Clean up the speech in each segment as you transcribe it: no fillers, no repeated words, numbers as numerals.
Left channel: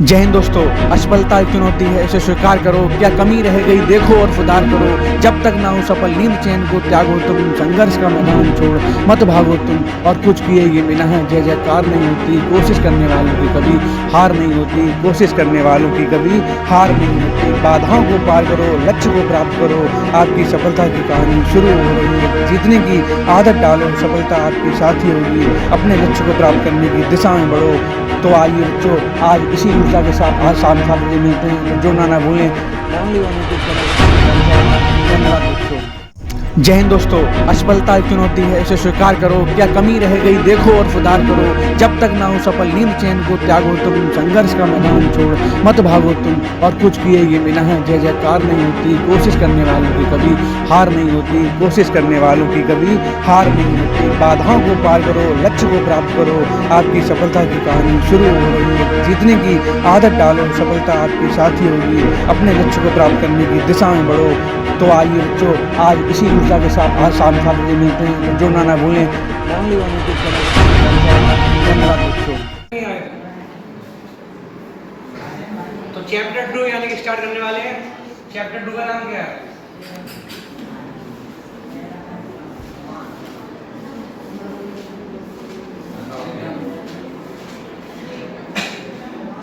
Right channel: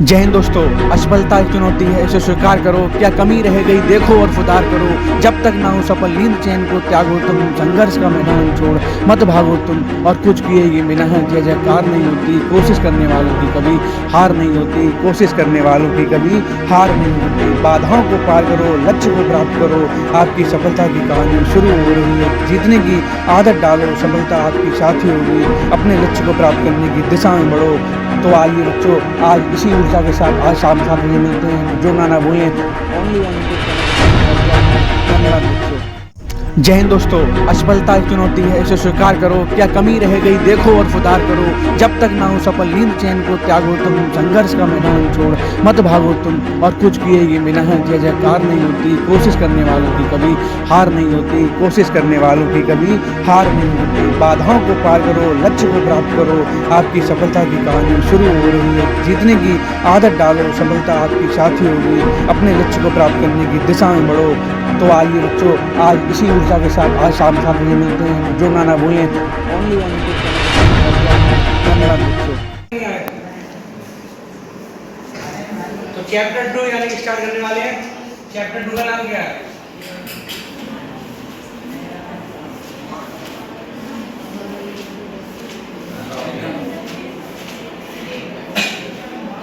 जय हिंद दोस्तों। असफलता एक चुनौती है, इसे स्वीकार करो। क्या कमी रह गई देखो और सुधार करो। जब तक ना हो सफल नींद चैन को त्यागो तुम। संघर्ष का मैदान छोड़ मत भागो तुम। और कुछ किए ये बिना है जय जयकार नहीं होती। कोशिश करने वालों की कभी हार नहीं होती। कोशिश करने वालों की कभी हार नहीं होती। बाधाओं को पार करो, लक्ष्य को प्राप्त करो। आपकी सफलता की कहानी शुरू हो रही है। जीतने की आदत डालो, सफलता आपकी साथी होगी। अपने लक्ष्य को प्राप्त करने की दिशा में बढ़ो। तो आइए बच्चों, आज इसी ऊर्जा के साथ आज शाम 7 बजे मिलते हैं। तो जुड़ना ना भूलें। Only one YouTube channel. धन्यवाद बच्चों। जय हिंद दोस्तों। असफलता एक चुनौती है, इसे स्वीकार करो। क्या कमी रह गई देखो और सुधार करो। जब तक ना हो सफल नींद चैन को त्यागो तुम। संघर्ष का मैदान छोड़ मत भागो तुम। और कुछ किए ये बिना है जय जयकार नहीं होती। कोशिश करने वालों की कभी हार नहीं होती। कोशिश करने वालों की कभी हार नहीं होती। बाधाओं को पार करो, लक्ष्य को प्राप्त करो। आपकी सफलता की कहानी शुरू हो रही है। जीतने की आदत डालो, सफलता आपकी साथी होगी। अपने लक्ष्य को प्राप्त करने की दिशा में बढ़ो। तो आइए बच्चों, आज इसी ऊर्जा के साथ आज शाम 7 बजे मिलते हैं। तो जुड़ना ना भूलें। Only one YouTube channel. धन्यवाद बच्चों। तो चैप्टर 2 यानी कि स्टार्ट करने वाले हैं। चैप्टर 2 का नाम क्या है?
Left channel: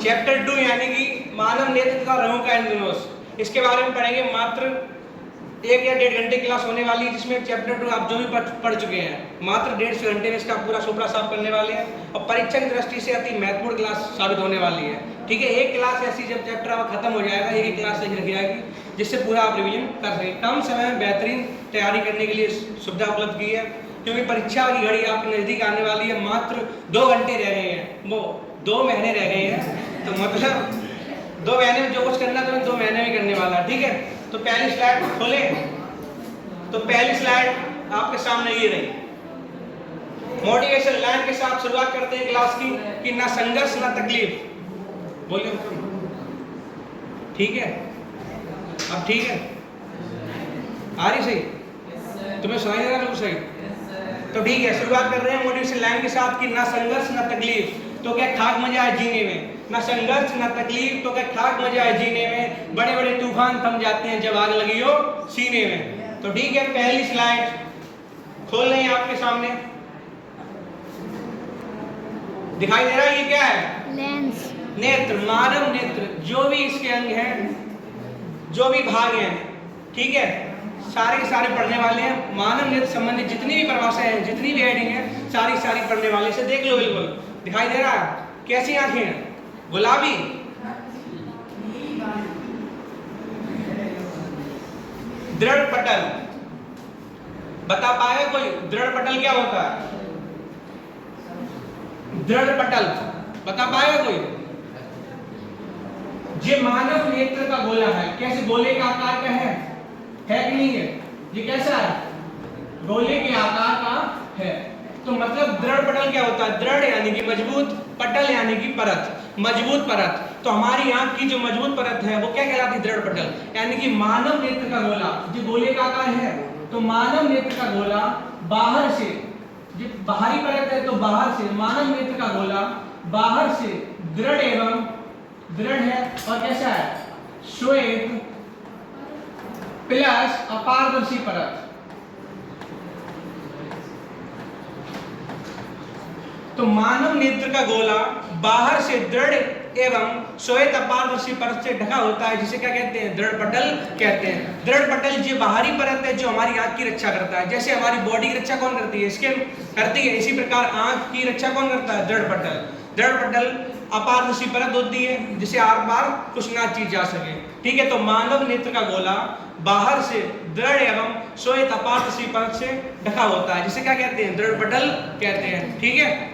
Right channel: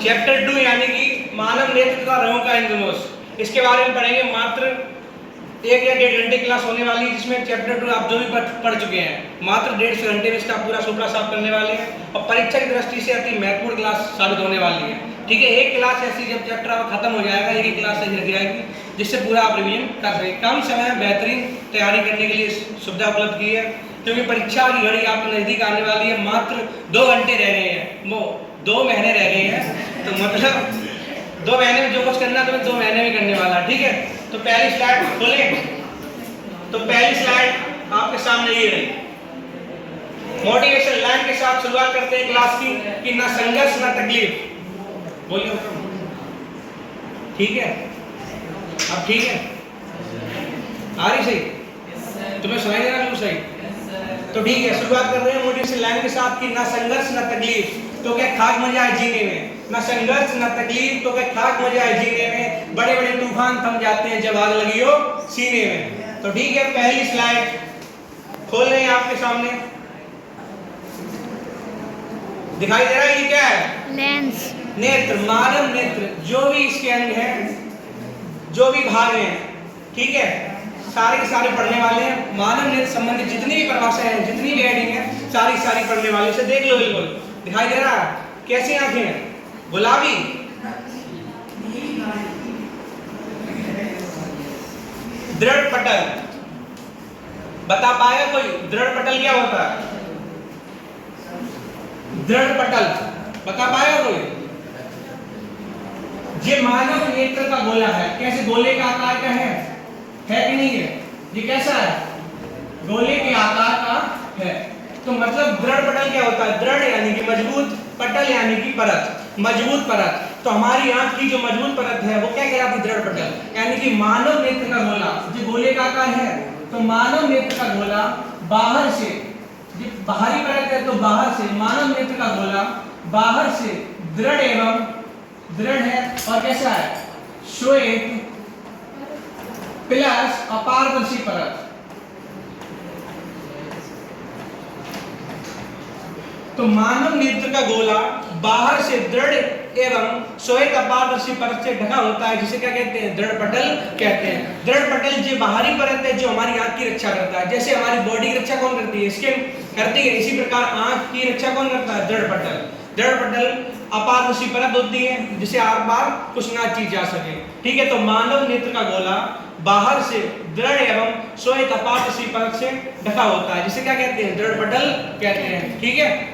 चैप्टर 2 यानी कि मानव नेत्र का रंगों का इंद्रधनुष। इसके बारे में पढ़ेंगे। मात्र 1 या 1.5 घंटे क्लास होने वाली है, जिसमें चैप्टर 2 आप जो भी पढ़ चुके हैं मात्र 1.5 घंटे में इसका पूरा सुपड़ा साफ करने वाले हैं। और परीक्षा की दृष्टि से अति महत्वपूर्ण क्लास साबित होने वाली है। ठीक है, एक क्लास ऐसी जब चैप्टर आपका खत्म हो जाएगा, एक ही क्लास ऐसी रख जाएगी जिससे पूरा आप रिवीजन कर सकें। कम समय में बेहतरीन तैयारी करने के लिए सुविधा उपलब्ध की है, क्योंकि परीक्षा की घड़ी आपके नजदीक आने वाली है। मात्र 2 घंटे रह गए हैं, वो 2 महीने रह गए हैं। तो मतलब 2 महीने में जो कुछ करना है तो 2 महीने में करने वाला। ठीक है, तो पहली स्लाइड खोलें। तो पहली स्लाइड आपके सामने ये रही। मोटिवेशन लाइन के साथ शुरुआत करते हैं क्लास की कि ना संघर्ष ना तकलीफ। बोलिए ठीक है? अब ठीक है? आ रही सही? तुम्हें सुनाई दे रहा है सही? तो ठीक है, शुरुआत कर रहे हैं मोटिवेशन लाइन के साथ कि ना संघर्ष ना तकलीफ तो क्या खाक मजा है जीने में। ना संघर्ष ना तकलीफ तो क्या खाक मजा है जीने में। बड़े बड़े तूफान थम जाते हैं जब आग लगी हो सीने में। तो ठीक है, पहली स्लाइड खोल रहे हैं आपके सामने। दिखाई दे रहा है ये क्या है? लेंस। नेत्र, मानव नेत्र। जो भी इसके अंग हैं, जो भी भाग हैं, ठीक है, सारे के सारे पढ़ने वाले हैं। मानव नेत्र संबंधित जितनी भी परिभाषाएं हैं, जितनी भी हेडिंग है, सारी पढ़ने वाले। इसे देख लो, बिल्कुल दिखाई दे रहा है। कैसी आंखें हैं? गुलाबी, दृढ़ पटल। बता पाएगा कोई दृढ़ पटल क्या होता है? दृढ़ पटल बता पाएगा कोई? ये मानव नेत्र का गोला है। कैसे गोले का आकार का है कि नहीं है? ये कैसा है? गोले के आकार का है। तो मतलब दृढ़ पटल क्या होता है? दृढ़ यानी कि मजबूत, पटल यानी कि परत, मजबूत परत। तो हमारी आंख की जो मजबूत परत है वो क्या कहलाती है? दृढ़ पटल। यानी कि मानव नेत्र का गोला जो गोले का आकार है, तो मानव नेत्र का गोला बाहर से, जो बाहरी परत है तो बाहर से, मानव नेत्र का गोला बाहर से दृढ़ एवं दृढ़ है। और कैसा है? श्वेत प्लस अपारदर्शी परत। तो मानव नेत्र का गोला बाहर से दृढ़ एवं श्वेत अपारदर्शी परत से ढका होता है, जिसे क्या कहते हैं? दृढ़ पटल कहते हैं। दृढ़ पटल जो बाहरी परत है जो हमारी आंख की रक्षा करता है। जैसे हमारी बॉडी की रक्षा कौन करती है? स्किन करती है, इसी प्रकार आंख की रक्षा कौन करता है? दृढ़ पटल। दृढ़ पटल अपारदर्शी परत होती है जिसे आर पार कुछ ना चीज जा सके। ठीक है, तो मानव नेत्र का गोला बाहर से दृढ़ एवं श्वेत अपारदर्शी परत से ढका होता है, जिसे क्या कहते हैं? दृढ़ पटल कहते हैं। ठीक है,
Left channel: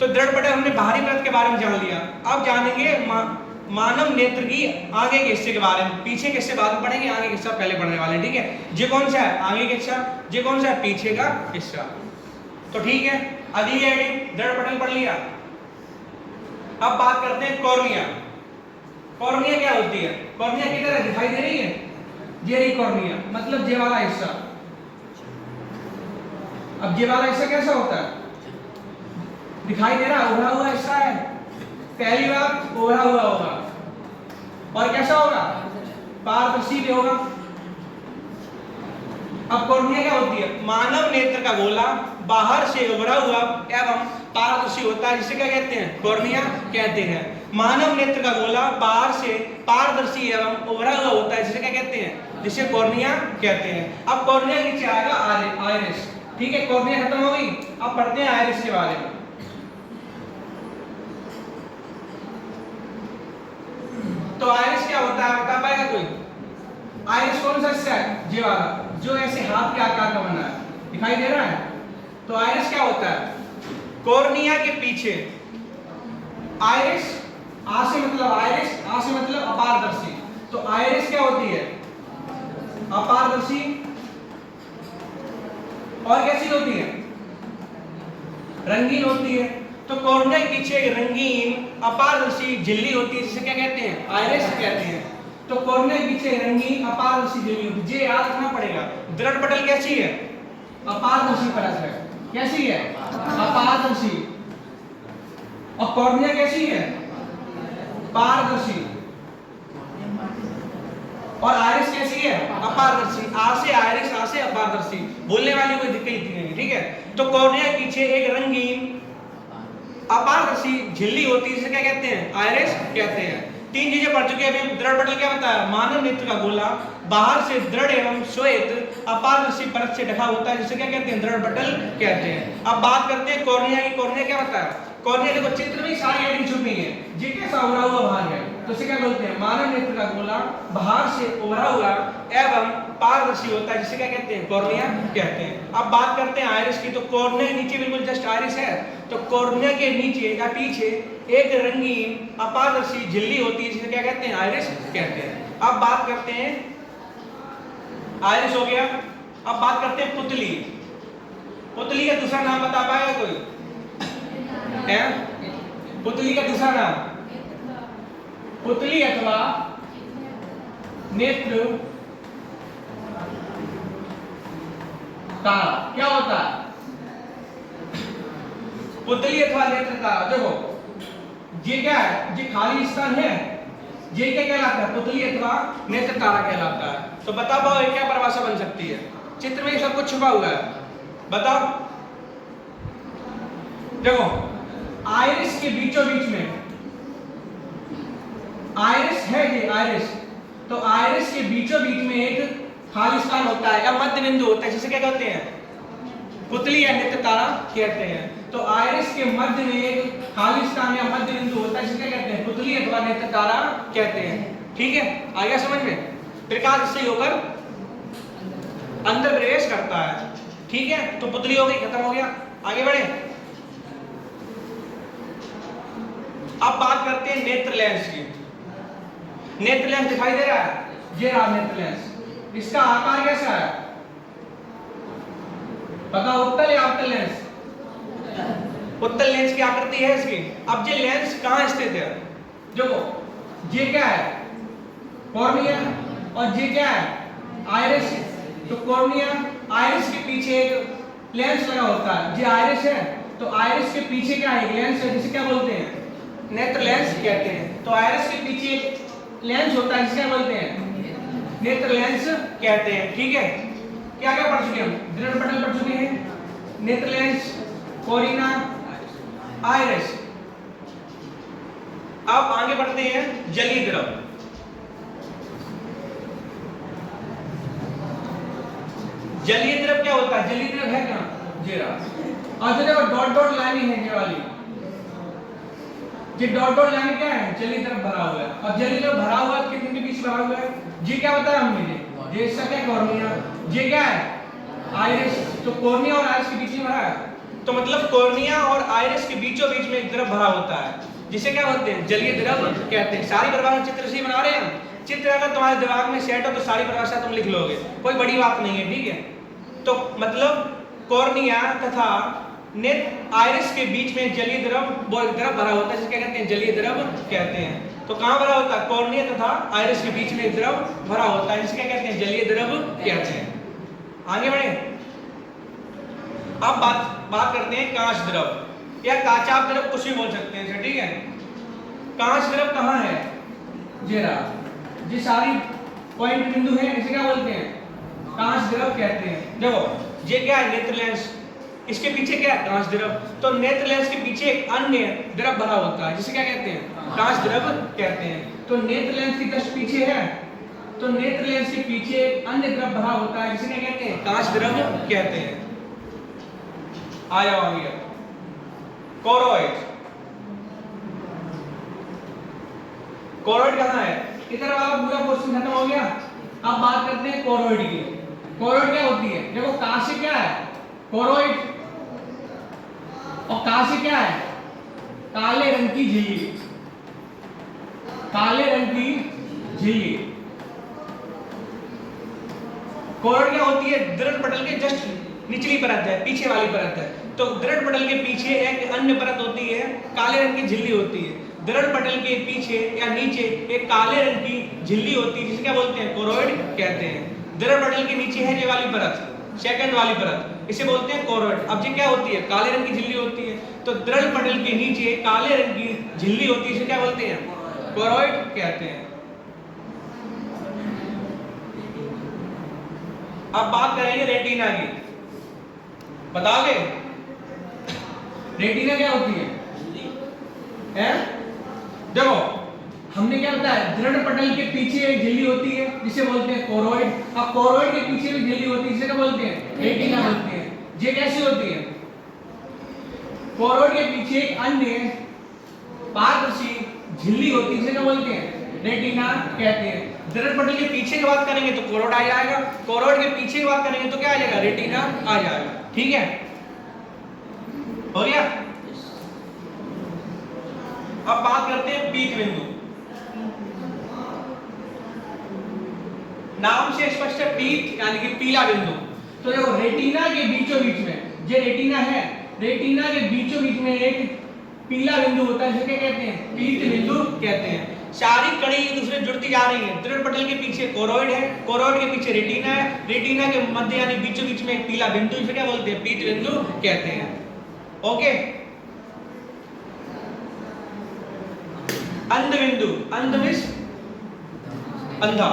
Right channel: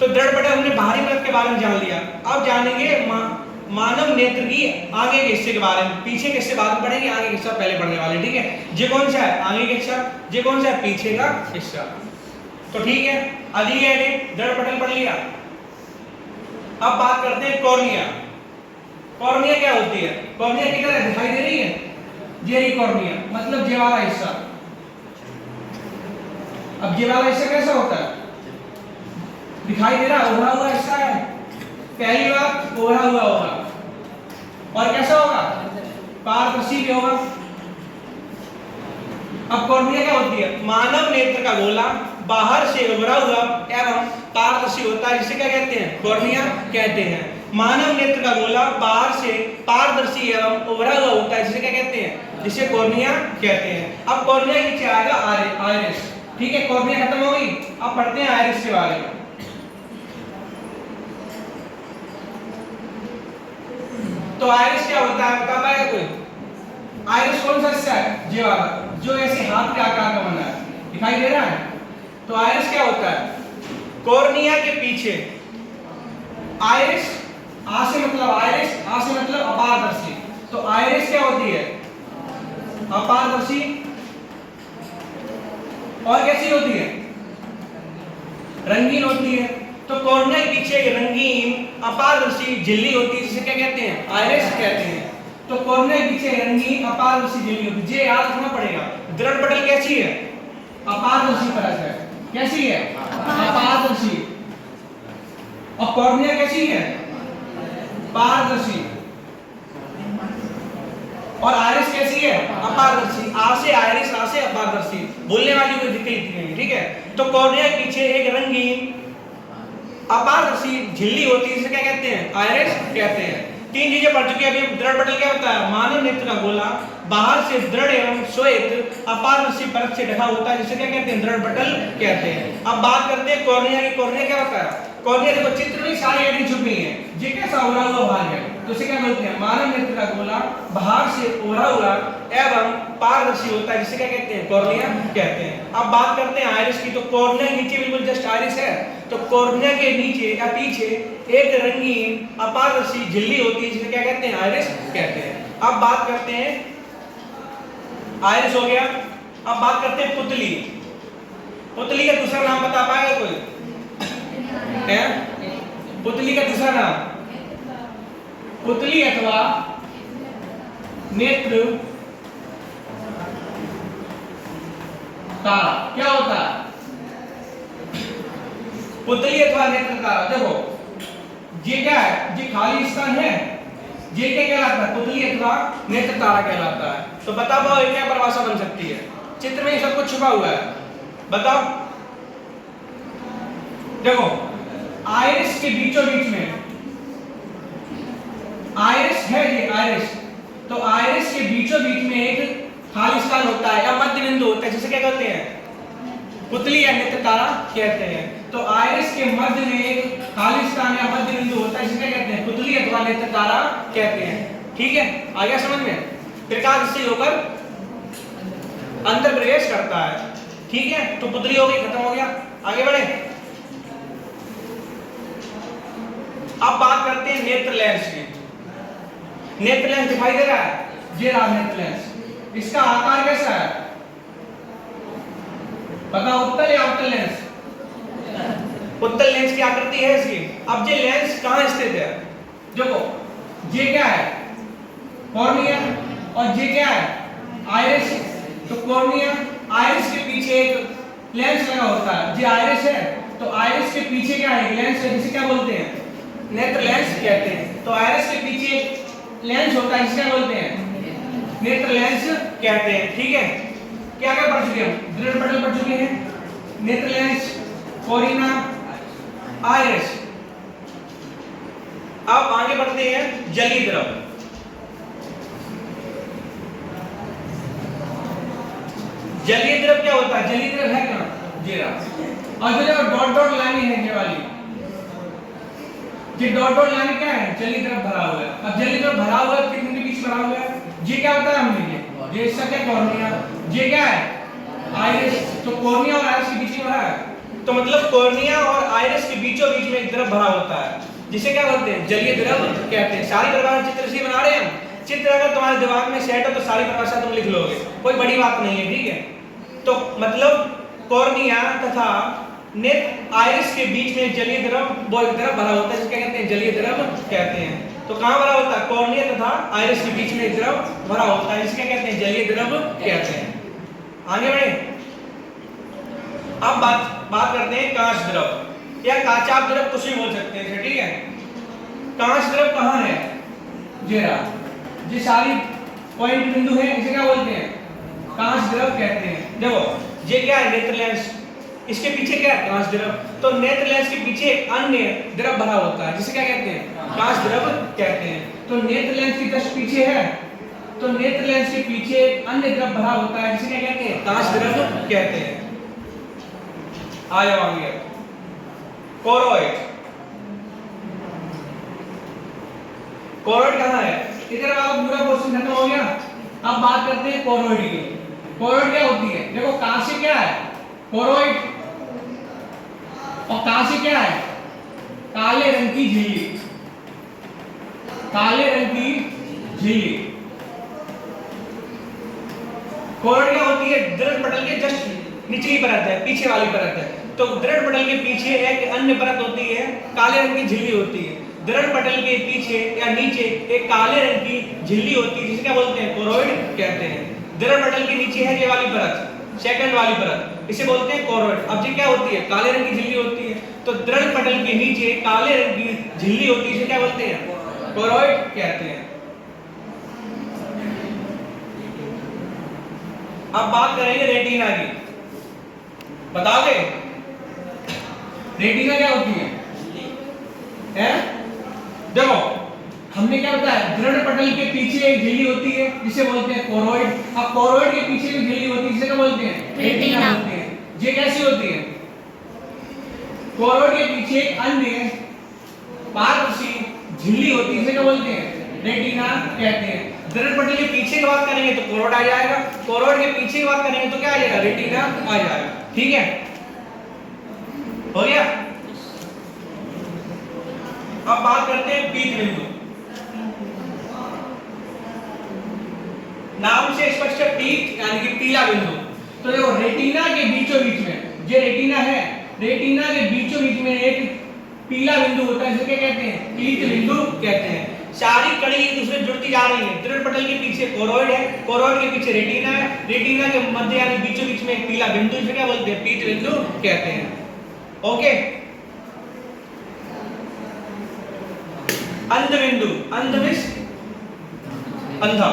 तो दृढ़ पटल हमने बाहरी परत के बारे में जान लिया। अब जानेंगे मानव नेत्र की आगे के हिस्से के बारे में। पीछे के हिस्से बाद में पढ़ेंगे, आगे के हिस्सा पहले पढ़ने वाले। ठीक है, ये कौन सा है? आगे का हिस्सा। ये कौन सा है? पीछे का हिस्सा। तो ठीक है, अगली हेडिंग दृढ़ पटल पढ़ लिया। अब बात करते हैं कॉर्निया। कॉर्निया क्या होती है? कॉर्निया किधर है? दिखाई दे रही है? ये रही कॉर्निया, मतलब ये वाला हिस्सा। अब ये वाला हिस्सा कैसा होता है? दिखाई दे रहा? उभरा हुआ हिस्सा है। पहली बात ओढ़ा हुआ होगा, और कैसा होगा, पारदर्शी भी होगा। अब कॉर्निया क्या होती है, मानव नेत्र का गोला बाहर से उभरा हुआ एवं पारदर्शी होता है, जिसे क्या कहते हैं, कॉर्निया कहते हैं। मानव नेत्र का गोला बाहर से पारदर्शी एवं उभरा हुआ होता है, जिसे क्या कहते हैं, जिसे कॉर्निया कहते हैं। अब कॉर्निया के नीचे आएगा आइरिस, ठीक है, कॉर्निया खत्म हो गई। अब पढ़ते हैं आइरिस के बारे में। तो आइरिस क्या होता है, बता पाएगा कोई? आइरिस कौन सा हिस्सा है, ये वाला जो ऐसे हाथ के आकार का बना है, दिखाई दे रहा है। तो आइरिस क्या होता है, कॉर्निया के पीछे, आइरिस आ से मतलब आइरिस, आ से मतलब अपारदर्शी, तो आइरिस क्या होती है, अपारदर्शी। और कैसी होती है, रंगीन होती है। तो कॉर्निया के पीछे एक रंगीन अपारदर्शी झिल्ली होती है, जिसे क्या कहते हैं, आइरिस कहते हैं। तो कॉर्निया के पीछे रंगीन अपारदर्शी झिल्ली होती है, ये याद रखना पड़ेगा। दृढ़ पटल कैसी है, अपारदर्शी परत है, कैसी है, अपारदर्शी। और कॉर्निया कैसी है, पारदर्शी। और आइरिस कैसी है, अपारदर्शी। आ से आइरिस, आ से अपारदर्शी, भूलने वाली कोई दिक्कत नहीं, ठीक है। तो कॉर्निया के पीछे एक रंगीन अपारदर्शी झिल्ली होती है, जिसे क्या कहते हैं, आइरिस कहते हैं। तीन चीजें पढ़ चुके हैं अभी। दृढ़ पटल क्या होता है, मानव नेत्र का गोला बाहर से दृढ़ एवं श्वेत अपारदर्शी परत से ढका होता है, जिसे क्या कहते हैं, दृढ़ पटल कहते हैं। अब बात करते हैं कॉर्निया की। कॉर्निया क्या होता है, कॉर्निया देखो चित्र में सारी आइडेंटिटी छुपी है, ये कैसा उभरा हुआ भाग है, तो इसे क्या बोलते हैं, मानव नेत्र का गोला बाहर से उभरा हुआ एवं पारदर्शी होता है, जिसे क्या कहते हैं, कॉर्निया कहते हैं। अब बात करते हैं आइरिस की। तो कॉर्निया के नीचे बिल्कुल जस्ट आइरिस है, तो कॉर्निया के नीचे या पीछे एक रंगीन अपारदर्शी झिल्ली होती है, जिसे क्या कहते हैं, आइरिस कहते हैं। अब बात करते हैं, आइरिस हो गया। अब बात करते हैं पुतली। पुतली का दूसरा नाम बता पाएगा कोई है, पुतली का दूसरा नाम, पुतली अथवा नेत्र तारा। क्या होता है, पुतली अथवा नेत्र तारा। देखो ये क्या है, ये खाली स्थान है, ये क्या कहलाता है, पुतली अथवा नेत्र तारा कहलाता है। तो बता पाओ ये क्या परिभाषा बन सकती है, चित्र में सब कुछ छुपा हुआ है, बताओ। देखो आइरिस के बीचों बीच में, आइरिस है ये आइरिस, तो आइरिस के बीचों बीच में एक खाली स्थान होता है या मध्य बिंदु होता है, जिसे क्या कहते हैं, पुतली या नेत्र तारा कहते हैं। तो आइरिस के मध्य में एक खाली स्थान या मध्य बिंदु होता है, जिसे क्या कहते हैं, पुतली अथवा नेत्र तारा कहते हैं। ठीक है, आ गया समझ में। प्रकाश इससे होकर अंदर प्रवेश करता है, ठीक है। तो पुतली हो गई, खत्म हो गया, आगे बढ़े। अब बात करते हैं नेत्र लेंस की। नेत्र लेंस दिखाई दे रहा है, ये रहा नेत्र लेंस। इसका आकार कैसा है, बताओ, उत्तल या अवतल लेंस? उत्तल लेंस की आकृति है इसकी। अब ये लेंस कहां स्थित है, देखो ये क्या है, कॉर्निया, और ये क्या है, आइरिस। तो कॉर्निया, आइरिस के पीछे एक लेंस लगा होता है, ये आइरिस है, तो आइरिस के पीछे क्या है, एक लेंस है, जिसे क्या बोलते हैं, नेत्र लेंस कहते हैं। तो आइरिस के पीछे एक लेंस होता है, जिसे क्या बोलते हैं, नेत्र लेंस कहते हैं। ठीक है, क्या क्या पढ़ चुके हम, दृढ़ पटल पढ़ चुके हैं, नेत्र लेंस, कोरिना, आइरिस। अब आगे बढ़ते हैं जलीय द्रव। जलीय द्रव क्या होता है, जलीय द्रव है कहां, जेरा, और जो डॉट डॉट लाइन है, ये वाली, ये डॉट डॉट लाइन क्या है, जलीय द्रव भरा हुआ है। अब जलीय द्रव भरा हुआ है, कितने के बीच भरा हुआ है, ये क्या बताया हमने, ये इसका क्या, कॉर्निया, ये क्या है, आइरिस। तो कॉर्निया और आइरिस के बीच में भरा है, तो मतलब कॉर्निया और आइरिस के बीचों बीच में एक द्रव भरा होता है, जिसे क्या बोलते हैं, जलीय द्रव कहते हैं। सारी परिभाषा चित्र से बना रहे हैं हम। चित्र अगर तुम्हारे दिमाग में सेट हो तो सारी परिभाषा तुम लिख लोगे, कोई बड़ी बात नहीं है, ठीक है। तो मतलब कॉर्निया तथा नेत्र आइरिस के बीच में जलीय द्रव, वो एक द्रव भरा होता है, जिसे क्या कहते हैं, जलीय द्रव कहते हैं। तो कहां भरा होता है, कॉर्निया तथा आइरिस के बीच में एक द्रव भरा होता है, जिसे क्या कहते हैं, जलीय द्रव कहते हैं। आगे बढ़े। अब बात करते हैं कांच द्रव या काचाभ द्रव, कुछ भी बोल सकते हैं, ठीक है। कांच द्रव कहाँ है? जेरा ये सारी पॉइंट बिंदु है, इसे क्या बोलते हैं? कांच द्रव कहते हैं। देखो ये क्या है? नेत्र लेंस, इसके पीछे क्या है? कांच द्रव। तो नेत्र लेंस के पीछे एक अन्य द्रव भरा होता है जिसे क्या कहते हैं? कांच द्रव कहते हैं। तो नेत्र लेंस के जस्ट पीछे है, तो नेत्र लेंस के पीछे एक अन्य द्रव भरा होता है जिसे क्या कहते हैं? कांच द्रव कहते हैं। आ जाओ आगे। कोरोइड, कोरोइड कहाँ है? इधर वाला पूरा क्वेश्चन खत्म हो गया। अब बात करते हैं कोरोइड की। कोरोइड क्या होती है? देखो कांच क्या है? कोरोइड। और कांच क्या है? काले रंग की झिल्ली, काले रंग की झिल्ली। कोरोइड क्या होती है? दृढ़ पटल के जस्ट निचली परत है, पीछे वाली परत है। तो दृढ़ पटल के पीछे एक अन्य परत होती है, काले रंग की झिल्ली होती है। दृढ़ पटल के पीछे या नीचे एक काले रंग की झिल्ली होती है जिसे क्या बोलते हैं? कोरोइड कहते हैं। दृढ़ पटल के नीचे है ये वाली परत, सेकंड वाली परत, इसे बोलते हैं कोरोइड। अब ये क्या होती है? काले रंग की झिल्ली होती है। तो दृढ़ पटल के नीचे काले रंग की झिल्ली होती है, इसे क्या बोलते हैं? कोरोइड कहते हैं। अब बात करेंगे रेटिना की। बताओगे रेटिना क्या होती है? देखो हमने क्या बताया? दृढ़ पटल के पीछे एक झिल्ली होती है जिसे बोलते हैं कोरोइड। अब कोरोइड के पीछे भी झिल्ली होती है जिसे क्या बोलते हैं? रेटिना बोलते हैं। ये कैसी होती है? कोरोइड के पीछे एक अन्य पारदर्शी झिल्ली होती है जिसे क्या बोलते हैं? रेटिना कहते हैं। दृढ़ पटल के पीछे की बात करेंगे तो कोरोइड आ जाएगा, कोरोइड के पीछे की बात करेंगे तो क्या आ जाएगा? रेटिना आ जाएगा। ठीक है, हो गया। अब बात करते हैं पीत बिंदु। नाम से स्पष्ट है, पीत यानी कि पीला बिंदु। तो देखो रेटिना के बीचों बीच में, ये रेटिना है, रेटिना के बीचों बीच में एक पीला बिंदु होता है जिसे क्या कहते हैं? पीत बिंदु कहते हैं। सारी कड़ी एक दूसरे जुड़ती जा रही है। दृढ़ पटल के पीछे कोरोइड है, कोरोइड के पीछे रेटिना है, रेटिना के मध्य यानी बीचों बीच में एक पीला बिंदु, जिसे क्या बोलते हैं? पीत बिंदु कहते हैं। ओके। अंध बिंदु, अंध मींस अंधा,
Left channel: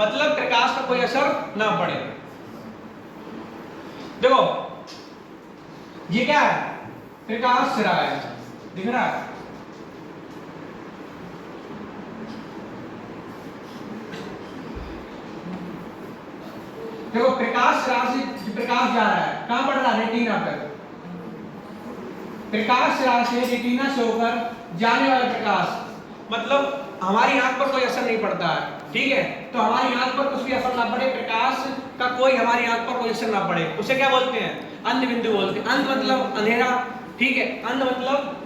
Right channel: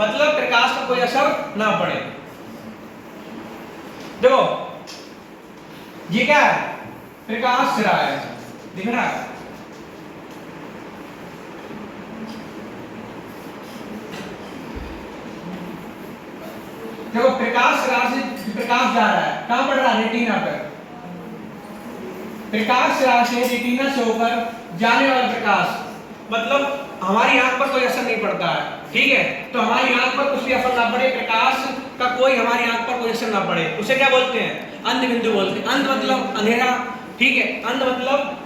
मतलब प्रकाश का कोई असर ना पड़े। देखो ये क्या है? प्रकाश सिरा है, दिख रहा है? देखो प्रकाश सिरा से प्रकाश जा रहा है, कहां पड़ रहा है? रेटिना पर। प्रकाश सिरा से रेटिना से होकर जाने वाला प्रकाश, मतलब हमारी आंख पर कोई असर नहीं पड़ता है। ठीक है, तो हमारी आंख पर कुछ भी असर ना पड़े, प्रकाश का कोई हमारी आंख पर कोई असर ना पड़े, उसे क्या बोलते हैं? अंध बिंदु बोलते हैं। अंध मतलब अंधेरा। ठीक है, अंध मतलब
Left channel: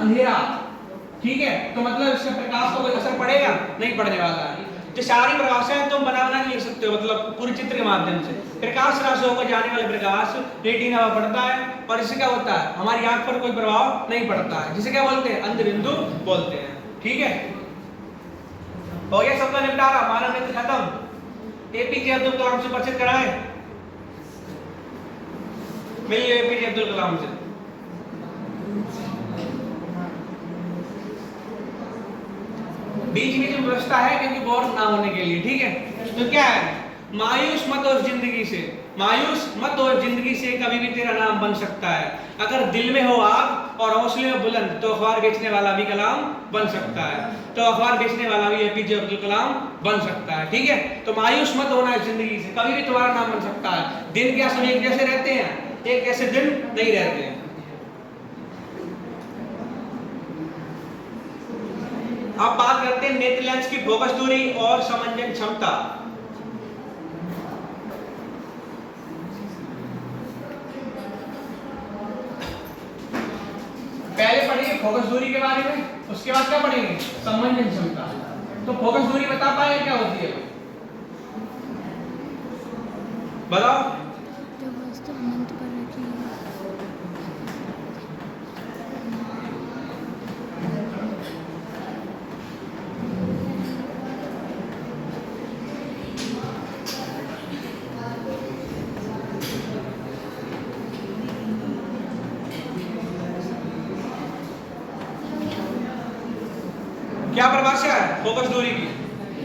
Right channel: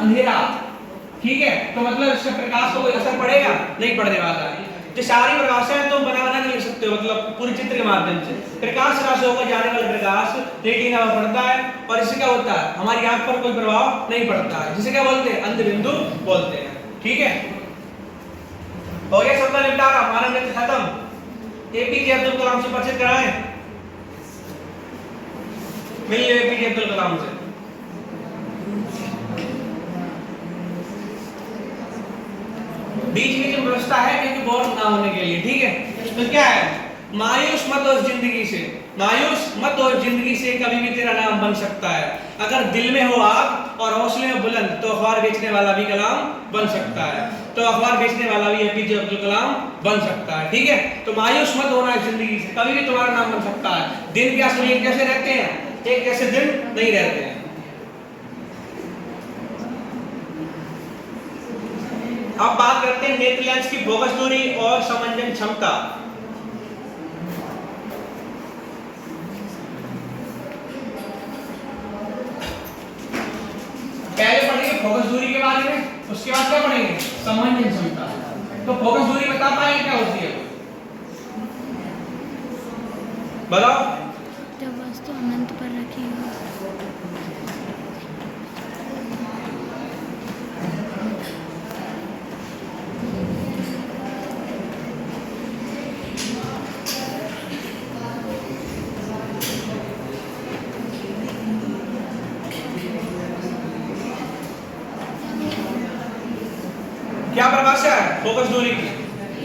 अंधेरा। ठीक है, तो मतलब इससे प्रकाश को कोई असर पड़ेगा नहीं, पड़ने वाला है। तो सारी परिभाषाएं तुम बना नहीं लिख सकते हो, मतलब पूरी चित्र के माध्यम से। प्रकाश राशि होकर जाने वाला प्रकाश रेटिना में पड़ता है और इससे क्या होता है? हमारी आंख पर कोई प्रभाव नहीं पड़ता है, जिसे क्या बोलते हैं? अंध बिंदु बोलते हैं। ठीक है, हो गया सबका निपटारा, मानव नेत्र खत्म। एपीजे अब्दुल कलाम से परिचित कराएं, मिल लिया एपीजे अब्दुल कलाम से। बीच में जो व्यवस्था है क्योंकि बोर ना होने के लिए। ठीक है, तो क्या है? मायूस मत हो जिंदगी से, मायूस मत हो जिंदगी से, कभी भी तेरा नाम बन सकता है। अगर दिल में हो आग और हौसले में बुलंद तो अखबार बेचने वाला भी कलाम बन सकता है। तो अखबार बेचने वाला भी एपीजे अब्दुल कलाम बन सकता है। ठीक है, तो मायूस मत होना है जिंदगी से, कभी भी तुम्हारा नाम बन सकता है। दिन क्या सभी एक जैसे रहते हैं? एक जैसे दिन नहीं रहते हैं। अब बात करते हैं नेत्र लेंस की फोकस दूरी और समंजन क्षमता। पहले पढ़ेंगे फोकस दूरी के बारे में, उसके बाद क्या पढ़ेंगे? समंजन क्षमता। तो फोकस दूरी बता पाएंगे क्या होती है? बताओ। जब वस्तु अनंत पर रखी हो। क्या परिभाषा है फोकस दूरी की?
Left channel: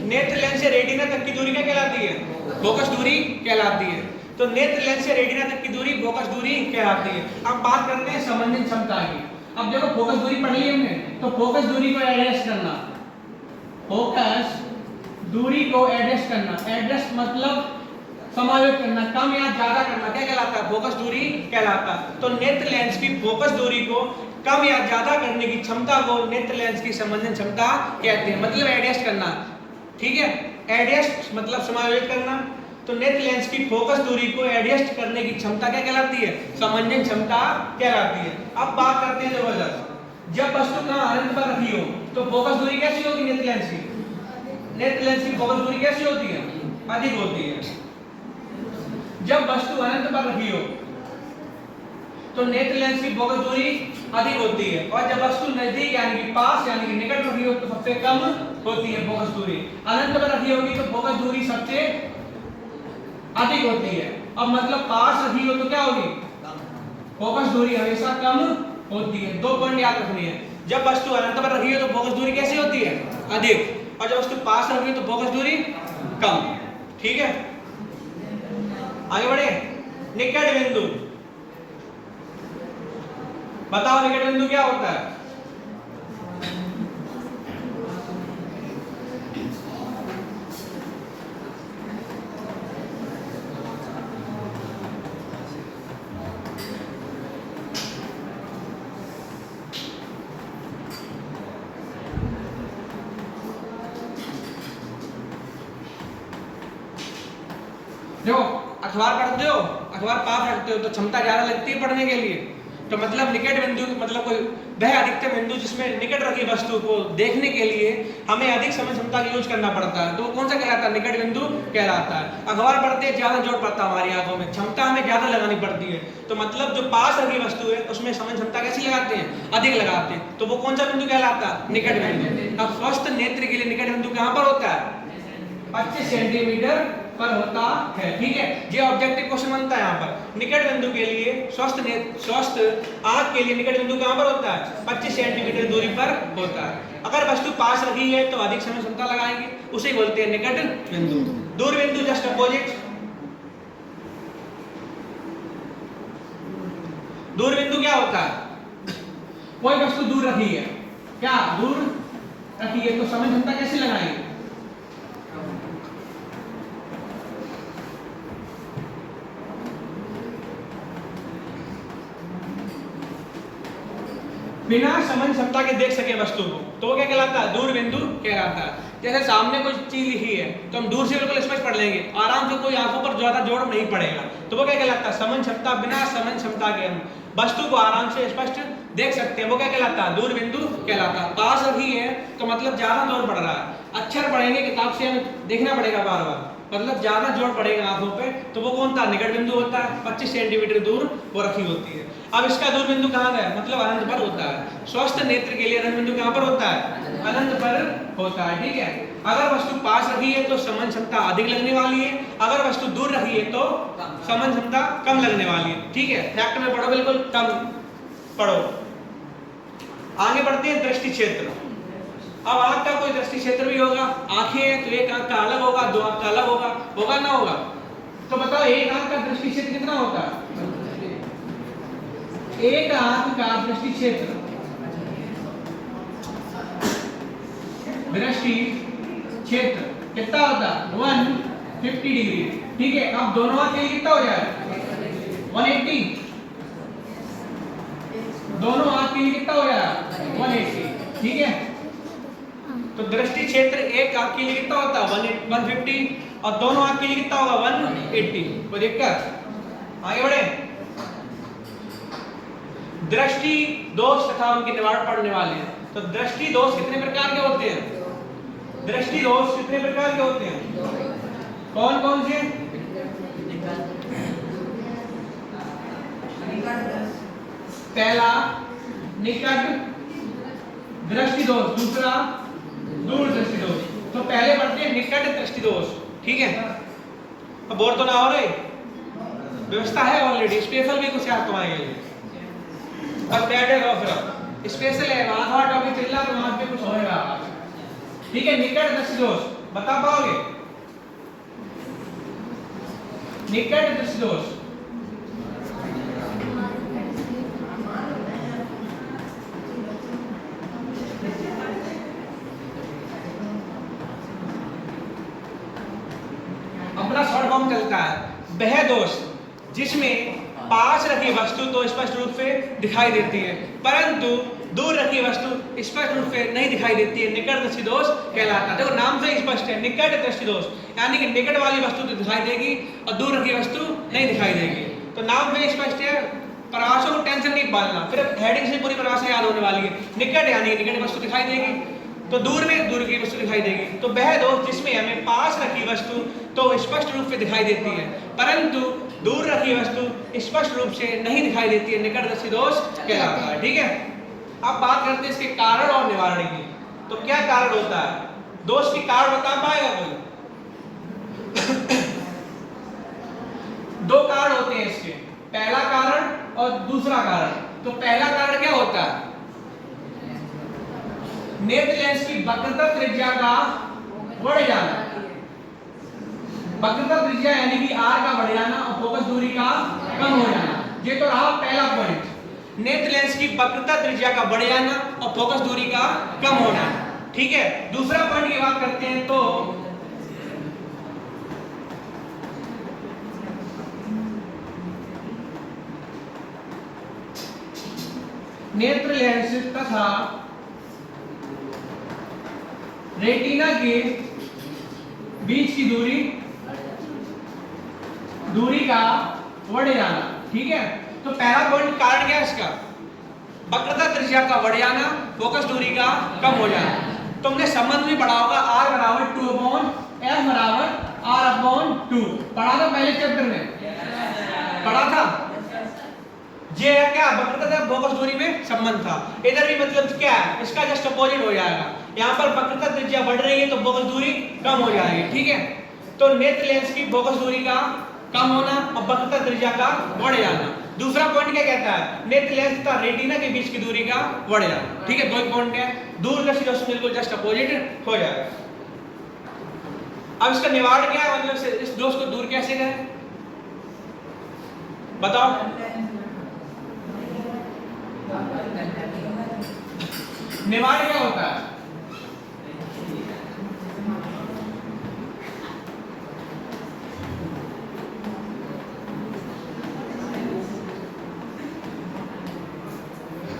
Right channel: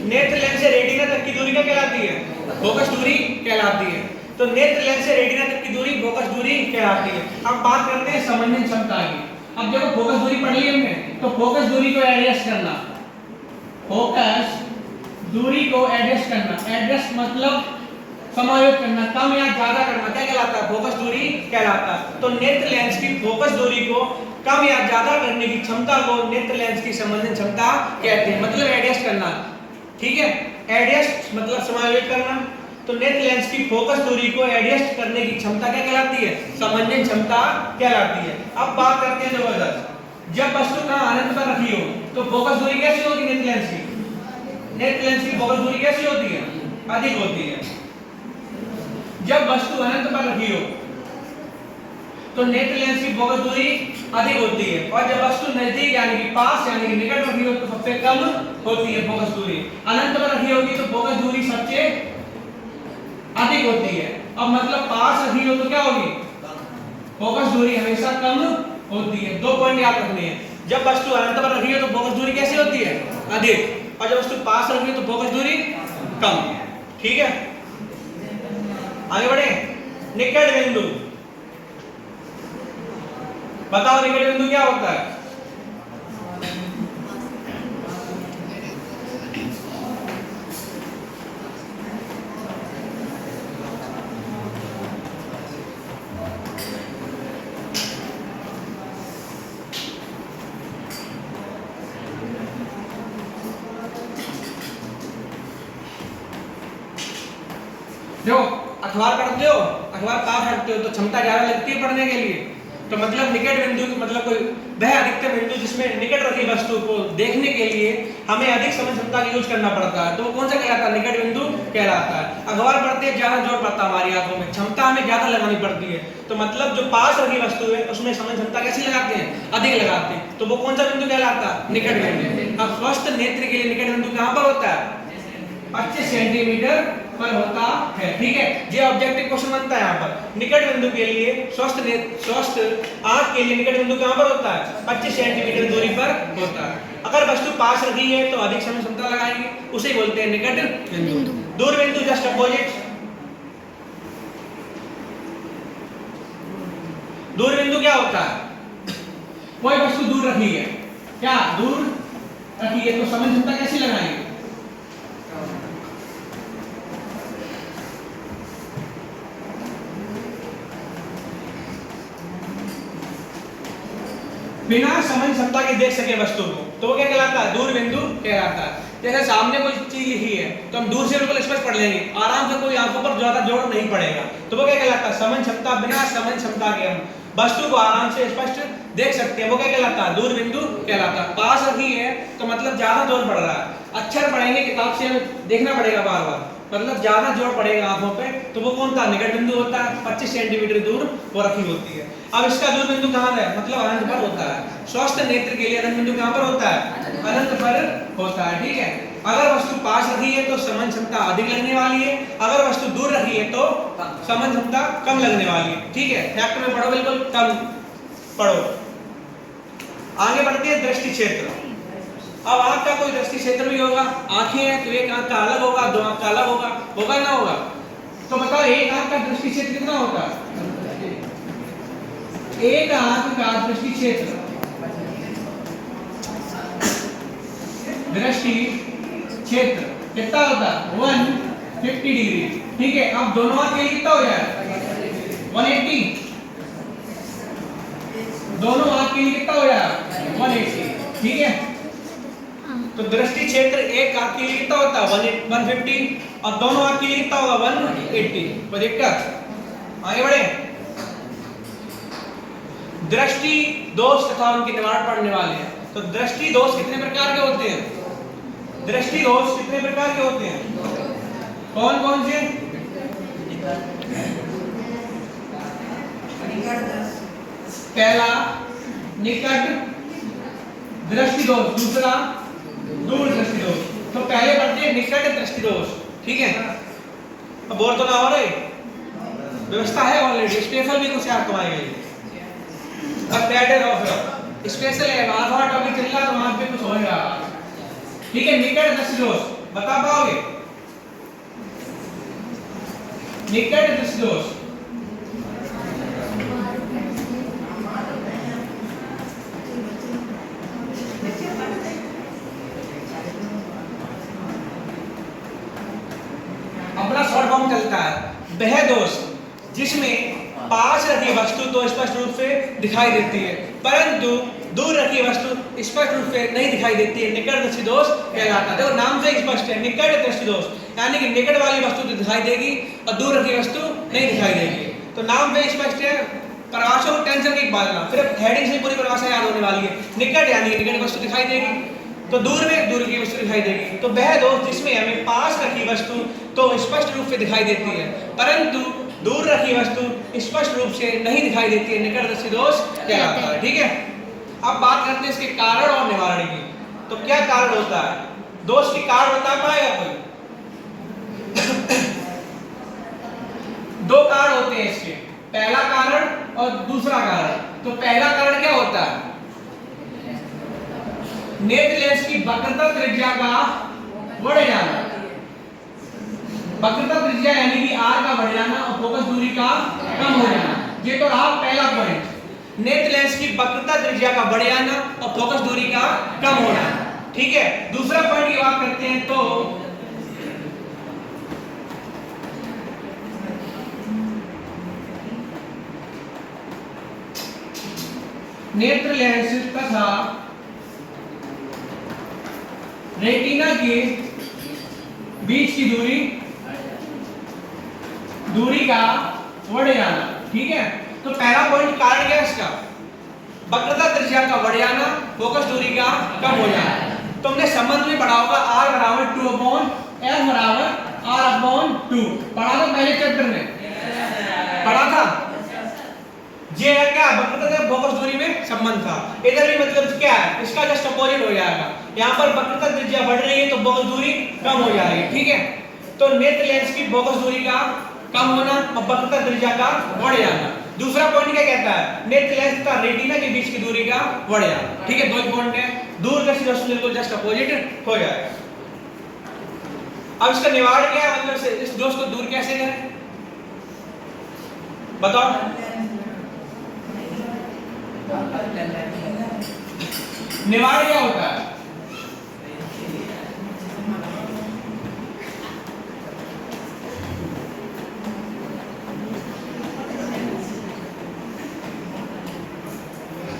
नेत्र लेंस से रेटिना तक की दूरी क्या कहलाती है? फोकस दूरी कहलाती है। तो नेत्र लेंस से रेटिना तक की दूरी फोकस दूरी कहलाती है। अब बात करते हैं समंजन क्षमता की। अब देखो फोकस दूरी पढ़ ली हमने, तो फोकस दूरी को एडजस्ट करना, फोकस दूरी को एडजस्ट करना, एडजस्ट मतलब समायोजित करना, कम या ज्यादा करना, क्या कहलाता है? फोकस दूरी कहलाता है। तो नेत्र लेंस की फोकस दूरी को कम या ज्यादा करने की क्षमता को नेत्र लेंस की समंजन क्षमता कहते हैं, मतलब एडजस्ट करना। ठीक है, एडजस्ट मतलब समायोजित करना। तो नेत्र लेंस की फोकस दूरी को एडजस्ट करने की क्षमता क्या कहलाती है? समंजन क्षमता कहलाती है। अब बात करते हैं जबरदस्त, जब वस्तु कहाँ अनंत पर रखी हो तो फोकस दूरी कैसी होगी नेत्र लेंस की? नेत्र लेंस की फोकस दूरी कैसी होती है? अधिक होती है। जब वस्तु अनंत पर रखी हो तो नेत्र लेंस की फोकस दूरी अधिक होती है, और जब वस्तु नजदीक यानी कि पास यानी कि निकट रखी हो तो सबसे कम होती है फोकस दूरी। अनंत पर रखी होगी तो फोकस दूरी सबसे अधिक होती है। अब मतलब पास रखी हो तो क्या होगी? फोकस दूरी हमेशा कम होती है। 2 पॉइंट याद रखने हैं। जब वस्तु अनंत पर रखी हो तो फोकस दूरी कैसी होती है? अधिक, और जब वस्तु पास रखी हो तो फोकस दूरी कम। ठीक है, आगे बढ़े। निकट बिंदु, बताओ निकट बिंदु क्या होता है? देखो अखबार पढ़ते हो, अखबार पास रखते हो तो क्षमता ज्यादा लगती है पढ़ने के लिए। तो मतलब निकट बिंदु मतलब कोई वह अधिकतम बिंदु जिसमें निकट रखी वस्तु को देखने के लिए हमें अधिक समय क्षमता का यूज करना पड़ता है, तो कौन सा कहलाता है? निकट बिंदु कहलाता है। अखबार पढ़ते हैं ज्यादा जोर पड़ता है हमारी आंखों में, क्षमता हमें ज्यादा लगानी पड़ती है। तो मतलब जो पास रखी वस्तु है उसमें समय क्षमता कैसी लगाते हैं? अधिक लगाते हैं। तो वो कौन सा बिंदु कहलाता है? निकट बिंदु। अब स्वस्थ नेत्र के लिए निकट बिंदु कहां पर होता है? 25 सेंटीमीटर पर होता है। ठीक है, ये ऑब्जेक्टिव क्वेश्चन बनता है यहाँ पर। निकट बिंदु के लिए स्वस्थ आंख के लिए निकट बिंदु कहां पर होता है? 25 सेंटीमीटर दूरी पर होता है। अगर वस्तु पास रखी है तो अधिक समय क्षमता लगाएंगे, उसे बोलते हैं निकट बिंदु। दूर बिंदु जस्ट अपोजिट। दूर बिंदु क्या होता है? कोई वस्तु दूर रखी है, क्या दूर रखी है तो समय क्षमता कैसे लगाएंगे? बिना समझ क्षमता के देख सके वस्तु को तो वो क्या कहलाता है? दूर बिंदु कहलाता है। जैसे सामने कोई चीज लिखी है तो हम दूर से बिल्कुल स्पष्ट पढ़ लेंगे, आराम से, कोई आंखों पर ज्यादा जोर नहीं पड़ेगा, तो वो क्या कहलाता है? समझ क्षमता। बिना समझ क्षमता के हम वस्तु को आराम से स्पष्ट देख सकते हैं, वो क्या कहलाता है? दूर बिंदु कहलाता है। पास रखी है तो मतलब ज्यादा जोर पड़ रहा है, अक्षर पढ़ेंगे किताब से हमें देखना पड़ेगा बार बार, मतलब ज्यादा जोर पड़ेगा आंखों पे, तो वो कौन सा निकट बिंदु होता है? 25 सेंटीमीटर दूर वो रखी होती है। अब इसका दूर बिंदु कहां है? मतलब अनंत पर होता है। स्वस्थ नेत्र के लिए अनंत बिंदु कहां पर होता है? अनंत पर होता है। ठीक है, अगर वस्तु पास रखी है तो समझ क्षमता अधिक लगने वाली है, अगर वस्तु दूर रखी है तो समझ क्षमता कम लगने वाली है। ठीक है, फैक्ट में पढ़ो, बिल्कुल कम पढ़ो। आगे बढ़ते हैं दृष्टि क्षेत्र। अब आंख का कोई दृष्टि क्षेत्र भी होगा, आंखें हैं तो एक आंख का अलग होगा, 2 आंख का अलग होगा, होगा ना होगा? तो बताओ एक आंख का दृष्टि क्षेत्र कितना होता है? एक आंख का दृष्टि क्षेत्र, दृष्टि क्षेत्र कितना होता है? 150 डिग्री। ठीक है, अब दोनों आंख के लिए कितना हो जाए? 180। दोनों आंख के लिए कितना हो जाए? 180। ठीक है, तो दृष्टि क्षेत्र एक आंख के लिए कितना होता है? 150, और दोनों आंख के लिए कितना होगा? 180। कोई दिक्कत? आगे बढ़े। दृष्टि दोष तथा उनके निवारण पढ़ने वाले हैं। तो दृष्टि दोष कितने प्रकार के होते हैं? दृष्टि दोष कितने प्रकार के होते हैं? कौन कौन से? पहला निकट दृष्टि दोष, दूसरा दूर दृष्टि दोष। तो पहले पढ़ते हैं निकट दृष्टि दोष। ठीक है, अब बोर तो ना हो रहे, व्यवस्था है ऑलरेडी, स्पेशल भी कुछ है तुम्हारे लिए। अब कैडर ऑफ स्पेशल है, वहां थोड़ा टॉपिक चल रहा है तो वहां पे कुछ होएगा। ठीक है, निकट दृष्टि दोष बता पाओगे? निकट दृष्टि दोष अपना शॉर्ट फॉर्म चलता है। वह दोष जिसमें पास रखी वस्तु तो स्पष्ट रूप से दिखाई देती है परंतु दूर रखी वस्तु स्पष्ट रूप से नहीं दिखाई देती है, निकट दृष्टि दोष कहलाता है। देखो नाम से स्पष्ट है, निकट दृष्टि दोष यानी कि निकट वाली वस्तु तो दिखाई देगी और दूर रखी वस्तु नहीं दिखाई देगी। तो नाम से स्पष्ट है, परिभाषा को टेंशन की बात ना, फिर हेडिंग से पूरी परिभाषा याद होने वाली है। निकट यानी निकट वस्तु दिखाई देगी तो दूर में दूर की वस्तु दिखाई देगी। तो वह दोष जिसमें हमें पास रखी वस्तु तो स्पष्ट रूप से दिखाई देती है परंतु दूर रखी वस्तु स्पष्ट रूप से नहीं दिखाई देती है, निकट दृष्टि दोष कहलाता है। ठीक है, अब बात करते हैं इसके कारण और निवारण की। तो क्या कारण होता है? दोष के कारण बता पाएगा कोई? दो कारण होते हैं इसके, पहला कारण और दूसरा कारण। तो पहला कारण क्या होता है? नेत्र लेंस की वक्रता त्रिज्या का बढ़ जाना। वक्रता त्रिज्या यानी कि आर का बढ़ जाना और फोकस दूरी का कम हो जाना। ये तो रहा पहला पॉइंट, नेत्र लेंस की वक्रता त्रिज्या का बढ़ जाना और फोकस दूरी का कम होना। ठीक है, दूसरा पॉइंट की बात करते हैं तो नेत्र लेंस तथा रेटिना के बीच की दूरी का बढ़ जाना। ठीक है, तो पहला पॉइंट कारण क्या है इसका? वक्रता त्रिज्या का बढ़ जाना, फोकस दूरी का कम हो जाना। तो हमने संबंध में पढ़ा होगा R बराबर 2/f बराबर R/2 पढ़ा था पहले चैप्टर में, पढ़ा था। ये है क्या? वक्रता से फोकस दूरी में संबंध था। इधर भी मतलब क्या है? इसका जस्ट अपोजिट हो जाएगा। यहाँ पर वक्रता त्रिज्या बढ़ रही है तो फोकस दूरी कम हो जाएगी। ठीक है, तो नेत्र लेंस की फोकस दूरी का कम होना और वक्रता त्रिज्या का बढ़ जाना। दूसरा पॉइंट क्या कहता है? नेत्र लेंस तथा रेटिना के बीच की दूरी का बढ़ जाना। ठीक है, दो पॉइंट है, दूर दृष्टि दोष बिल्कुल जस्ट अपोजिट हो जाएगा। अब इसका निवारण क्या है? मतलब से इस दोष को दूर कैसे करें बताओ? निवारण क्या होता है?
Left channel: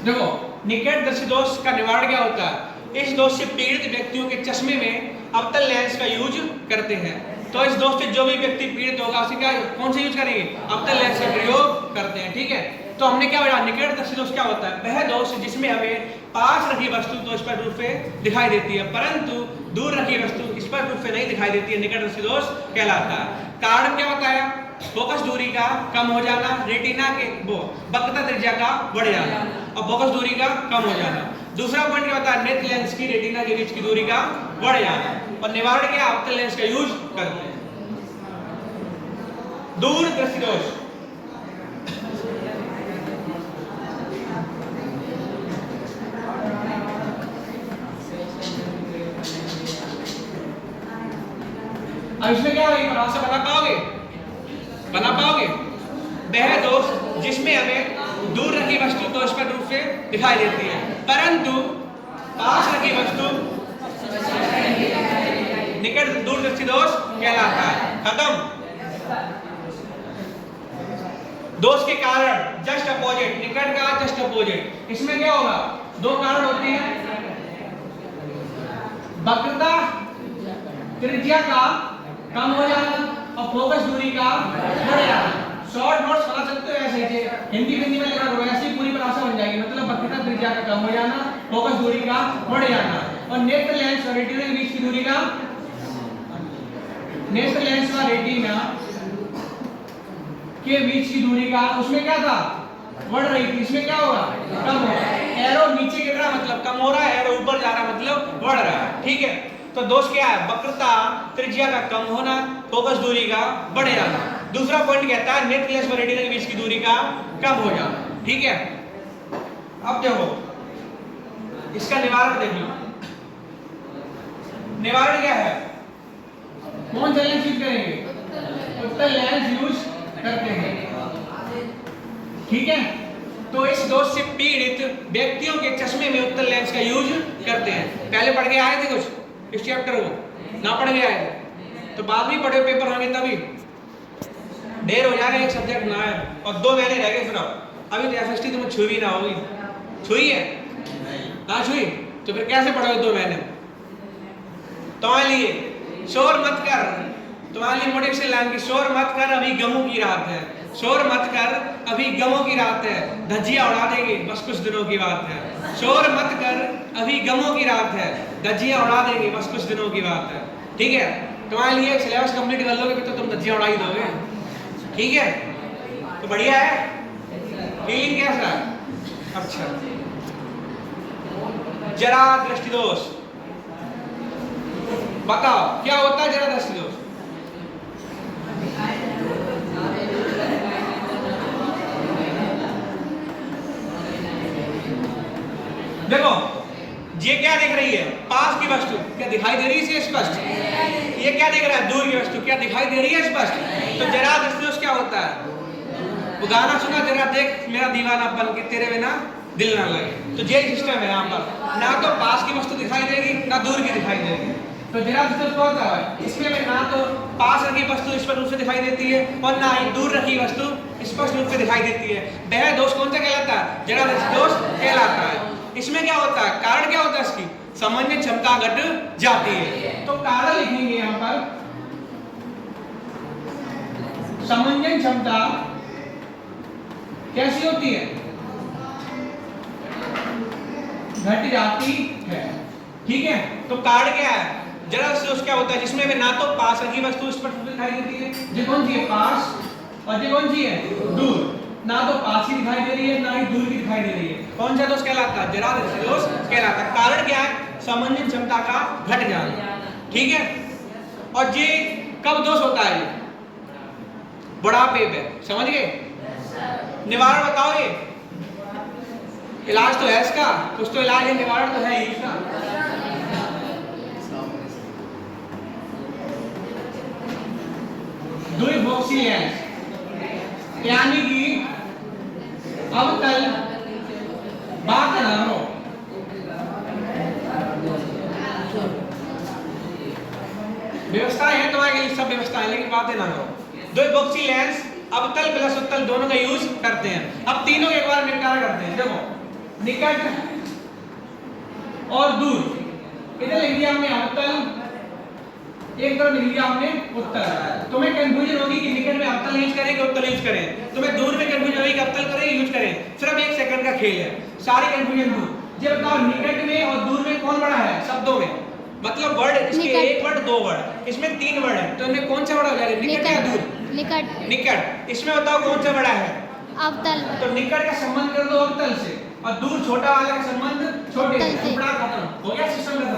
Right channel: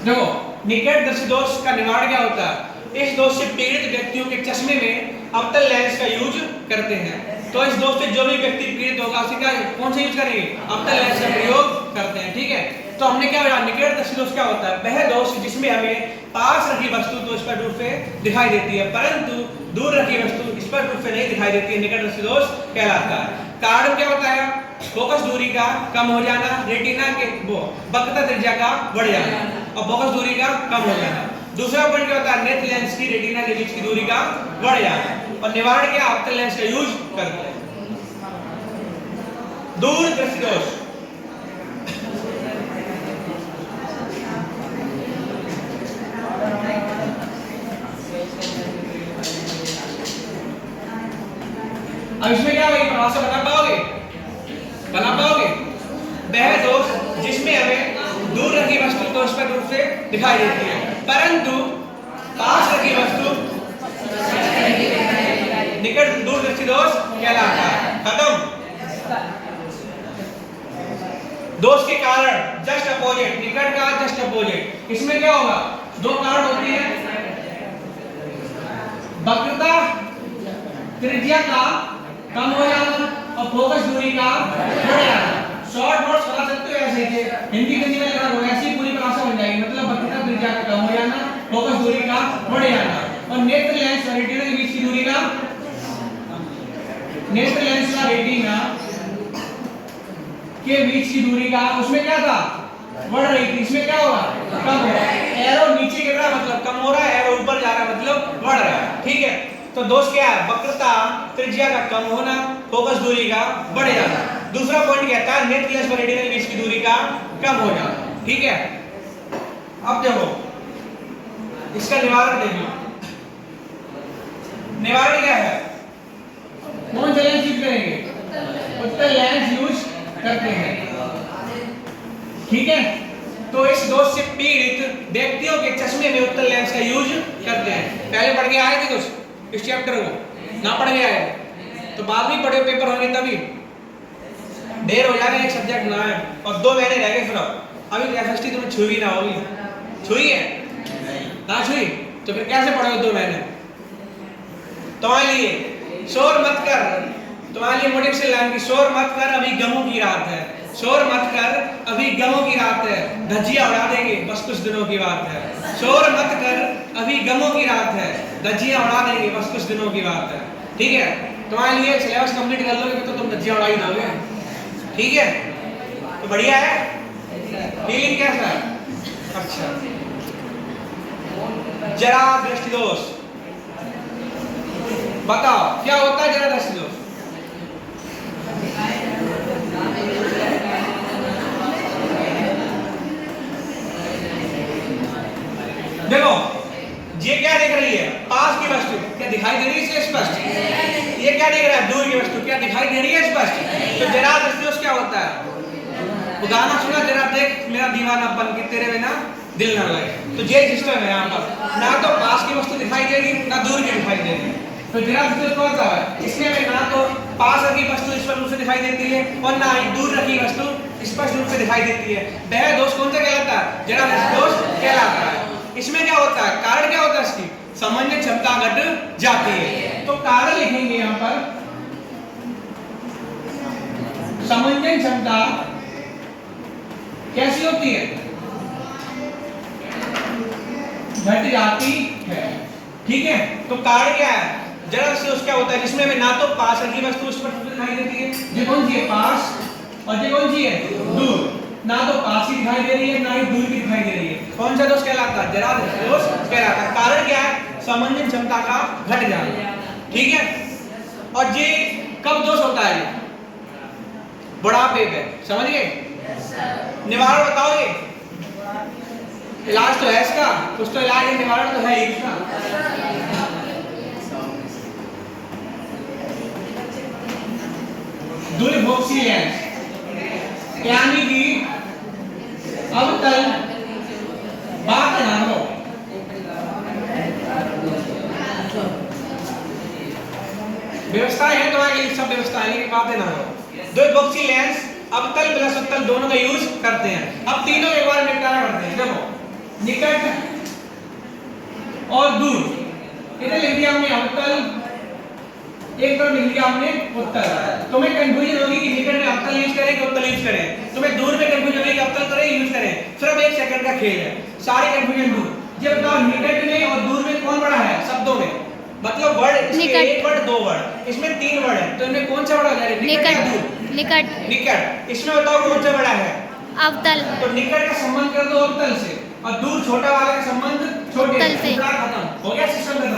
देखो, निकट दृष्टि दोष का निवारण क्या होता है? इस दोष से पीड़ित व्यक्तियों के चश्मे में अवतल लेंस का यूज करते हैं। तो इस दोष से जो भी व्यक्ति पीड़ित होगा उसे क्या कौन सा यूज करेंगे? अवतल लेंस का प्रयोग करते हैं। ठीक है, तो हमने क्या बोला? निकट दृष्टि दोष क्या होता है? वह दोष जिसमें हमें पास रखी वस्तु तो स्पष्ट रूप से दिखाई देती है परंतु दूर रखी वस्तु स्पष्ट रूप से नहीं दिखाई देती है, निकट दृष्टि दोष कहलाता है। कारण क्या होता है? फोकस दूरी का कम हो जाना, रेटिना के वक्रता त्रिज्या का बढ़ जाना और फोकस दूरी का कम हो जाना। दूसरा पॉइंट क्या होता है? नेत्र लेंस की रेटिना के बीच की दूरी का बढ़ जाना। और निवारण क्या? अवतल लेंस का यूज करते हैं। दूर दृष्टि दोष अब इसमें क्या होगी? परिभाषा बता पाओगे? बना पाओगे? वह दोष जिसमें हमें दूर रखी वस्तु तो स्पष्ट रूप से दिखाई देती है परंतु पास रखी वस्तु निकट दूर दृष्टि दोष कहलाता है। खत्म। दोष के कारण जस्ट अपोजिट, निकट का जस्ट अपोजिट। इसमें क्या होगा? दो कारण होते हैं, वक्रता त्रिज्या का कम हो जाना और फोकस दूरी का बढ़ जाना। शॉर्ट नोट्स बना सकते हो ऐसे ही, हिंदी हिंदी में लिखा करो, ऐसी पूरी परिभाषा बन जाएगी। मतलब वक्रता त्रिज्या का कम हो जाना, फोकस दूरी का बढ़ जाना और नेत्र लेंस और रेटिना के बीच की दूरी का, नेत्र लेंस और रेटिना के बीच की दूरी का, उसमें क्या था? बढ़ रही थी, इसमें क्या होगा? कम हो रहा है। एरो नीचे गिर रहा है मतलब कम हो रहा है, एरो ऊपर जा रहा है मतलब बढ़ रहा है। ठीक है, तो दोष क्या है? वक्रता त्रिज्या का कम होना, फोकस दूरी का बढ़ जाना। दूसरा पॉइंट कहता है नेत्र लेंस और रेटिना के बीच की दूरी का कम हो जाना। ठीक है, अब देखो इसका निवारण देखिए। निवारण क्या है? कौन सा लेंस यूज करेंगे? उत्तल लेंस यूज करते हैं। ठीक है, तो इस दोष से पीड़ित व्यक्तियों के चश्मे में उत्तल लेंस का यूज करते हैं। पहले पढ़ के आए थे कुछ इस चैप्टर को, ना पढ़ के आए तो बाद में पढ़े, पेपर होंगे तभी। देर हो जा रही है, एक सब्जेक्ट ना है और 2 महीने रह गए फिर। अभी एफएसटी तुम्हें छुई ना होगी, छुई है ना छुई, तो फिर कैसे पढ़ोगे 2 महीने? तुम्हारे लिए शोर मत कर, तुम्हारे लिए मोटिव से लाइन की शोर मत कर, अभी गमों की रात है। शोर मत कर, अभी गमों की रात है, धज्जियां उड़ा देंगे बस कुछ दिनों की बात है। शोर मत कर, अभी गमों की रात है, धज्जियां उड़ा देंगे बस कुछ दिनों की बात है। ठीक है, तुम्हारे लिए सिलेबस कंप्लीट कर लोगे तो तुम धज्जियां उड़ा ही दोगे। ठीक है, तो बढ़िया है। फीलिंग कैसा है? अच्छा, जरा दृष्टि दोष बताओ क्या होता है जरा दृष्टि दोष? देखो ये क्या दिख रही है? पास की वस्तु क्या दिखाई दे रही है इससे स्पष्ट? ये क्या दिख रहा है? दूर की वस्तु क्या दिखाई दे रही है स्पष्ट? तो जरा दृष्टि दोष क्या होता है? वो गाना सुना, जरा देख मेरा दीवाना बन के तेरे बिना दिल ना लगे। तो ये सिस्टम है यहाँ पर, ना तो पास की वस्तु दिखाई देगी ना दूर की दिखाई देगी। तो जरा दृष्टि दोष कौन सा है? इसमें में ना तो पास रखी वस्तु स्पष्ट रूप से दिखाई देती है और ना ही दूर रखी वस्तु स्पष्ट रूप से दिखाई देती है। वह दोष कौन सा कहलाता है? जरा दृष्टि दोष कहलाता है। इसमें क्या होता है? कारण क्या होता है इसकी? समझने क्षमता घट जाती है। तो कारण लिखेंगे यहाँ पर, समझने क्षमता कैसी होती है? घट जाती है। ठीक है, तो कारण क्या है? जरा से उसका होता है जिसमें ना तो पास रखी वस्तु स्पष्ट रूप से दिखाई देती है, ये कौन सी है? पास, और ये कौन सी है? दूर। ना तो पास ही दिखाई दे रही है ना ही दूर की दिखाई दे रही है। कौन सा दोष कहलाता है? जरा दोष कहलाता है। कारण क्या है? समझने क्षमता का घट जाना। ठीक है, और ये कब दोष होता है? बुढ़ापे पे, समझ गए? निवारण बताओगे? इलाज तो है इसका, कुछ तो इलाज है, निवारण तो है ही इसका। द्विभोक्षी लेंस यानी कि अवतल बात ना हो। व्यवस्थाएं हैं तुम्हारे लिए, सब व्यवस्थाएं, लेकिन बातें ना हो। द्विभोक्षी लेंस अवतल प्लस उत्तल दोनों का यूज करते हैं। अब तीनों के बारे में निपटारा करते हैं। देखो, निकट और दूर, इधर लिख दिया हमने अवतल, एक तरफ लिख लिया हमने उत्तल। तुम्हें कंफ्यूजन होगी कि निकट में अवतल यूज करें कि उत्तल यूज करें। तुम्हें दूर में कंफ्यूजन होगी कि अवतल करें यूज करें। सिर्फ 1 सेकंड का खेल है, सारी कंफ्यूजन दूर। ये बताओ निकट में और दूर में कौन बड़ा है शब्दों में? मतलब वर्ड, इसके 1 वर्ड 2 वर्ड, इसमें 3 वर्ड है, तो इनमें कौन सा बड़ा है? निकट या दूर? निकट। निकट। इसमें बताओ कौन सा बड़ा है? अवतल। तो निकट का संबंध कर दो अवतल से और दूर छोटा वाला का संबंध छोटे से। खत्म हो गया, सिस्टम खत्म।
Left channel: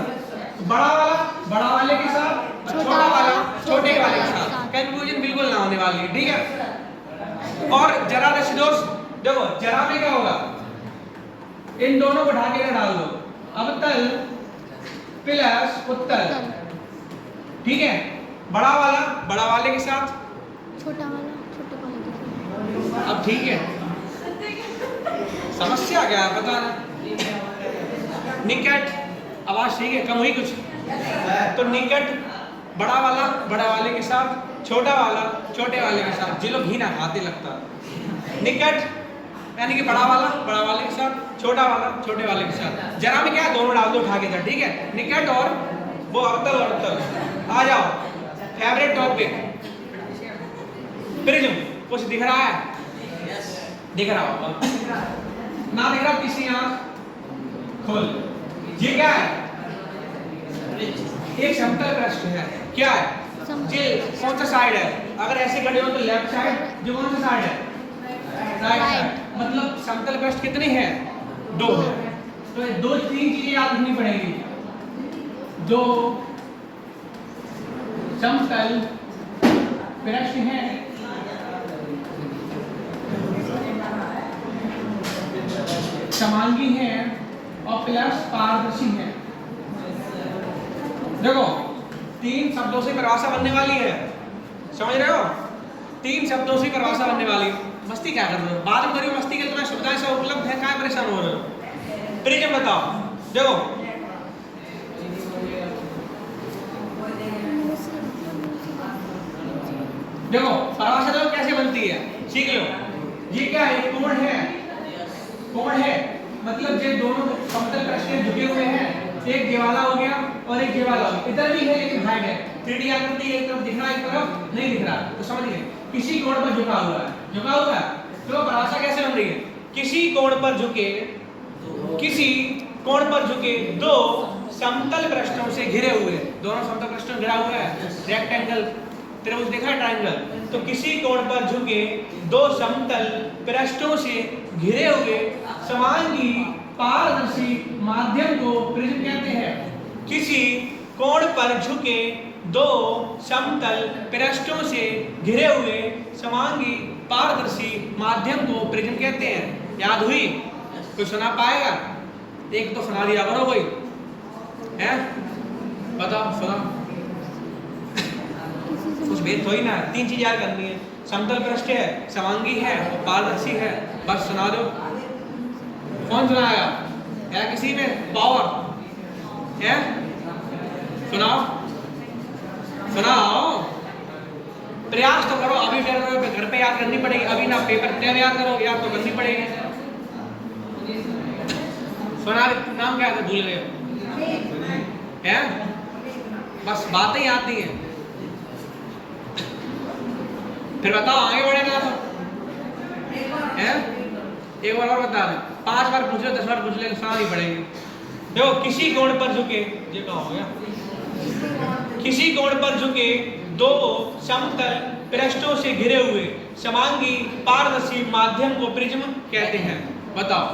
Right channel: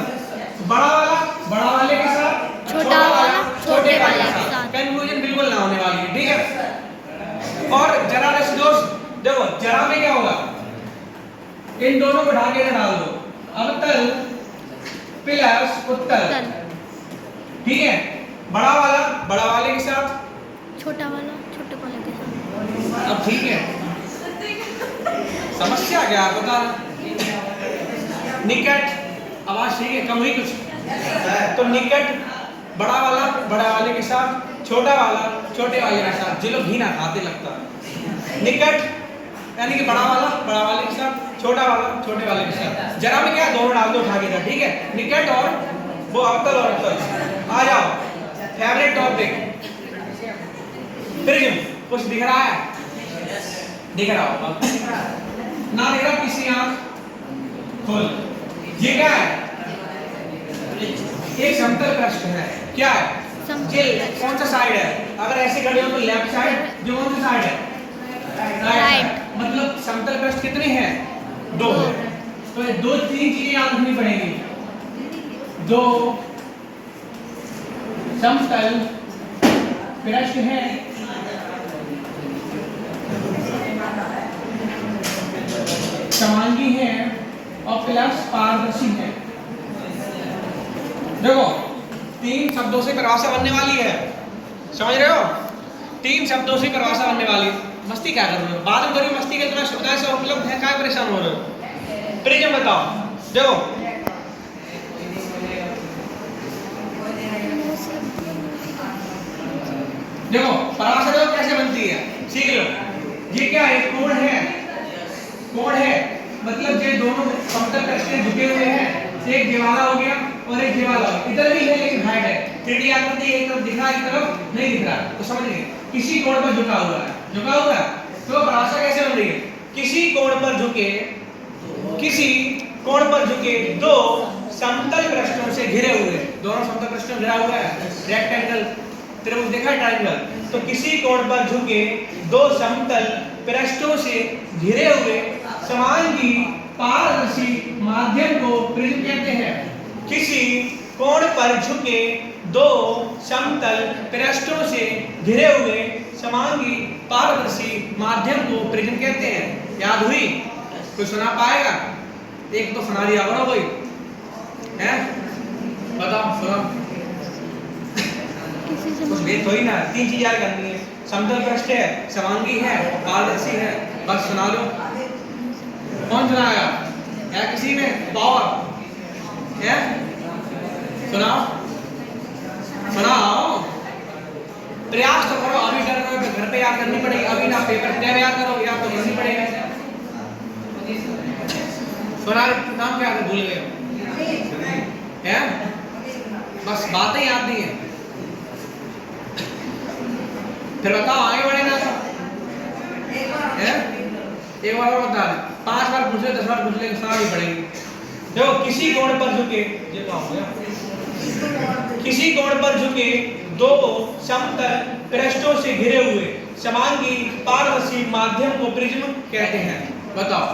बड़ा वाला बड़ा वाले के साथ, छोटा वाला छोटे वाले के साथ। कंफ्यूजन बिल्कुल ना होने वाली है। ठीक है, और जरा दृष्टि दोष देखो, जरा में क्या होगा? इन दोनों को ढाके ना डाल दो, अवतल प्लस उत्तल। ठीक है, बड़ा वाला बड़ा वाले के साथ, छोटा वाला छोटे वाले के साथ। अब ठीक है, समस्या क्या है बता? निकट, आवाज ठीक है, कम हुई कुछ? तो निकट बड़ा वाला बड़ा वाले के साथ, छोटा वाला छोटे वाले के साथ। जो लोग घी ना खाते लगता है। निकट यानी कि बड़ा वाला बड़ा वाले के साथ, छोटा वाला छोटे वाले के साथ। जरा में क्या है? दोनों डाल दो उठा के। ठीक है, निकट और वो अवतल और उत्तल। आ जाओ, फेवरेट टॉपिक प्रिज्म। कुछ दिख रहा है? दिख रहा होगा, ना दिख रहा किसी आंख खोल। ये क्या है? एक समतल पृष्ठ है। क्या है? ये कौन सा साइड है? अगर ऐसे खड़े हो तो लेफ्ट साइड, जो कौन सा साइड है? राइट। मतलब समतल पृष्ठ कितने हैं? 2 है। तो ये 2-3 चीजें याद रखनी पड़ेगी। 2 समतल पृष्ठ है, समांगी है और प्लस पारदर्शी है। देखो 3 शब्दों से परिभाषा बनने वाली है, समझ रहे हो? 3 शब्दों से परिभाषा बनने वाली है। मस्ती क्या कर रहे हो? बाद में करिए मस्ती के, तुम्हें सुविधाएं सब उपलब्ध है, क्या परेशान हो रहे हो? प्रिज्म बताओ, देखो देखो परिभाषा देखो कैसे बनती है, सीख लो। ये क्या है? कोण है, कोण है मतलब ये दोनों समतल पृष्ठ झुके हुए हैं, एक ये वाला हो गया और एक ये वाला हो गया, इधर भी है लेकिन हाइट है, 3D आकृति एक तरफ दिख रहा है एक तरफ नहीं दिख रहा, तो समझ गए किसी कोण पर झुका हुआ है, झुका हुआ है। तो परिभाषा कैसे बन रही है? किसी कोण पर झुके, किसी कोण पर झुके दो समतल पृष्ठों से घिरे हुए, दोनों समतल पृष्ठों से घिरा हुआ है, रेक्टेंगल त्रिभुज देखा है, ट्रायंगल। तो किसी कोण पर झुके दो समतल पृष्ठों से घिरे हुए समांगी पारदर्शी माध्यम को प्रिज्म कहते हैं। किसी कोण पर झुके दो समतल पृष्ठों से घिरे हुए समांगी पारदर्शी माध्यम को प्रिज्म कहते हैं। याद हुई? कोई सुना पाएगा? एक तो सुना दिया करो कोई, हैं? बताओ सुना। कुछ भेद थोड़ी ना, 3 चीज याद करनी है, समतल पृष्ठ है, समांगी है, पारदर्शी है, बस सुना दो। कौन सुनाएगा? है किसी में पावर? है? सुनाओ सुनाओ, प्रयास तो करो, अभी कर करो तो घर पे याद करनी पड़ेगी, अभी ना पेपर क्या याद करो, याद तो करनी पड़ेगी। सुना, नाम क्या था? भूल गए हैं? बस बातें याद नहीं है, फिर बताओ आगे बढ़े ना है? एक बार और बता दें, 5 बार पूछ लो 10 बार पूछ ले, सुना ही पड़ेगी। देखो किसी कोण पर झुके, ये क्या हो गया? किसी कोण पर झुके दो समतल पृष्ठों से घिरे हुए समांगी पारदर्शी माध्यम को प्रिज्म कहते हैं। बताओ,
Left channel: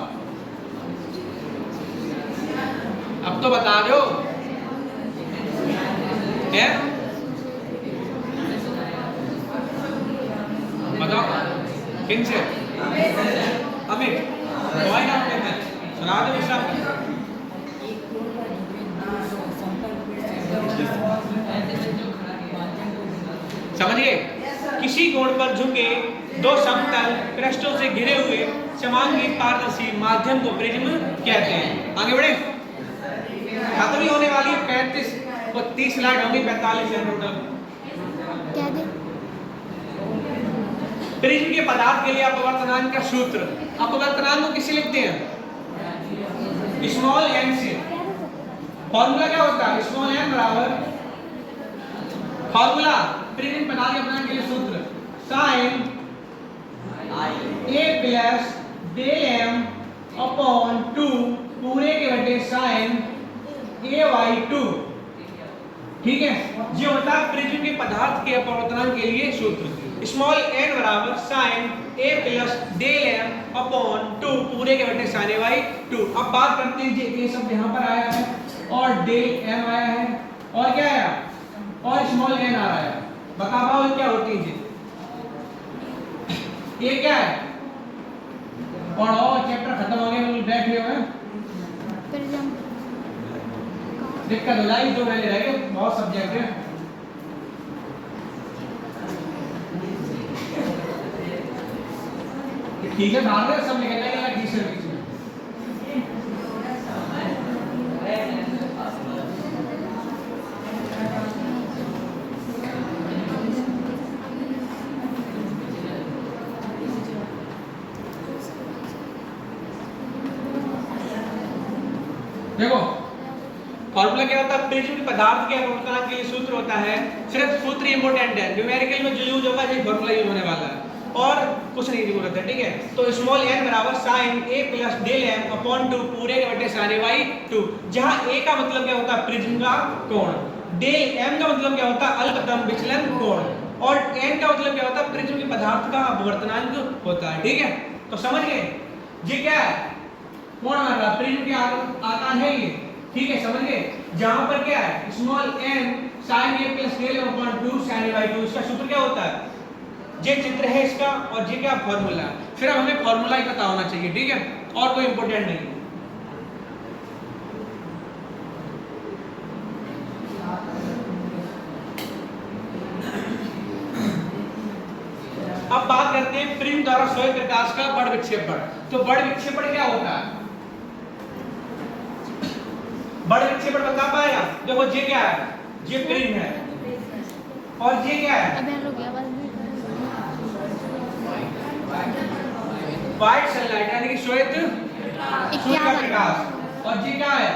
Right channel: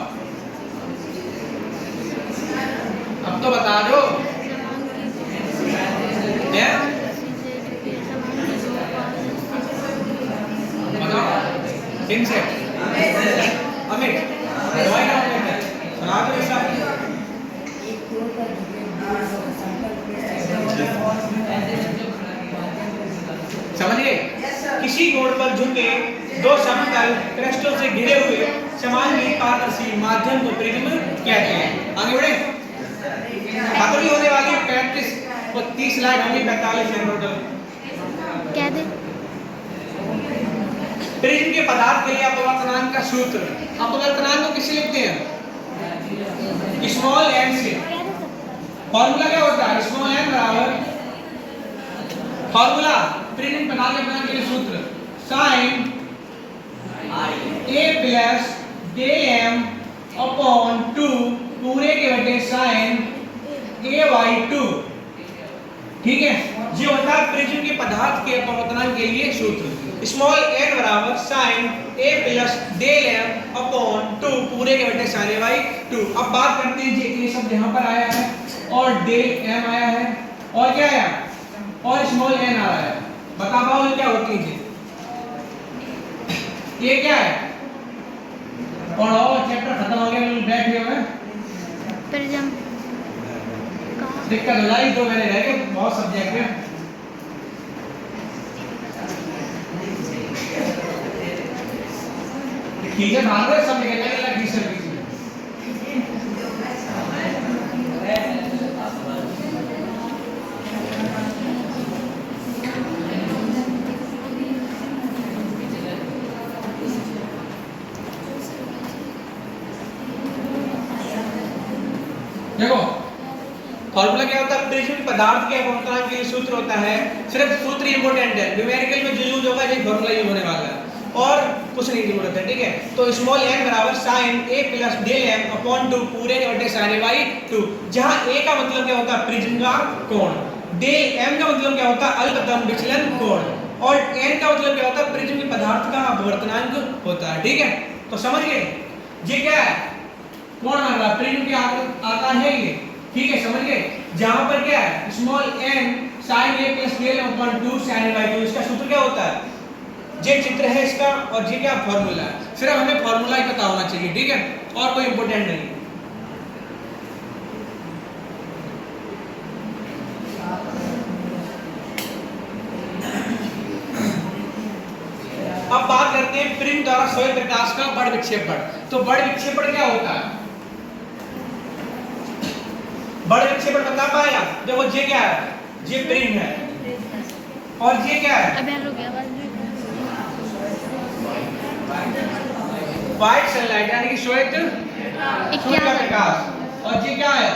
अब तो बता दो क्या? बताओ किन से? अमित सुना दो ऐसा। समझिए, किसी कोण पर झुके दो समतल पृष्ठों से घिरे हुए समांगी पारदर्शी माध्यम को प्रिज्म कहते हैं। आगे बढ़े, खत्म ही होने वाली प्रैक्टिस, वो 30 स्लाइड होंगी, 45 है टोटल। क्या दे? प्रिज्म के पदार्थ के लिए अपवर्तनांक का सूत्र, अपवर्तनांक को किससे लिखते हैं? स्मॉल एन से। फॉर्मूला क्या होता है? स्मॉल एन बराबर, फॉर्मूला प्रिज्म पदार्थ के अपवर्तनांक के लिए सूत्र sin a plus del m upon 2 पूरे के बटे sin a/2। ठीक है, ये होता है प्रिज्म के पदार्थ के अपवर्तनांक के लिए सूत्र। स्मॉल n बराबर sin a plus del m upon 2 पूरे के बटे sin a/2। अब बात करते हैं जी, ये शब्द यहाँ पर आया है और डेल m आया है और क्या आया? और स्मॉल n आ रहा है। बता पाओ ये क्या होती है जी? ये क्या है? पढ़ो, चैप्टर खत्म हो गया, बैठे हुए प्रिज्म दिक्कत हो जाएगी, 2 महीने रह गए, बहुत सब्जेक्ट है। ठीक है, भाग रहे सब निकल जाएगा ठीक से बीच में। देखो फॉर्मूला क्या होता है? प्रिज्म के पदार्थ के अपवर्तनांक के लिए सूत्र होता है, सिर्फ सूत्र इंपॉर्टेंट है, न्यूमेरिकल में जो यूज होगा ये फॉर्मूला यूज होने वाला है और कुछ नहीं जरूरत है। ठीक है, तो स्मॉल n बराबर sin a plus del m upon 2 पूरे के बटे sin a/2। जहां a का मतलब क्या होता है? प्रिज्म का कोण, डेल m का मतलब क्या होता है? अल्पतम विचलन कोण, और n का मतलब क्या होता है? प्रिज्म के पदार्थ का अपवर्तनांक होता है। ठीक है, तो समझ गए ये क्या है? कोण मान रहा, प्रिज्म के आकार है ये। ठीक है, समझ गए? जहां पर क्या है? Small n sin a plus del m upon 2 sin a/2। इसका सूत्र क्या होता है? ये चित्र है इसका और ये क्या फॉर्मूला है। सिर्फ हमें फॉर्मूला ही पता होना चाहिए, ठीक है, और कोई इंपॉर्टेंट नहीं। करते हैं प्रिज्म द्वारा श्वेत प्रकाश का बड़ विक्षेपण। तो बड़ विक्षेपण क्या होता है? बड़े विक्षेपण बता पाएगा? देखो ये क्या है? ये प्रिज्म है और ये क्या है? अबे रुक गया बस। व्हाइट सनलाइट यानी कि श्वेत सूर्य का प्रकाश। और ये क्या है?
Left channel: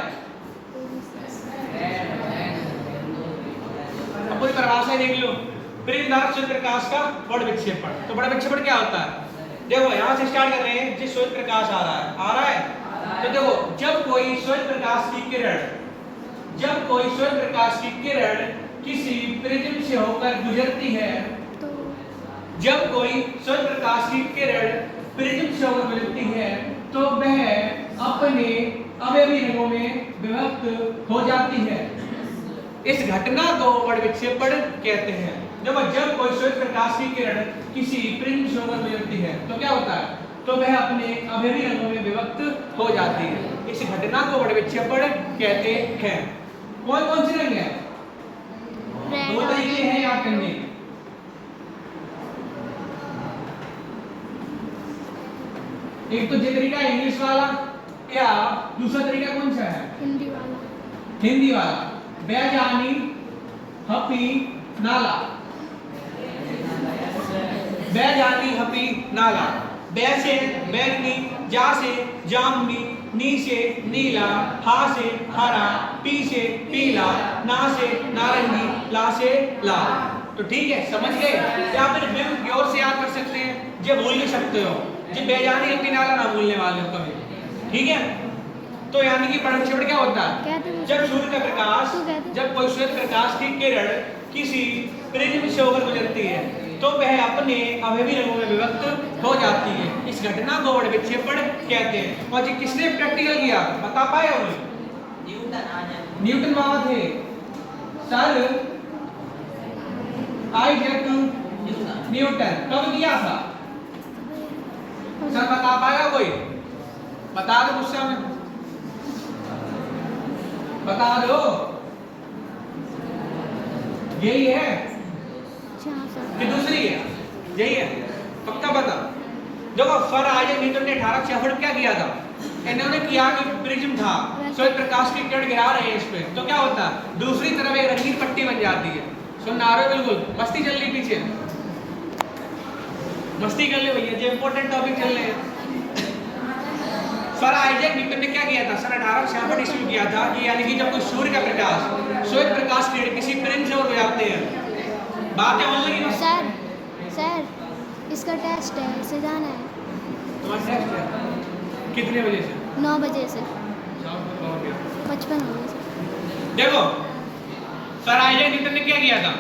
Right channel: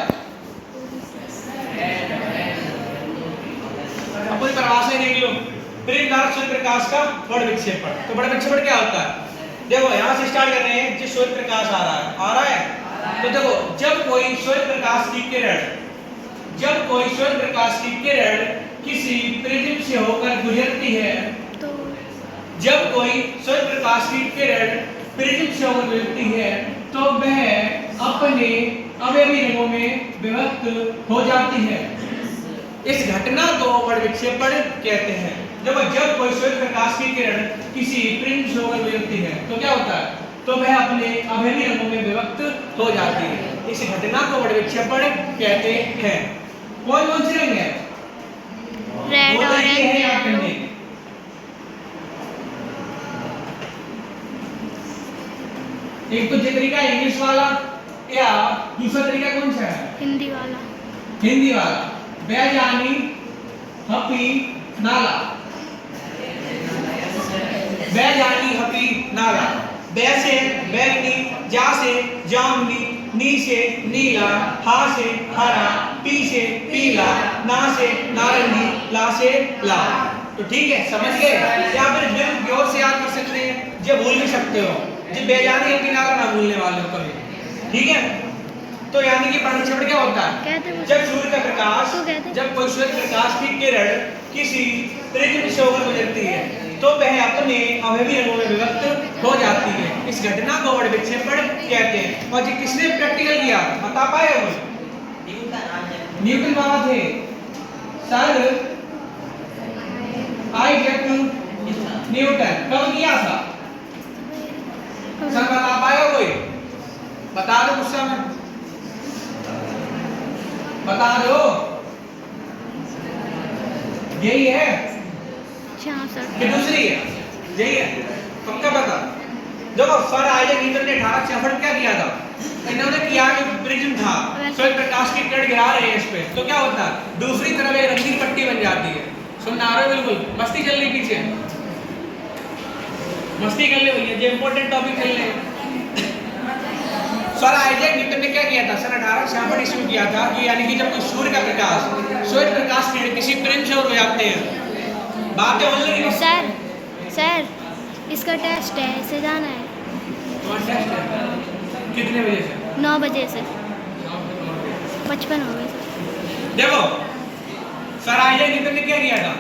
अब पूरी परिभाषा देख लो। प्रिज्म द्वारा श्वेत प्रकाश का बड़ विक्षेपण। तो बड़ा विक्षेपण क्या होता है? देखो यहां से स्टार्ट कर रहे हैं। जो श्वेत प्रकाश आ रहा है तो देखो जब कोई श्वेत प्रकाश की किरण किसी प्रिज्म से होकर गुजरती है, तो जब कोई श्वेत प्रकाश की किरण प्रिज्म से होकर गुजरती है तो वह अपने अवयवी रंगों में विभक्त हो जाती है। इस घटना को बड़ विक्षेपण कहते हैं। जब कोई श्वेत प्रकाश की किरण किसी प्रिज्म से होकर गुजरती है तो क्या होता है? तो वह अपने अवयवी रंगों में विभक्त हो जाती है। इस घटना को बड़ विक्षेपण कहते हैं। कौन कौन से रंग है? रेड दो तरीके हैं याद करने। एक तो ये तरीका इंग्लिश वाला या दूसरा तरीका कौन सा है? हिंदी वाला। हिंदी वाला। बैजानी, हपी, नाला। बैजानी, हपी, नाला। बै से बैगनी, जा से जामुनी, नी से नीला, हा से हरा, पी से पीला, ना से नारंगी, ला से लाल। तो ठीक है, समझ गए? या फिर बिल्कुल गौर से याद कर सकते हैं, ये भूल भी सकते हो। ये बैजानी, हपी, नाला ना भूलने वाले हो कभी। ठीक है? तो यानी कि बड़ विक्षेपण क्या होता है? जब सूर्य का प्रकाश, जब कोई श्वेत प्रकाश की किरण किसी प्रिज्म से होकर गुजरती है तो वह अपने अवयवी रंगों में विभक्त हो जाती है। इस घटना को बड़ विक्षेपण कहते हैं। और ये किसने प्रैक्टिकल किया? बता पाए हो? न्यूटन बाबा थे, सर आइजैक न्यूटन। कब किया था? सर बता पाएगा कोई? बता दो गुस्सा में, बता दो। यही है कि दूसरी है? यही है, पक्का बता। देखो सर आइजैक न्यूटन ने 1866 क्या किया था? इन्होंने किया कि प्रिज्म था, श्वेत प्रकाश की किरण गिरा रहे हैं इस पे, तो क्या होता है? दूसरी तरफ एक रंगीन पट्टी बन जाती है। सुन आ रहे हो? बिल्कुल मस्ती चल रही पीछे, मस्ती कर ले भैया, जो इंपॉर्टेंट टॉपिक चल रहे हैं। सर आइजैक न्यूटन ने क्या किया था? सन 1866 ईस्वी किया था कि यानी कि जब कोई सूर्य का प्रकाश, श्वेत प्रकाश किरण किसी प्रिज्म से होकर जाते हैं। बातें होने लगी। सर इसका टेस्ट है, इसे जाना है। तुम्हारा टेस्ट है कितने बजे से? 9 बजे से 55 हो गए। देखो सर आइजैक न्यूटन ने क्या किया था?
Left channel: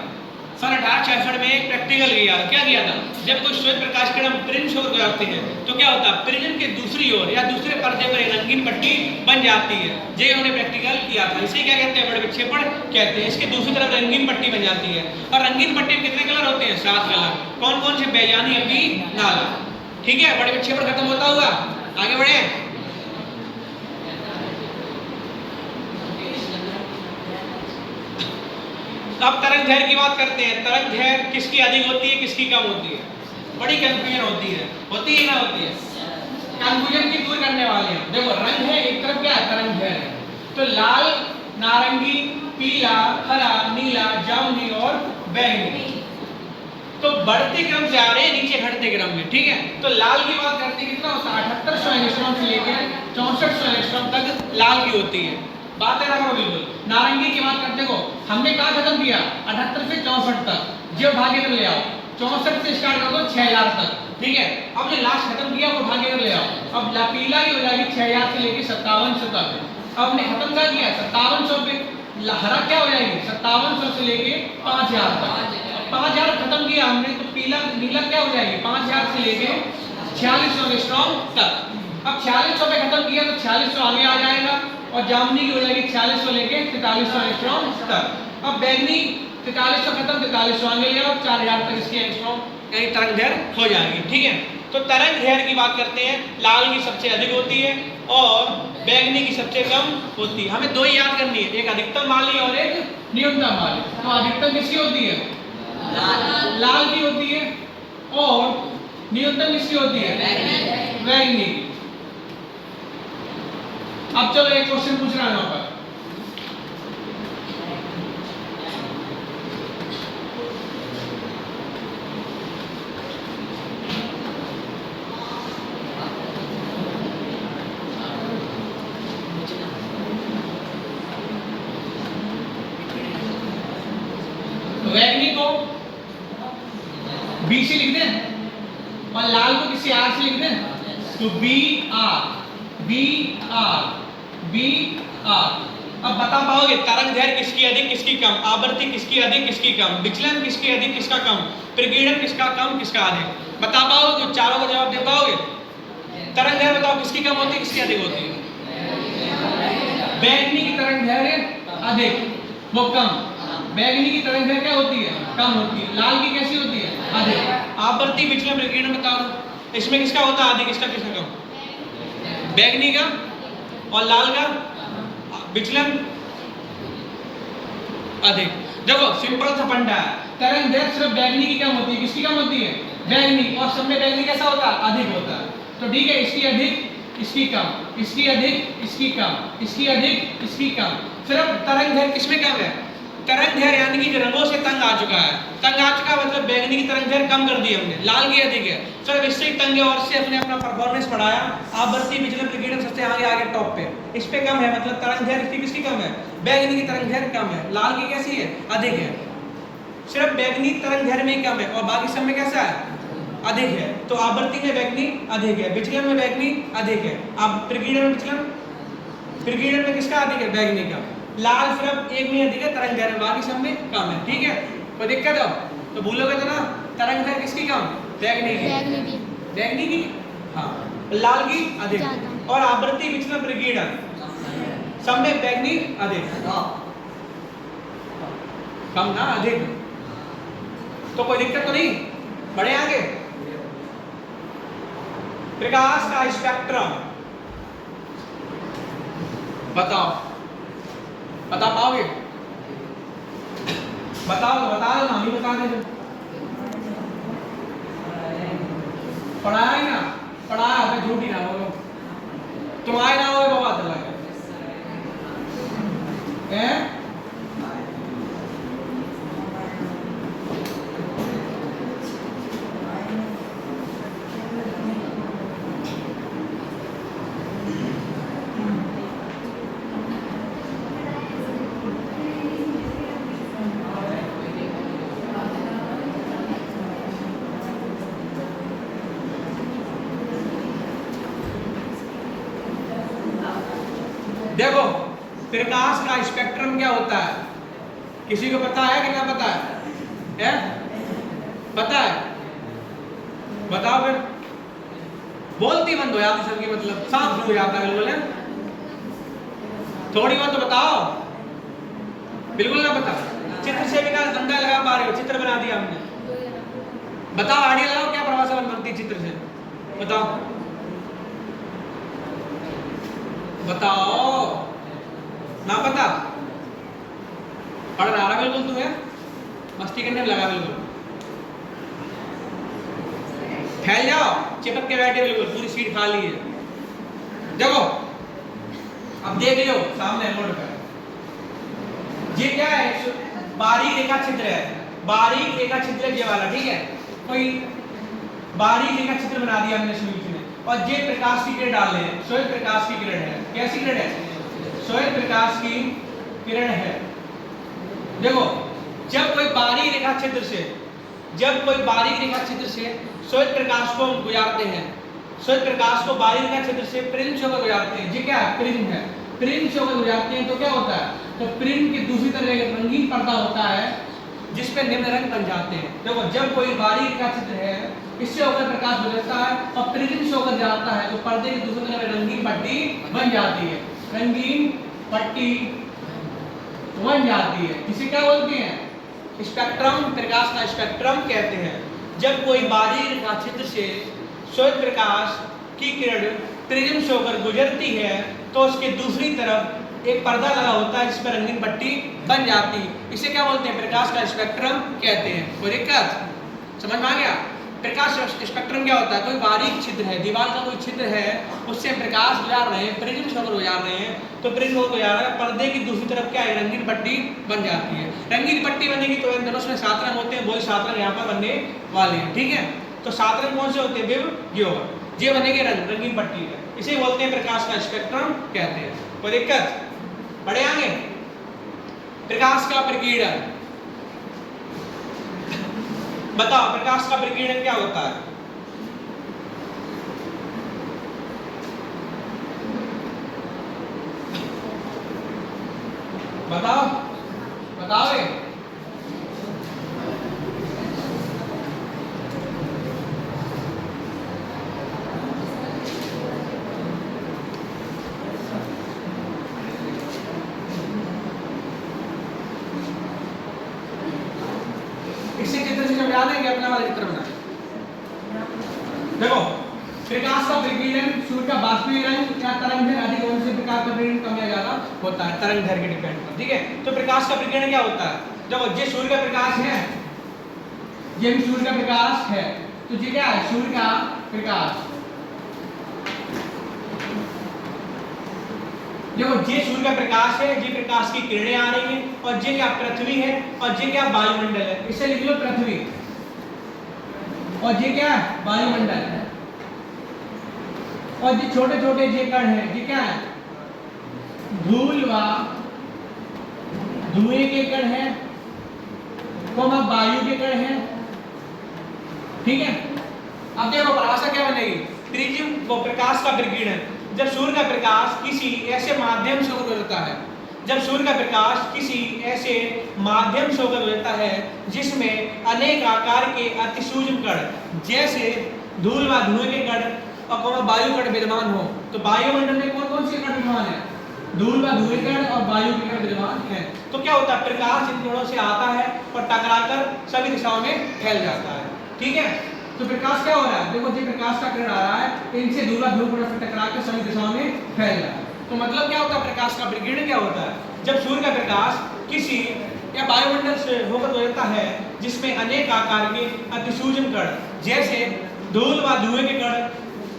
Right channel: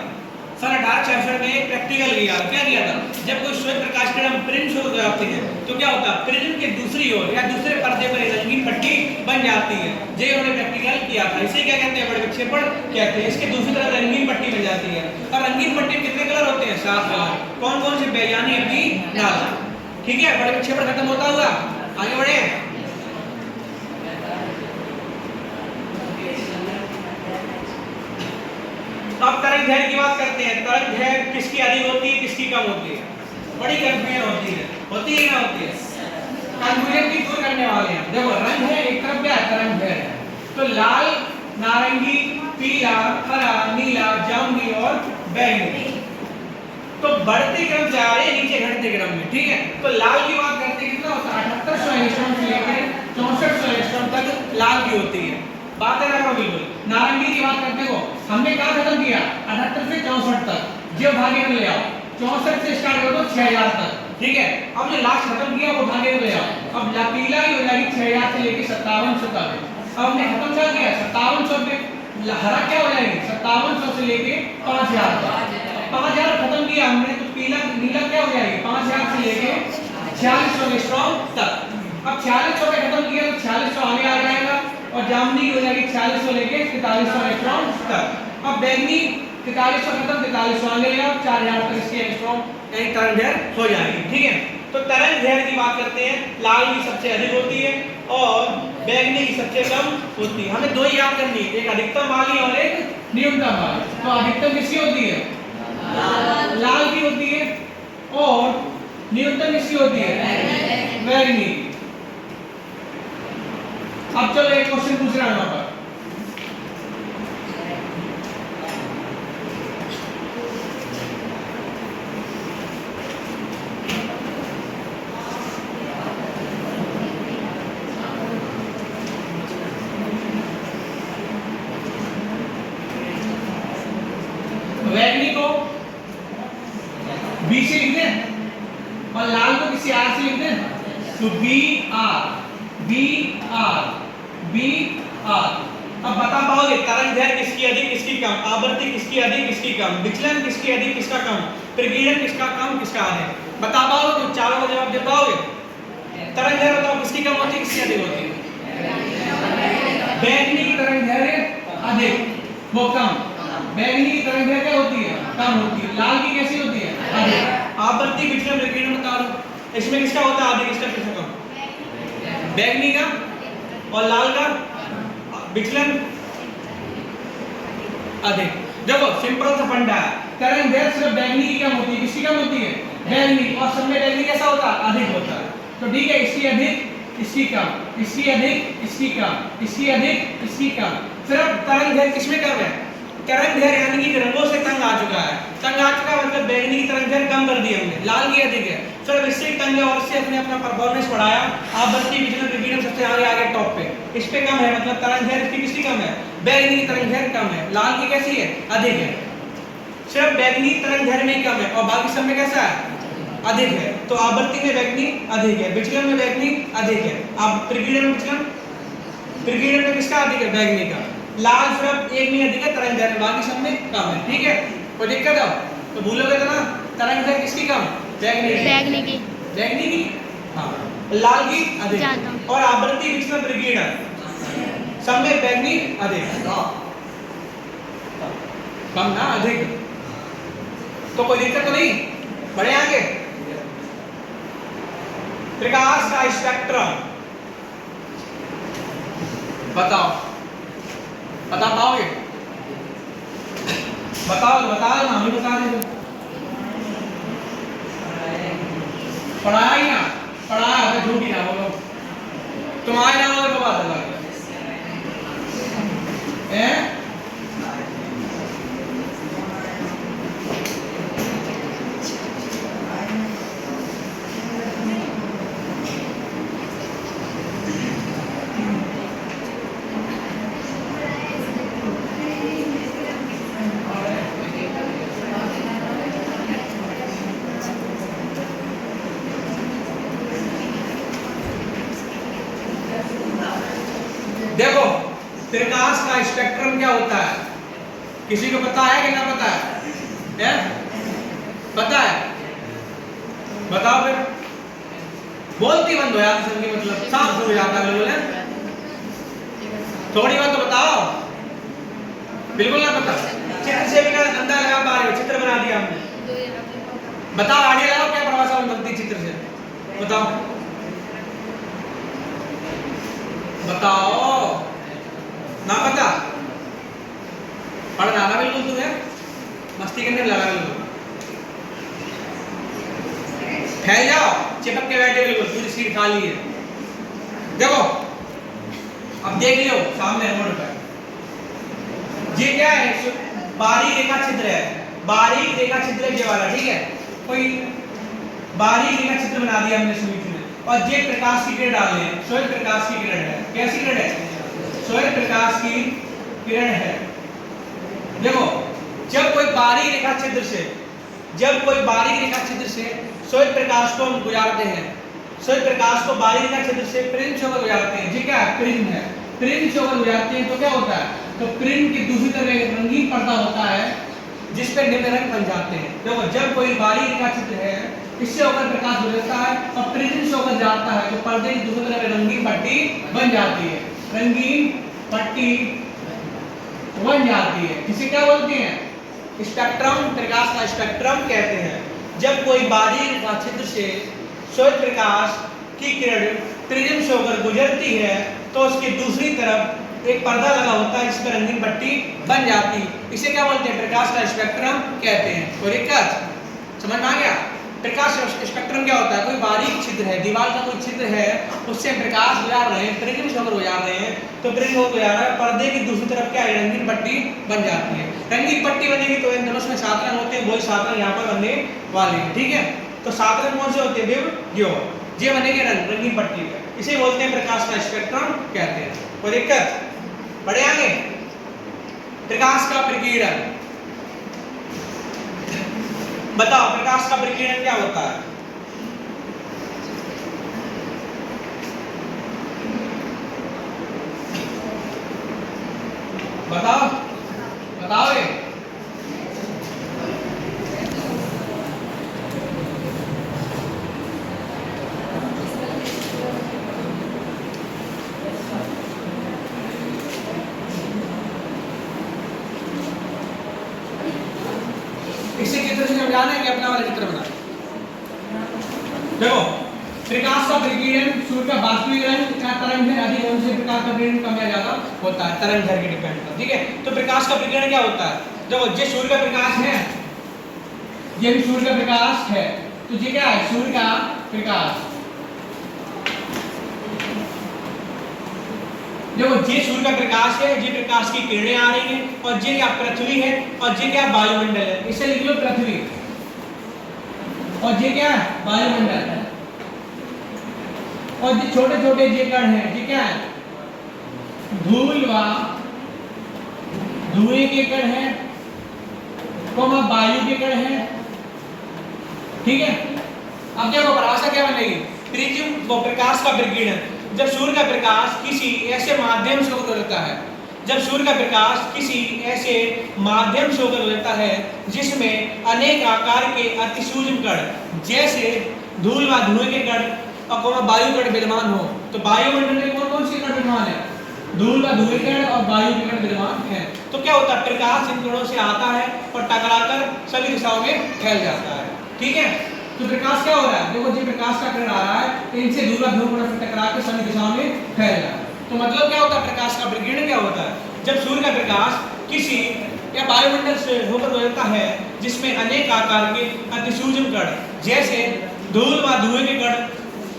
सन 1866 में एक प्रैक्टिकल क्या किया था? जब कोई श्वेत प्रकाश किरण प्रिज्म से होकर जाते हैं तो क्या होता है? प्रिज्म के दूसरी ओर या दूसरे पर्दे पर एक रंगीन पट्टी बन जाती है। ये उन्होंने प्रैक्टिकल किया था। इसे क्या कहते हैं? बड़ विक्षेपण कहते हैं। इसके दूसरी तरफ रंगीन पट्टी बन जाती है। और रंगीन पट्टी में कितने कलर होते हैं? 7 कलर। कौन कौन से? बैजानी, हपी, नाला। ठीक है, बड़े विक्षेपण खत्म होता हुआ आगे बढ़े। अब तरंग दैर्घ्य की बात करते हैं। तरंग दैर्घ्य किसकी अधिक होती है, किसकी कम होती है? बड़ी कंफ्यूजन होती है ना होती है? कंफ्यूजन की दूर करने वाले हैं। देखो रंग है, एक तरफ क्या है? तरंग दैर्घ्य। तो लाल, नारंगी, पीला, हरा, नीला, जामुनी और बैंगनी। तो बढ़ते क्रम से आ रहे हैं, नीचे घटते क्रम में। ठीक है, तो लाल की बात करते हैं, कितना होता है? 7800 एंगस्ट्रॉम से लेकर 6400 एंगस्ट्रॉम तक लाल की होती है। बात है ना करो बिल्कुल। नारंगी की बात करते हो, हमने कहा खत्म किया 78 से 64 तक, जो भागे में ले आओ। 64 से स्टार्ट कर दो 6000 तक। ठीक है, अब जो लास्ट खत्म किया वो भागे में ले आओ। अब पीला की हो जाएगी 6000 से लेकर 5700 तक। अब हमने खत्म क्या किया? 5700 पे। हरा क्या हो जाएगी? 5700 से लेके 5000 तक। 5000 खत्म किया हमने तो पीला नीला क्या हो जाएगी? 5000 से लेके 4600 एंगस्ट्रॉम तक। अब 4600 पे खत्म किया तो 4600 आगे आ जाएगा और जामुनी की हो जाएगी 4600 लेके 4300 एंगस्ट्रॉम तक। अब बैंगनी 4300 खत्म, 4300 आगे ले आओ, 4000 तक इसकी एंगस्ट्रॉम यानी तरंग दैर्घ्य हो जाएगी। ठीक है, तो तरंग दैर्घ्य की बात करते हैं। लाल की सबसे अधिक होती है और बैंगनी की सबसे कम होती है। हमें दो ही याद करनी है, एक अधिकतम वाली और एक न्यूनतम वाली। तो अधिकतम किसकी होती है? लाल की होती है और न्यूनतम किसकी होती है? बैगनी की। अब चलो एक क्वेश्चन पूछ रहा हूं यहाँ पर। बैगनी को बी से लिख दें और लाल को किसी आर से लिख दें, तो B R B R B R. अब बता पाओगे तरंग दैर्घ्य किसकी अधिक किसकी कम, आवृत्ति किसकी अधिक किसकी कम, विचलन किसकी अधिक किसका कम, प्रकीर्णन किसका कम किसका अधिक, बता पाओगे? तो चारों का जवाब दे पाओगे? तरंग दैर्घ्य बताओ किसकी कम होती है किसकी अधिक होती है? बैगनी की तरंग दैर्घ्य अधिक, वो कम। बैगनी की तरंग दैर्घ्य क्या होती है? कम होती है। लाल की कैसी होती है? अधिक। आवृत्ति विचलन प्रकीर्णन बता दो, इसमें किसका होता है अधिक, इसका किसका कम? बैगनी का। और लाल का विचलन अधिक। देखो सिंपल सा फंडा है, तरंग दैर्घ्य सिर्फ बैगनी की कम होती है, किसकी कम होती है? बैगनी। और सब में बैगनी कैसा होता है? अधिक होता है। तो ठीक है, इसकी अधिक इसकी कम, इसकी अधिक इसकी कम, इसकी अधिक इसकी कम। सिर्फ तरंग दैर्घ्य किसमें कम है? तरंग दैर्घ्य यानी कि रंगों से तंग आ चुका है। तंग आ चुका मतलब बैगनी की तरंग दैर्घ्य कम कर दी हमने, लाल की अधिक है। चलो इससे तंग है और इससे अपने अपना परफॉर्मेंस बढ़ाया, आवृत्ति विचलन प्रकीर्णन सबसे आगे आगे टॉप पे। इस पे कम है मतलब तरंग दैर्घ्य इसकी किसकी कम है? बैगनी की तरंग दैर्घ्य कम है। लाल की कैसी है? अधिक है। सिर्फ बैगनी तरंग दैर्घ्य में ही कम है और बाकी सब में कैसा है? अधिक है। तो आवृत्ति में बैगनी अधिक है, विचलन में बैगनी अधिक है। अब प्रकीर्णन में विचलन, प्रकीर्णन में किसका अधिक है? बैगनी का। लाल सिर्फ एक में अधिक है तरंग दैर्घ्य, बाकी सब में कम है। ठीक है, कोई दिक्कत है तो भूलोगे तो ना, तरंग दैर्घ्य किसकी कम? बैगनी की। बैगनी की। बैगनी की हाँ, लाल की अधिक। ज्यादा। और आवृत्ति विचलन प्रकीर्णन सब में बैगनी अधिक, कम ना अधिक। तो कोई दिक्कत तो नहीं, बढ़े आगे। प्रकाश का स्पेक्ट्रम बताओ, बता पाओगे? बताओ बता दो ना, हम ही बता दे दो। पढ़ाया ही ना, पढ़ाया है झूठ ही ना बोलो, तुम्हारे नाम वाले बाबा चला है। देखो प्रकाश का स्पेक्ट्रम क्या होता है, किसी को पता है कि क्या पता है? पता है? बताओ फिर। बोलती बंद हो यार सबकी, मतलब साफ हो जाता है बोले, थोड़ी बात तो बताओ। बिल्कुल ना पता, चित्र से भी का धंधा लगा पा रहे हो, चित्र बना दिया हमने। बताओ आगे लगाओ, क्या परिभाषा बनती चित्र से? बताओ बताओ ना, पता पढ़ रहा बिल्कुल तुम्हें, मस्ती करने लगा बिल्कुल। फैल जाओ, चिपक के बैठे बिल्कुल, पूरी सीट खाली है। देखो अब देख लो सामने रोड पर, ये क्या है? बारीक रेखा छिद्र है, बारीक रेखा छिद्र ये वाला, ठीक है। कोई बारीक रेखा छिद्र बना दिया हमने स्विच में, और ये प्रकाश की किरण डाल रहे हैं, श्वेत प्रकाश की किरण है। कैसी किरण है? श्वेत प्रकाश की किरण है। देखो जब कोई बारीक रेखा छिद्र से, जब कोई बारीक रेखा छिद्र से श्वेत प्रकाश को हम गुजारते हैं, श्वेत प्रकाश को बारीक रेखा छिद्र से प्रिज्म होकर गुजारते हैं, ये क्या है? प्रिज्म है। प्रिज्म होकर गुजारते हैं तो क्या होता है? तो प्रिज्म की दूसरी तरफ एक रंगीन पर्दा होता है जिस पर निम्न रंग बन जाते हैं। देखो जब कोई बारीक रेखा छिद्र है, इससे होकर प्रकाश गुजरता है और प्रिज्म से होकर जाता है, तो पर्दे की दूसरी तरफ रंगीन पट्टी बन जाती है, रंगीन पट्टी बन जाती है। इसे क्या बोलते हैं? स्पेक्ट्रम, प्रकाश का स्पेक्ट्रम कहते हैं। जब कोई बारीक रेखा छिद्र से श्वेत प्रकाश की किरण प्रिज्म से होकर गुजरती है तो उसकी दूसरी तरफ एक पर्दा लगा होता है जिस पर रंगीन पट्टी बन जाती है। इसे क्या बोलते हैं? प्रकाश का स्पेक्ट्रम कहते हैं। कोई दिक्कत समझ में आ गया? प्रकाश स्पेक्ट्रम क्या होता है? कोई बारीक छिद्र है, दीवार का कोई छिद्र है, उससे प्रकाश गुजार रहे हैं, प्रिज्म शोकर हो जा रहे हैं, तो प्रिज्म हो जा रहा है, पर्दे की दूसरी तरफ क्या है? रंगीन पट्टी बन जाती है। रंगीन पट्टी बनेगी तो इन दोनों में 7 रंग होते हैं, वही 7 रंग यहाँ पर बनने वाले हैं, ठीक है। तो 7 रंग कौन से होते हैं? विव योर, ये बनेंगे रंगीन पट्टी में, इसे बोलते हैं प्रकाश का स्पेक्ट्रम कहते हैं। कोई दिक्कत? बढ़े आगे। प्रकाश का प्रकीर्णन, बताओ प्रकाश का प्रकीर्णन क्या होता है? बताओ बताओ ये। इससे चित्र से समझा लेंगे, अपना वाला चित्र बना। देखो प्रकाश का प्रकीर्णन, सूर्य का वास्तविक रंग क्या तरंग है, अधिक कौन से प्रकाश का प्रकीर्णन कम या ज्यादा होता है, तरंग दैर्घ्य के डिपेंड करता है, ठीक है। तो प्रकाश का प्रकीर्णन क्या होता है? देखो ये सूर्य का प्रकाश है, ये भी सूर्य का प्रकाश है, तो ये क्या है? सूर्य का प्रकाश। देखो ये सूर्य का प्रकाश है, ये प्रकाश की किरणें आ रही हैं, और ये क्या? पृथ्वी है, और ये क्या? वायुमंडल है। इसे लिख लो पृथ्वी, और ये क्या है? वायुमंडल है। और ये छोटे छोटे ये कण हैं, ये क्या है? धूल व धुएं के कण हैं, वायु के कण हैं, ठीक है। अब देखो परिभाषा क्या बनेगी? प्रिज्म व प्रकाश का प्रकीर्णन, जब सूर्य का प्रकाश किसी ऐसे माध्यम से होकर गुजरता है, जब सूर्य का प्रकाश किसी ऐसे माध्यम से होकर गुजरता है जिसमें अनेक आकार के अतिसूक्ष्म कण जैसे धूल व धुएं के कण और वायु कण विद्यमान हो, तो वायुमंडल में कौन कौन से कण विद्यमान है? धूल व धुएं कण और वायु के कण विद्यमान है। तो क्या होता है? प्रकाश इन कणों से आता है और टकराकर सभी दिशाओं में फैल जाता है, ठीक है। तो प्रकाश क्या हो रहा है? देखो जी प्रकाश का किरण आ रहा है, इनसे धूल व धुएं कणों से टकराकर सभी दिशाओं में फैल रहा है। तो मतलब क्या होता है? प्रकाश का प्रकीर्णन क्या होता है? जब सूर्य का प्रकाश किसी या वायुमंडल से होकर गुजरता है जिसमें अनेक आकार के अतिसूक्ष्म कण जैसे धूल व धुएं के कण,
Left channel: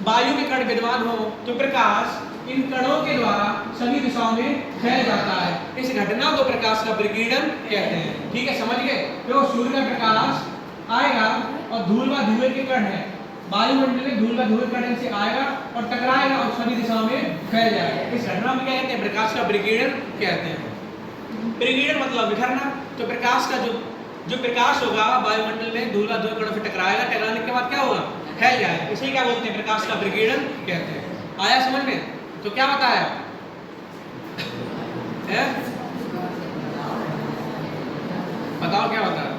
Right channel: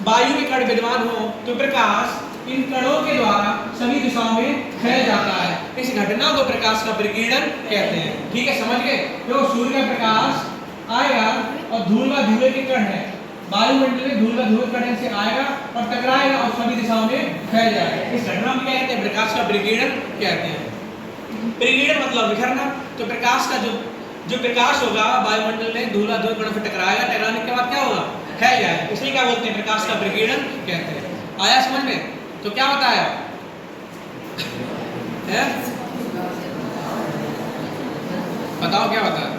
वायु के कण विद्यमान हो, तो प्रकाश इन कणों के द्वारा सभी दिशाओं में फैल जाता है। इस घटना को प्रकाश का प्रकीर्णन कहते हैं, ठीक है, समझ गए। तो सूर्य का प्रकाश आएगा और धूल व धुएं के कण है, वायुमंडल में धूल व धुएं कण से आएगा और टकराएगा और सभी दिशाओं में फैल जाएगा। इस घटना को क्या कहते हैं? प्रकाश का प्रकीर्णन कहते हैं। प्रकीर्णन मतलब बिखरना। तो प्रकाश का जो प्रकाश होगा वायुमंडल में धूल व धुएं कणों से टकराएगा, टकराने के बाद क्या होगा? फैल जाएगा। इसे क्या बोलते हैं? प्रकाश का प्रकीर्णन कहते हैं। आया समझ में? तो क्या बताया है? बताओ क्या बताया?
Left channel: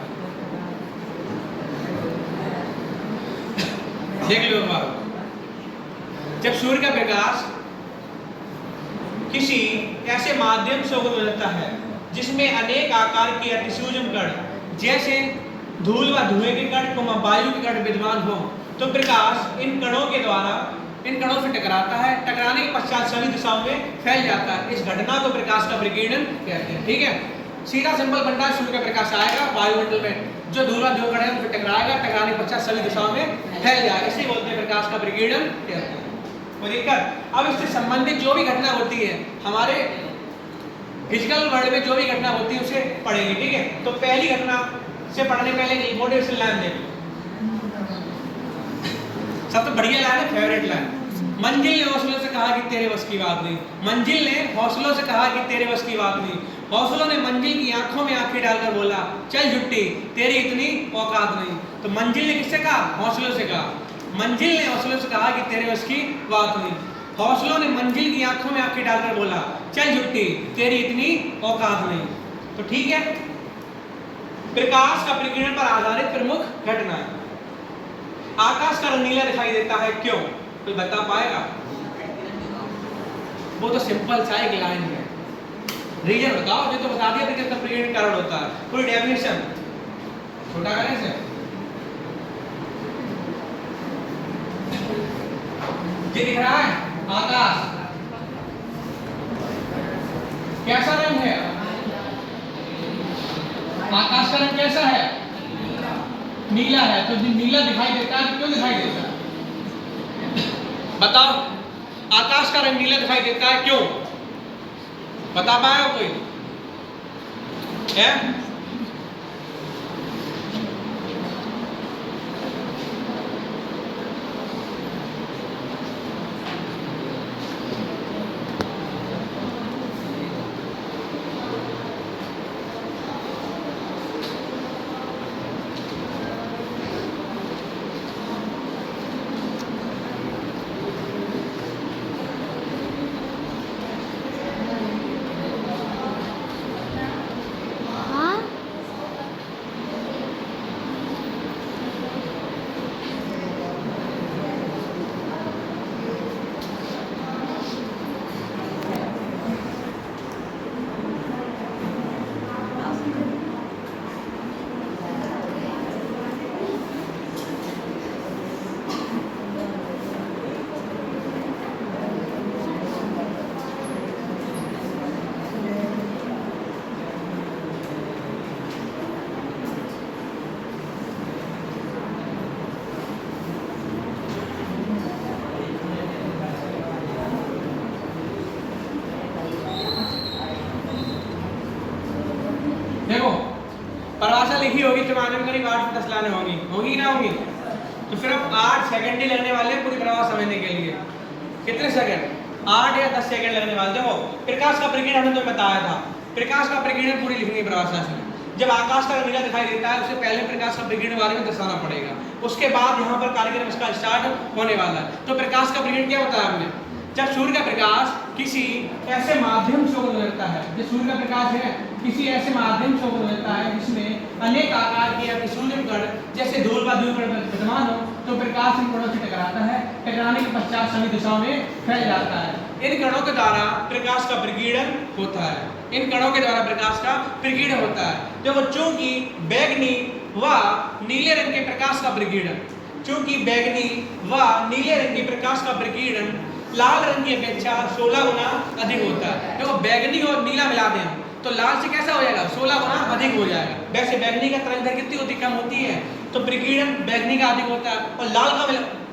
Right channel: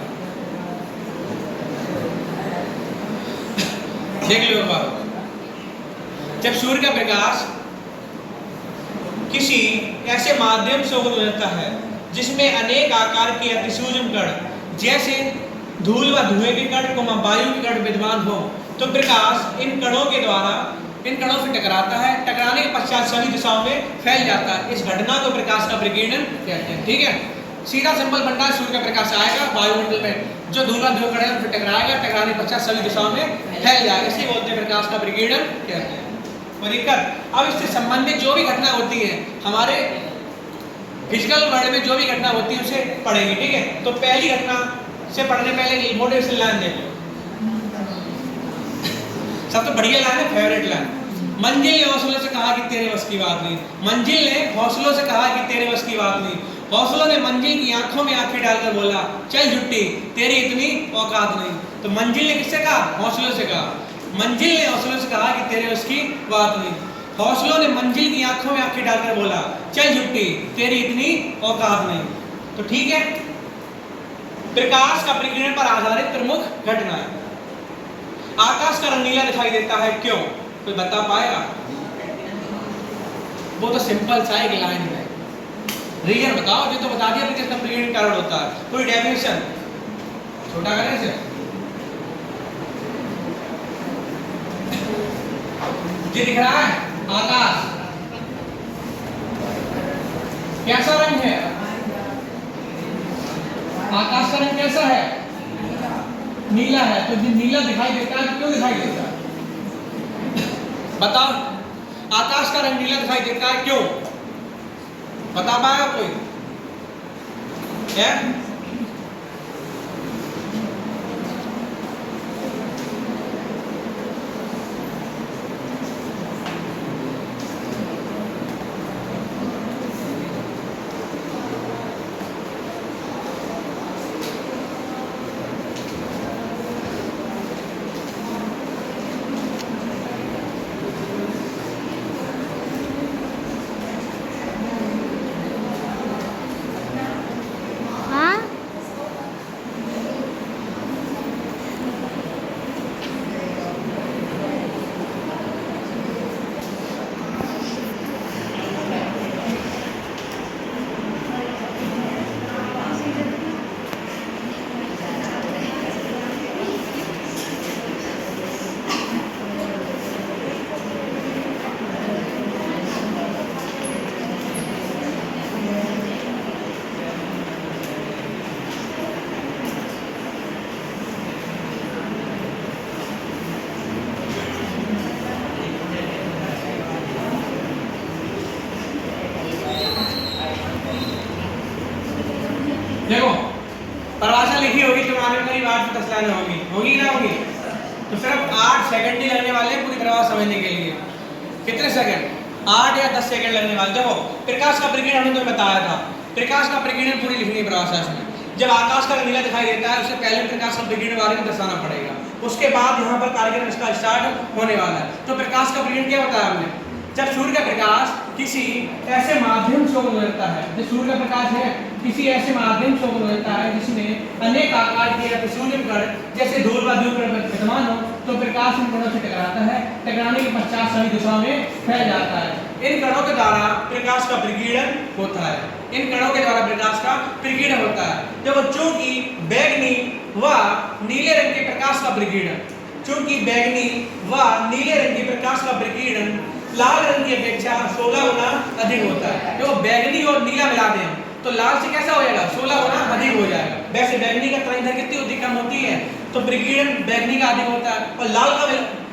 देख लो एक बार। जब सूर्य का प्रकाश किसी ऐसे माध्यम से होकर गुजरता है जिसमें अनेक आकार के अतिसूक्ष्म कण जैसे धूल व धुएं के कण वायु के कण विद्यमान हो, तो प्रकाश इन कणों के द्वारा इन कणों से टकराता है, टकराने के पश्चात सभी दिशाओं में फैल जाता है। इस घटना को प्रकाश का प्रकीर्णन कहते हैं, ठीक है। सीधा सिंपल बनता है, सूर्य का प्रकाश आएगा वायुमंडल में जो धूल व धुएं कण है उन पर टकराएगा, टकराने के पश्चात सभी दिशाओं में फैल जाएगा, इसे बोलते हैं प्रकाश का प्रकीर्णन कहते हैं। कोई दिक्कत? अब इससे संबंधित जो भी घटना होती है हमारे फिजिकल वर्ल्ड में, जो भी घटना होती है उसे पढ़ेंगे, ठीक है। तो पहली घटना से पढ़ने पहले मोटिवेशन लाइन देखो, सबसे बढ़िया लाइन है, फेवरेट लाइन। मंजिल ने हौसलों से कहा कि तेरे बस की बात नहीं। मंजिल ने हौसलों से कहा कि तेरे बस की बात नहीं। हौसलों ने मंजिल की आंखों में आंखें डालकर बोला, चल झुट्टी, तेरी इतनी औकात नहीं। तो मंजिल ने किससे कहा? हौसलों से कहा। मंजिल ने हौसलों से कहा कि तेरे बस की बात नहीं। हौसलों ने मंजिल की आंखों में आंखें डालकर बोला, चल झुट्टी, तेरी इतनी औकात नहीं। तो ठीक है, प्रकाश का प्रकीर्णन पर आधारित प्रमुख घटना है। आकाश का रंग नीला दिखाई देता है, क्यों? कोई बता पाएगा? वो तो सिंपल सा एक लाइन है, रीजन बताओ। ये तो बता दिया किसका प्रकीर्णन कारण होता है, कोई डेफिनेशन छोटा करें से। ये दिख रहा है आकाश, कैसा रंग है? आकाश का रंग कैसा है? नीला है, तो जो नीला दिखाई देता है तो क्यों दिखाई देता है? बताओ, आकाश का रंग नीला दिखाई देता है क्यों? बता पाएगा कोई? है? हाँ देखो, परिभाषा लिखी होगी कि मानव करीब 8 से 10 लाइनें होगी, होगी ना होगी? तो सिर्फ 8 सेकंड ही लगने वाले हैं पूरी परिभाषा समझने के लिए। कितने सेकंड? 8 या 10 सेकंड लगने वाले। देखो, प्रकाश का प्रकीर्णन हमने तो बताया था, प्रकाश का प्रकीर्णन पूरी लिखनी है परिभाषा इसमें। जब आकाश का नीला दिखाई देता है, उससे पहले प्रकाश का प्रकीर्णन वाले को दर्शाना पड़ेगा, उसके बाद यहाँ पर कार्यक्रम इसका स्टार्ट होने वाला है। तो प्रकाश का प्रकीर्णन क्या बताया हमने? जब सूर्य का प्रकाश किसी ऐसे माध्यम से गुजरता है, जो सूर्य का प्रकाश है किसी ऐसे माध्यम से गुजरता है जिसमें अनेक आकार के प्रतिसूर्य कण जैसे धूल व ध्रुव विद्यमान हो, तो प्रकाश इन कणों से टकराता है, टकराने के पश्चात सभी दिशाओं में फैल जाता है। इन कणों के द्वारा प्रकाश का प्रकीर्णन होता है, इन कणों के द्वारा प्रकाश का प्रकीर्णन होता है। देखो, चूंकि बैगनी व नीले रंग के प्रकाश का प्रकीर्णन, चूंकि बैगनी व नीले रंग के प्रकाश का प्रकीर्णन लाल रंग की अपेक्षा 16 गुना अधिक होता है। देखो, बैगनी और नीला मिला दें हम तो लाल से कैसा हो जाएगा? 16 गुना अधिक हो जाएगा। वैसे बैगनी का तरंग कितनी होती है? कम होती है, तो प्रकीर्णन बैगनी का अधिक होता है। और लाल का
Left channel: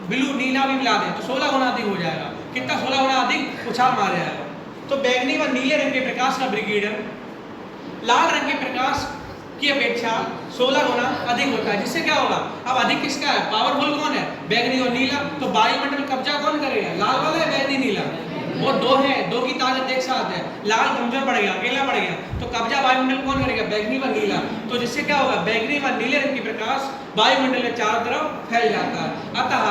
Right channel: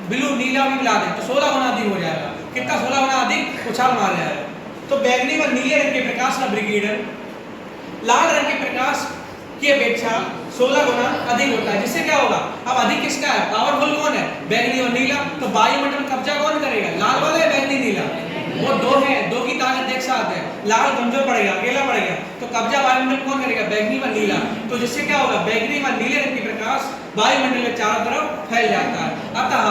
ब्लू नीला भी मिला दें तो 16 गुना अधिक हो जाएगा। कितना? 16 गुना अधिक उछाल मार जाएगा। तो बैगनी व नीले रंग के प्रकाश का प्रकीर्णन लाल रंग के प्रकाश की अपेक्षा 16 गुना अधिक होता है। जिससे क्या होगा? अब अधिक किसका है? पावरफुल कौन है? बैगनी और नीला। तो वायुमंडल में कब्जा कौन करेगा? लाल वाला है बैगनी नीला? वो दो है, दो की ताकत एक साथ है। लाल कमजोर पड़ेगा, अकेला पड़ेगा, तो कब्जा वायुमंडल कौन करेगा? बैगनी व नीला। तो जिससे क्या होगा? बैगनी व नीले रंग की प्रकाश वायुमंडल में चारों तरफ फैल जाता है। अतः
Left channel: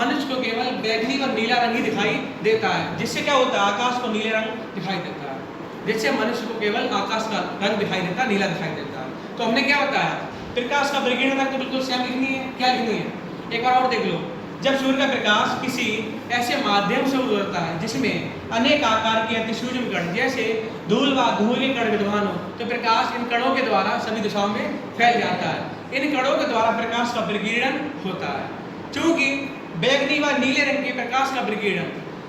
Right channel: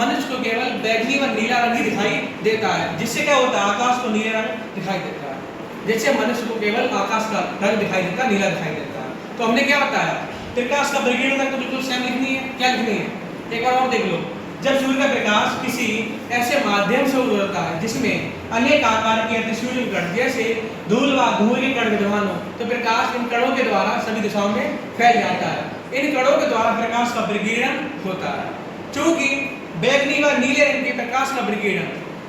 मनुष्य को केवल बैगनी व नीला रंग ही दिखाई देता है। जिससे क्या होता है? आकाश को नीले रंग दिखाई देता है। जिससे मनुष्य को केवल आकाश का रंग दिखाई देता है, नीला दिखाई देता है। तो हमने क्या बताया? प्रकाश का प्रकीर्णन तो बिल्कुल सेम लिखनी है। क्या लिखनी है? एक बार और देख लो। जब सूर्य का प्रकाश किसी ऐसे माध्यम से गुजरता है जिसमें अनेक आकार के अतिसूक्ष्म कण जैसे धूल व धुएं के कण विद्यमान हो, तो प्रकाश इन कणों के द्वारा सभी दिशाओं में फैल जाता है। इन कणों के द्वारा प्रकाश का प्रकीर्णन होता है। चूंकि बैगनी व नीले रंग के प्रकाश का प्रकीर्णन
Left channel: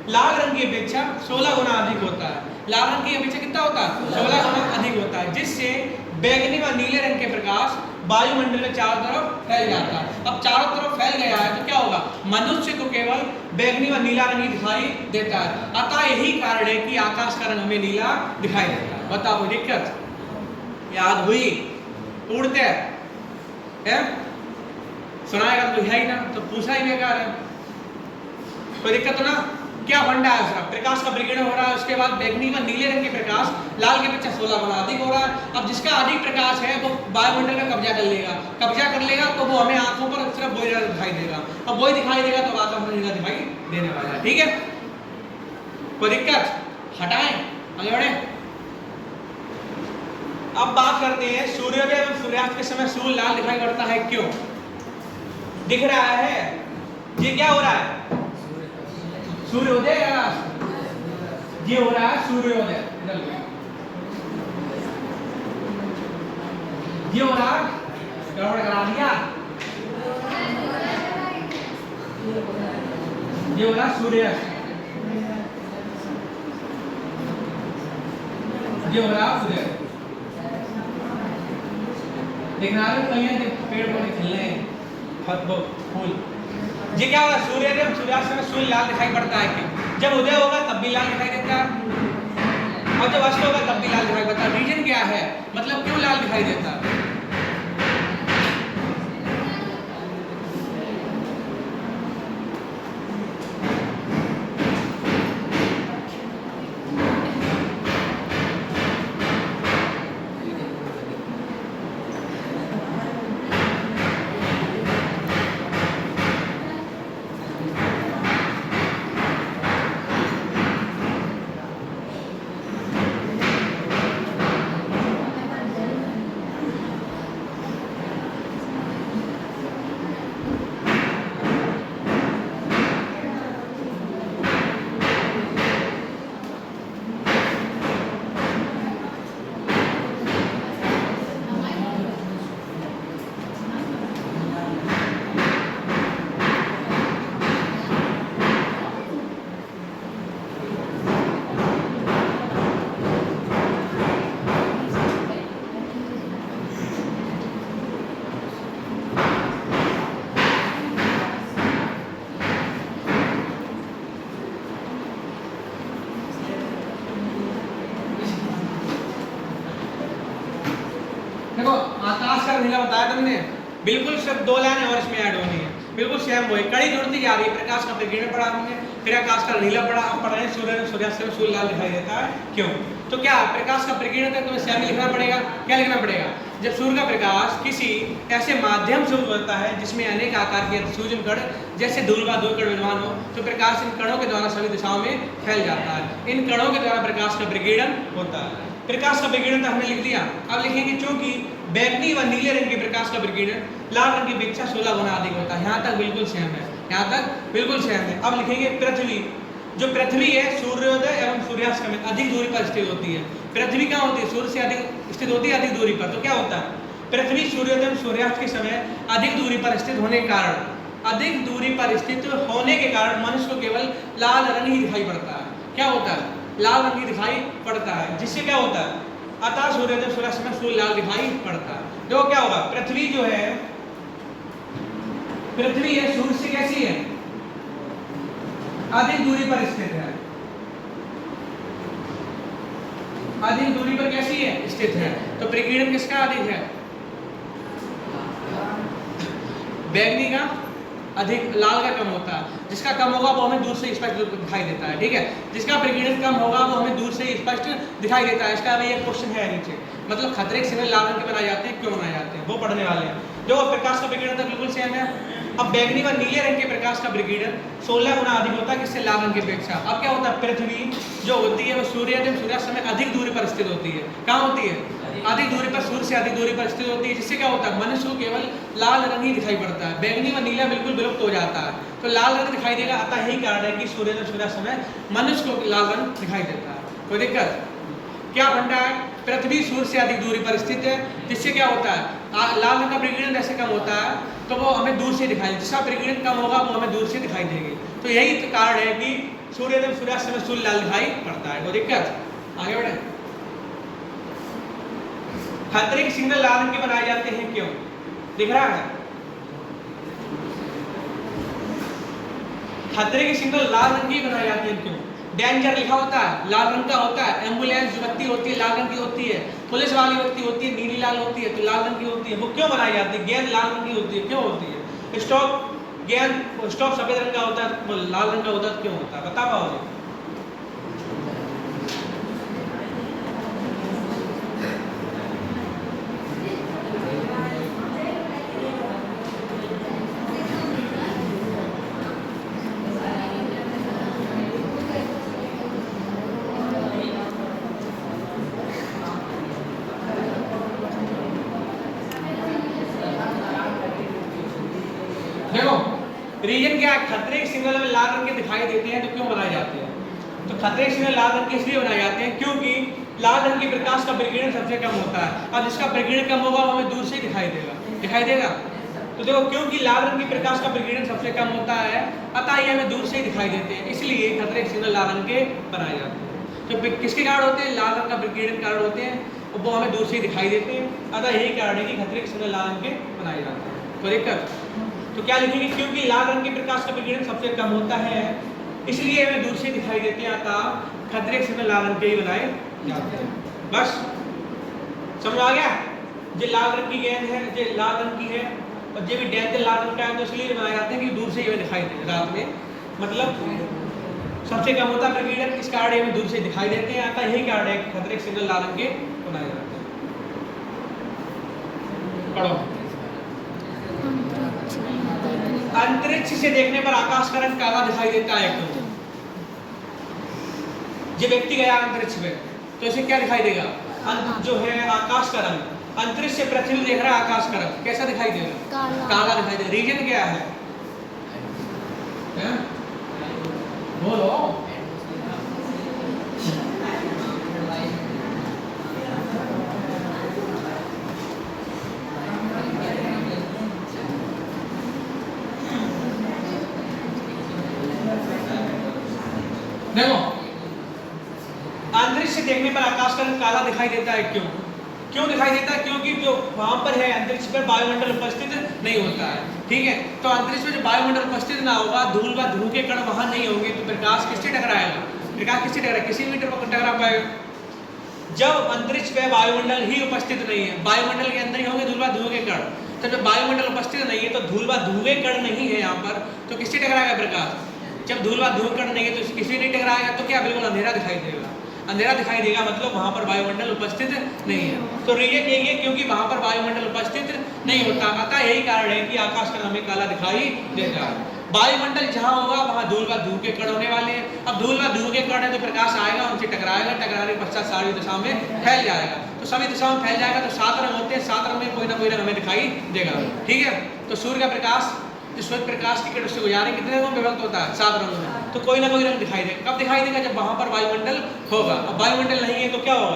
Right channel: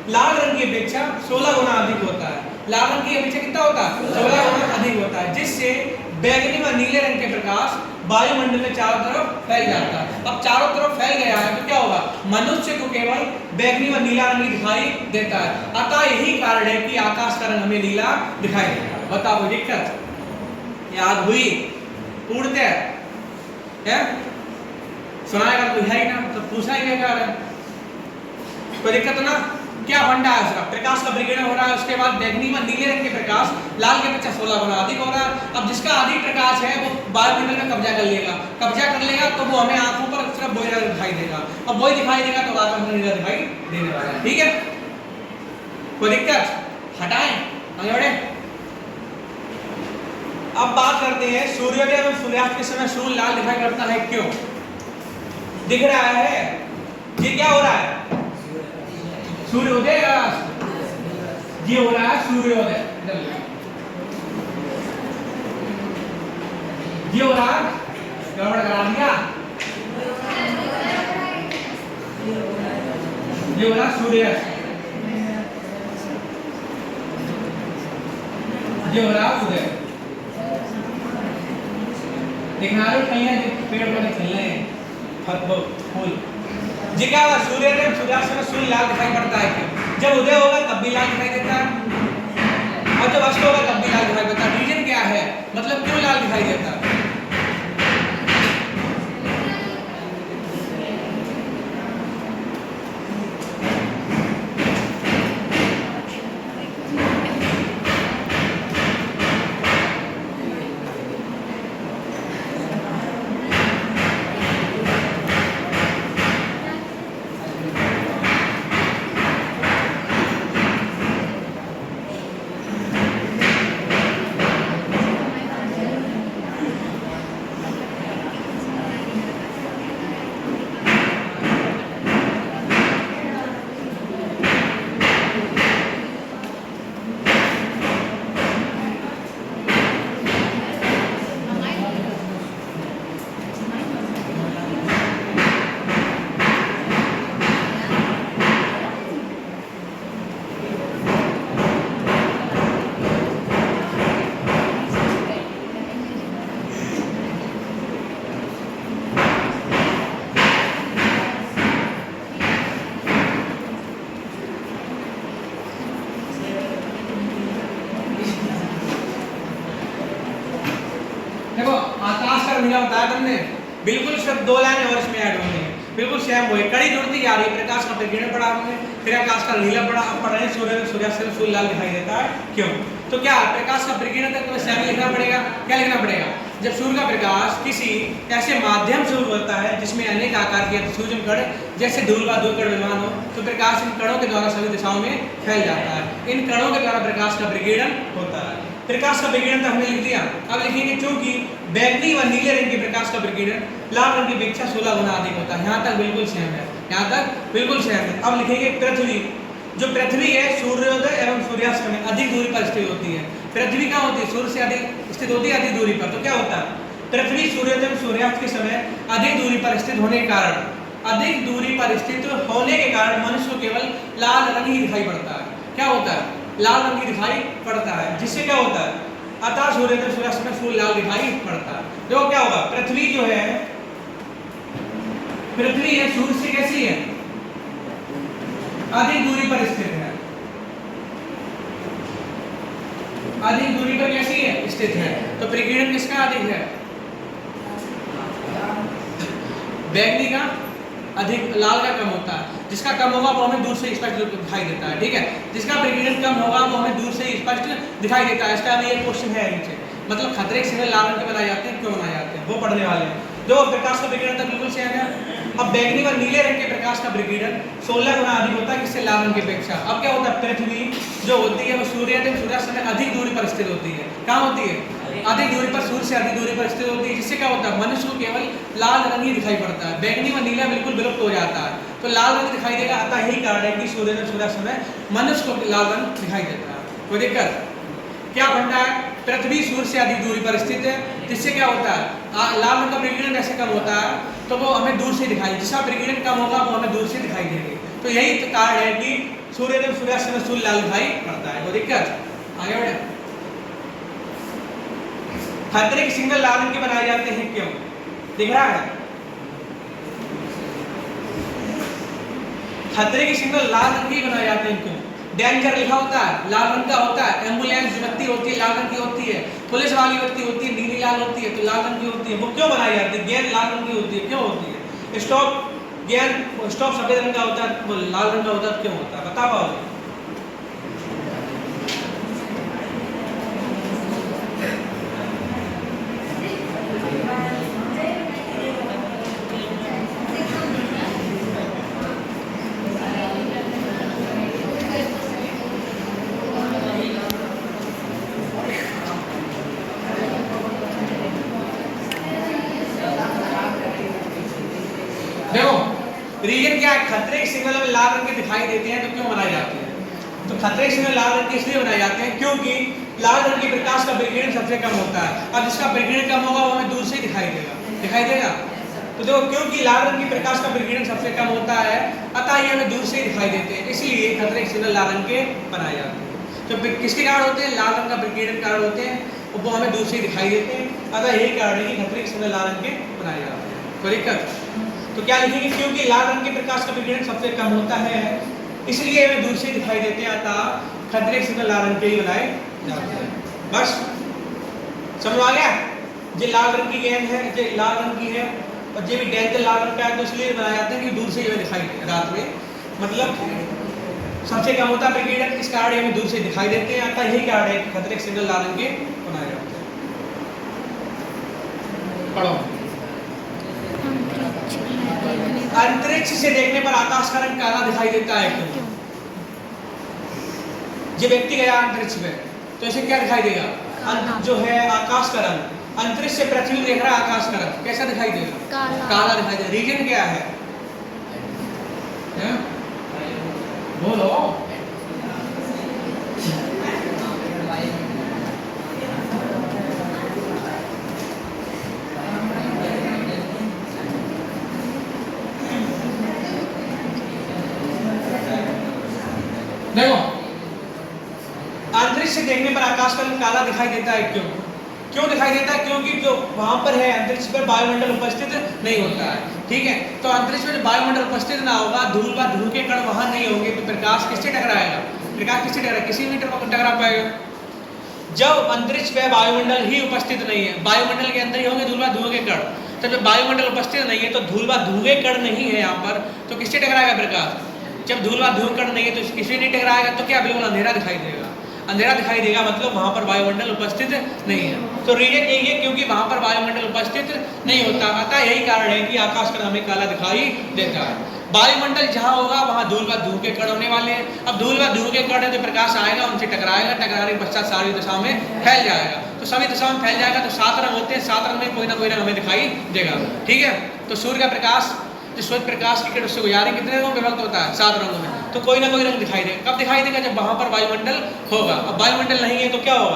लाल रंग की अपेक्षा 16 गुना अधिक होता है। लाल रंग की अपेक्षा कितना होता है? 16 गुना अधिक होता है। जिससे बैगनी व नीले रंग के प्रकाश वायुमंडल में चारों तरफ फैल जाता है। अब चारों तरफ फैल गया है तो क्या होगा? मनुष्य को केवल बैगनी व नीला रंग दिखाई देता है। अतः यही कारण है कि आकाश का रंग हमें नीला दिखाई देता है। बताओ, कोई दिक्कत याद हुई? पूछते हैं, सुनाएगा तो है ही ना, तो पूछा ही बेकार है। कोई दिक्कत ना? क्या फंडा है उसका? प्रकाश का प्रकीर्णन हो रहा है, उसके बाद बैगनी व नीले रंग के प्रकाश लाल के अपेक्षा 16 गुना अधिक हो रहा है। अब जिसका अधिक प्रकाश है वो वायुमंडल में कब्जा कर लेगा, कब्जा कर लेगा तो वो हमें आंखों पर सिर्फ वही रंग दिखाई देगा। अब वही दिखाई देगा तो आकाश में नीला दिखाई देने वाला है। ठीक है, कोई दिक्कत? हटाएं आगे बढ़े। अब बात करते हैं सूर्योदय एवं सूर्यास्त के समय सूर्य लाल दिखाई पड़ता है। क्यों दिख रहा है? ये क्या हो रहा है? सूर्योदय ये हो रहा है सूर्योदय। ये हो रहा है, गड़बड़ करा दिया। ये हो रहा सूर्यास्त, ये हो रहा उदय। देखना रहे कहीं पेड़ पौधे खिल रहे हैं, फूल। जी क्या होगा, सूर्योदय में सूर्यास्त में सूर्य लाल दिखाई पड़ता है क्यों? जब उदय होगा तब भी लाल दिखाई देता है और जब अस्त होगा तब भी लाल दिखाई देता है। रीजन क्या है, मतलब क्यों लाल दिखाई देता है? देखो आकाश का नीला बताया तुमने, बिल्कुल सिर्फ 2 लाइन और इसमें ऐड होंगी, बिल्कुल सेम वही। कड़ी जुड़ती जा रही है, प्रकाश का प्रकीर्णन पढ़ा हमने, फिर आकाश का नीला पढ़ा, अब पढ़ रहे हैं सूर्य में सूर्यास्त में सूर्य लाल दिखाई देता है क्यों? तो क्या प्रकाश का प्रकीर्णन तक तुम्हें सेम लिखना पड़ेगा। क्या लिखना पड़ेगा? जब सूर्य का प्रकाश किसी ऐसे माध्यम से होता है जिसमें अनेक आकार के सूक्ष्म कण जैसे धूल का 2 कण विद्यमान हो, तो प्रकाश इन कणों के द्वारा सभी दिशाओं में फैल जाता है। इन कणों के द्वारा प्रकाश का प्रकीर्णन होता है। प्रकाश का प्रकीर्णन तो हमने लिख दिया, अब लिखेंगे चूंकि बैंगनी व नीले रंग के प्रकाश का प्रकीर्णन लाल रंग की अपेक्षा 16 गुना अधिक होता है। यहाँ तक बिल्कुल सेम है, यहाँ तक बिल्कुल सेम है। अब लिखेंगे पृथ्वी, जो पृथ्वी है सूर्योदय एवं सूर्यास्त में अधिक दूरी पर स्थित होती है। पृथ्वी क्या होती है? सूर्य से अधिक स्थित होती है, अधिक दूरी पर। तो क्या होता है? पृथ्वी सूर्योदय एवं सूर्यास्त के समय अधिक दूरी पर स्थित होने के कारण, अधिक दूरी पर स्थित होने के कारण मनुष्य को केवल लाल रंग ही दिखाई पड़ता है। क्या होता है? लाल रंग ही दिखाई पड़ता है, जिससे क्या होता है? अतः सूर्योदय सूर्यास्त में सूर्य लाल दिखाई पड़ता है। देखो क्या होगा, पृथ्वी जो है, पृथ्वी है सूर्य से कैसी है? अधिक दूरी पर स्थित है, अधिक दूरी पर कैसी है? स्थित है। तो प्रकीर्णन किसका अधिक है? बैंगनी का अधिक, लाल का कम होता है। जिसका कम होगा वो हमें दूर से स्पष्ट दिखाई देता है, ठीक है। जिसका प्रकीर्णन कम होगा वो हमें दूर से स्पष्ट दिखाई देता है। इसका ये क्वेश्चन है नीचे, मतलब खतरे के समय लाल रंग के बनाए जाते हैं, क्यों बनाए जाते हैं वो पढ़ने वाले हैं। जो प्रकाश का प्रकीर्णन था बिल्कुल सेम है। अब बैंगनी व नीले रंग के प्रकाश का प्रकीर्णन 16 गुना अधिक होता है किससे? लाल रंग की अपेक्षा। अब क्या होता है? पृथ्वी जो होती है वो सूर्योदय सूर्यास्त में अधिक दूरी पर स्थित होती है। कहाँ होती है? अधिक दूरी पर, सूर्य से अधिक दूरी पर स्थित होती है, जिससे क्या होता है? मनुष्य को केवल लाल रंग ही दिखाई पड़ता है। बैंगनी व नीला बिल्कुल विलुप्त हो जाता है, तो लाल रंग दिखाई देगा। अतः यही कारण है कि सूर्योदय सूर्यास्त में मनुष्य को लाल रंग दिखाई देता है। कोई दिक्कत? क्या बनता है? पृथ्वी सूर्य से अधिक दूरी पर स्थित है, जिससे क्या होता है? लाल रंग का प्रकीर्णन ऐसे कम होता है तो वो हमें दूर से दिखाई, जिसका प्रकीर्णन कम होगा वो हमें दूर से दिखाई देंगे। तो यही तो कारण है कि सूर्योदय सूर्यास्त में सूर्य लाल दिखाई पड़ता है। कोई दिक्कत? आगे बढ़े। खतरे के सिग्नल लाल रंग के बनाए जाते हैं क्यों? दिख रहा है? खतरे के सिग्नल लाल रंग के बनाए जाते हैं क्यों? डेंजर लिखा होता है, लाल रंग का होता है। एम्बुलेंस व्यक्ति होती है, लाल रंग की होती है। पुलिस वाली व्यक्ति होती है, नीली लाल होती है, तो लाल रंग की होती है। वो क्यों बनाई जाती है? गेंद लाल रंग की होती है, क्यों होती है? स्टॉप, गेंद स्टॉप सफेद रंग का होता है, वो लाल रंग का होता है, क्यों होता है? बता पाओगे? देखो रीजन क्या है? खतरे के सिग्नल में लाल रंग के दिखाई देते हैं, तो क्यों बनाए जाते हैं? तो खतरे के सिग्नल लाल रंग के इसलिए बनाए जाते हैं क्योंकि लाल रंग के प्रकाश का प्रकीर्णन सबसे कम होता है। अब जिसका प्रकीर्णन कम होगा वो हमें दूर से दिखाई देगा, दिखाई देगा। तो जो क्योंकि लाल रंग के प्रकाश का प्रकीर्णन सबसे कम होता है, अतः ये हमें दूर से ही दिखाई देते हैं, इसलिए खतरे के सिग्नल लाल रंग के बनाए जाते हैं। तो किसके कारण होते हैं? लाल रंग का प्रकीर्णन कारण होते हैं, वो हमें दूर से ही दिखाई देते हैं। अतः यही कारण है कि खतरे के सिग्नल लाल रंग के बनाए जाते हैं। कोई दिक्कत? तो क्या लिखेंगे, क्योंकि लाल रंग के प्रकाश का विकिरण सबसे कम होता है इसलिए हमें दूर से दिखाई देते हैं, अतः खतरे से लाल रंग के ही बनाए जाते हैं। बस समझ आ गया। ये लाल रंग की गेंद है, ये लाल रंग की है और ये भी डेंजर लाल रंग का है, तो इसलिए बनाए जाते हैं कि दूर से ये दिखाई दे रात में, मतलब सबसे कम होता है विकिरण, इस कारण हमें दूर से दिखाई देते हैं, अतः यही कारण है कि खतरे के सिग्नल लाल रंग के बनाए जाते हैं। पढ़ो। अंतरिक्ष से देखने पर आकाश का रंग काला दिखाई देता है, क्यों? ये व्यक्ति गया अंतरिक्ष में तो इसे क्या दिखाई देगा, जो है आकाश का रंग। अंतरिक्ष से पृथ्वी देख रहा है, आकाश का रंग कैसा दिखाई देगा, काला दिखाई देगा। रीजन क्या है? बोलो। देखो, अंतरिक्ष से देखने पर आकाश का रंग काला दिखाई देता है, क्यों? क्यों दिखाई देता है? क्योंकि जो वहां पर है अंतरिक्ष पर वायुमंडल उपस्थित नहीं होता है, ठीक है। तो अंतरिक्ष में जो वायुमंडल उपस्थित ना होगा, धूल व धूल के कण वहां नहीं होंगे, तो प्रकाश किससे टकराएगा? प्रकाश किससे टकराएगा? किसी मीटर पर टकरा पाएगा। जब अंतरिक्ष पे वायुमंडल ही उपस्थित नहीं है, वायुमंडल के अंदर ही होंगे धूल व धुएं के कण, तो जब वायुमंडल उपस्थित नहीं है तो धूल व धुएं कण नहीं है यहाँ पर, तो किससे टकराएगा प्रकाश? जब धूल व धुएं कण नहीं है तो किसी नहीं टकराएगा, तो क्या बिल्कुल अंधेरा दिखाई देगा। अंधेरा दिखाई देगा मतलब वहां पर वायुमंडल उपस्थित नहीं है। तो रीजन यही है क्योंकि वहां पर वायुमंडल उपस्थित नहीं होता, अतः यही कारण है कि आकाश का रंग हमें काला दिखाई देता है। वायुमंडल जहां होगा वहां धूल व धुएं के कण होने वाले हैं। अब धूल व धुएं के कण है तो प्रकाश आएगा, उनसे टकराएगा, टकराने के पश्चात सारी दिशाओं में फैल जाएगा। तो सभी दिशाओं में फैल जाएगा तो 7 रंग होते हैं, 7 रंग में कोई ना कोई रंग हमें दिखाई देगा, ठीक है। तो सूर्य का प्रकाश, जो सूर्य प्रकाश की किरण उससे गुजारे कितने रंगों में विभक्त होता है? 7 रंगों में। तो कोई ना कोई रंग दिखाई देगा। कब दिखाई देगा? जब वहां पर वायुमंडल होगा। अब वायुमंडल नहीं है तो क्या होगा?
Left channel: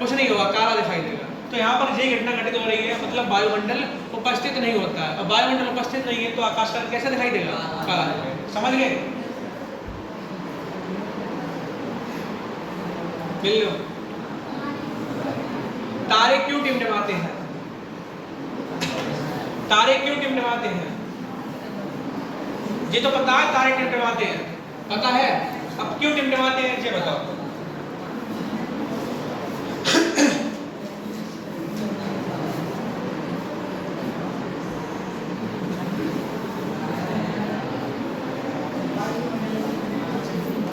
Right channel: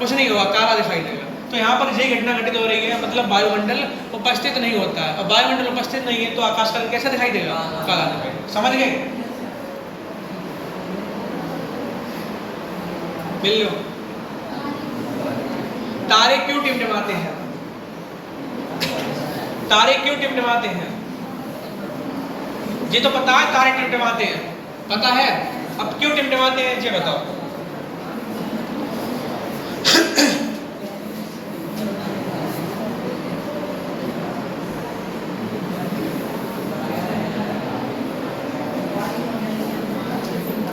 कुछ नहीं होगा, काला दिखाई देगा। तो यहाँ पर यही घटना घटित हो रही है, मतलब वायुमंडल उपस्थित नहीं होता है। अब वायुमंडल उपस्थित नहीं है तो आकाश का रंग कैसा दिखाई देगा? काला दिखाई। समझ गए? मिल लो। तारे क्यों टिमटिमाते हैं? तारे क्यों टिमटिमाते हैं? ये तो पता है तारे टिमटिमाते हैं, पता है। अब क्यों टिमटिमाते हैं ये बताओ।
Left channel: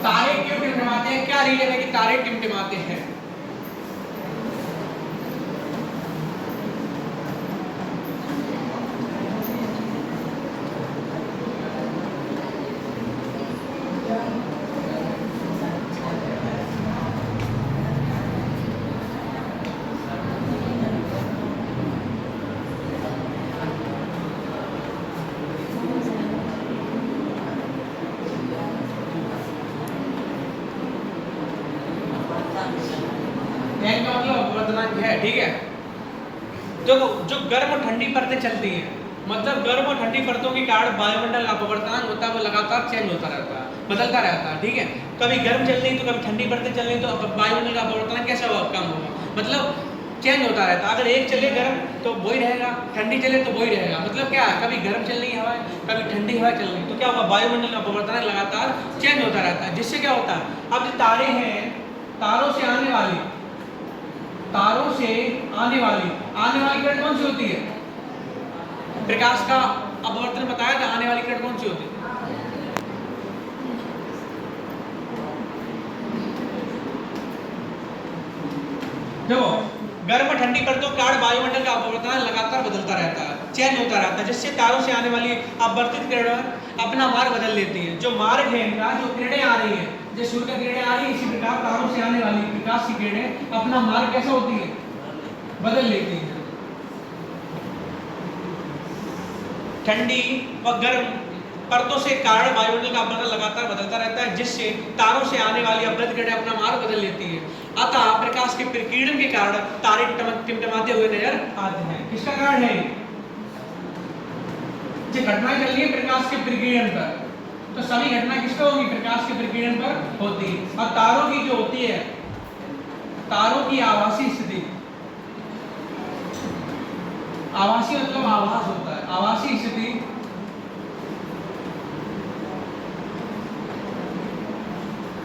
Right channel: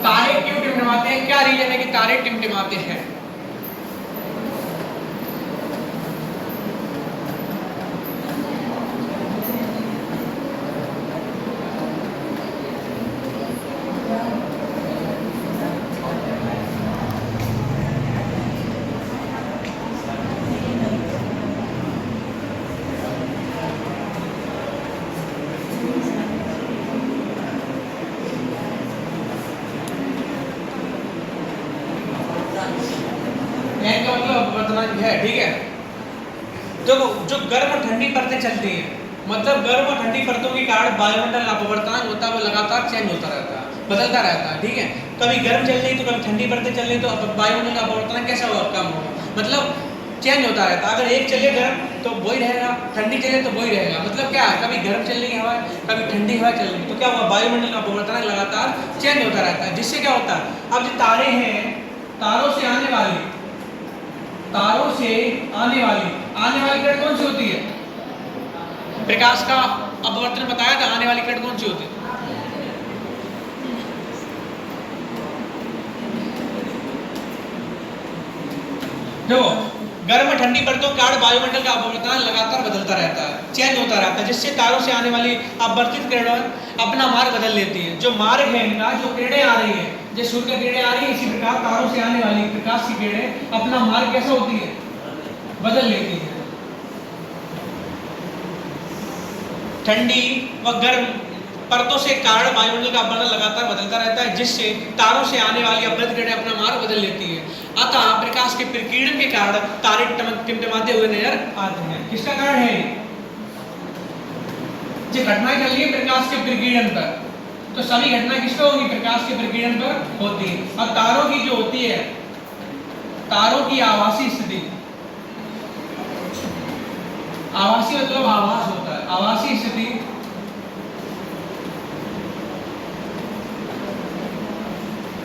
तारे क्यों टिमटिमाते हैं? क्या रीजन है कि तारे टिमटिमाते हैं? का मतलब अपवर्तनांक है, ठीक है। तो जो गर्म और ठंडी परतें चलती हैं, मतलब गर्म और ठंडी परतों के कारण वायुमंडल अपवर्तनांक होता है, वो लगातार चेंज होता रहता है, बदलता रहता है, ठीक है। कभी गर्म चल रही तो कभी ठंडी परतें चल रही, तो वायुमंडल का अपवर्तनांक कैसा होगा? कम होगा, मतलब चेंज होता रहता है। अगर एक चले गर्म तो वही रहेगा, ठंडी चले तो वही रहेगा। मतलब क्या है? कभी गर्म चल रही हवा, कभी ठंडी हवा चल रही, तो क्या होगा? वायुमंडल का अपवर्तनांक लगातार चेंज होता रहता है। जिससे क्या होता है? अब जो तारे हैं, तारों से आने वाली किरण कौन सी होती है? प्रकाश का अपवर्तन बताया था, आने वाली किरण कौन सी होती है? देखो, गर्म और ठंडी परतों के कारण वायुमंडल का अपवर्तनांक लगातार बदलता रहता है, चेंज होता रहता है, जिससे तारों से आने वाली अपवर्तित किरणें अपना मार्ग बदल लेती हैं। जो मार्ग है इनका, जो किरणें आ रही है, जैसे सूर्य की किरणें आ रही है, इसी प्रकार तारों से आने वाली प्रकाश की किरणें अपना मार्ग कैसे होती है? बदल लेती हैं। ठंडी व गर्म परतों से कारण वायुमंडल का अपवर्तन लगातार बदलता रहता है, जिससे तारों से आने वाली अपवर्तित किरणें अपना मार्ग बदल लेती हैं। अतः प्रकाश के प्रकीर्णन के कारण तारे टिमटिमाते हुए नजर आते हैं। किसका कारण है? जो घटनाएं चल रही है प्रकाश के प्रकीर्णन पर, तो सभी घटनाएं किस पर होंगी? प्रकाश के प्रकीर्णन पर होती है। और तारों की जो होती है, तारों की आभासी स्थिति, आभासी मतलब आभास होता है, आभासी स्थिति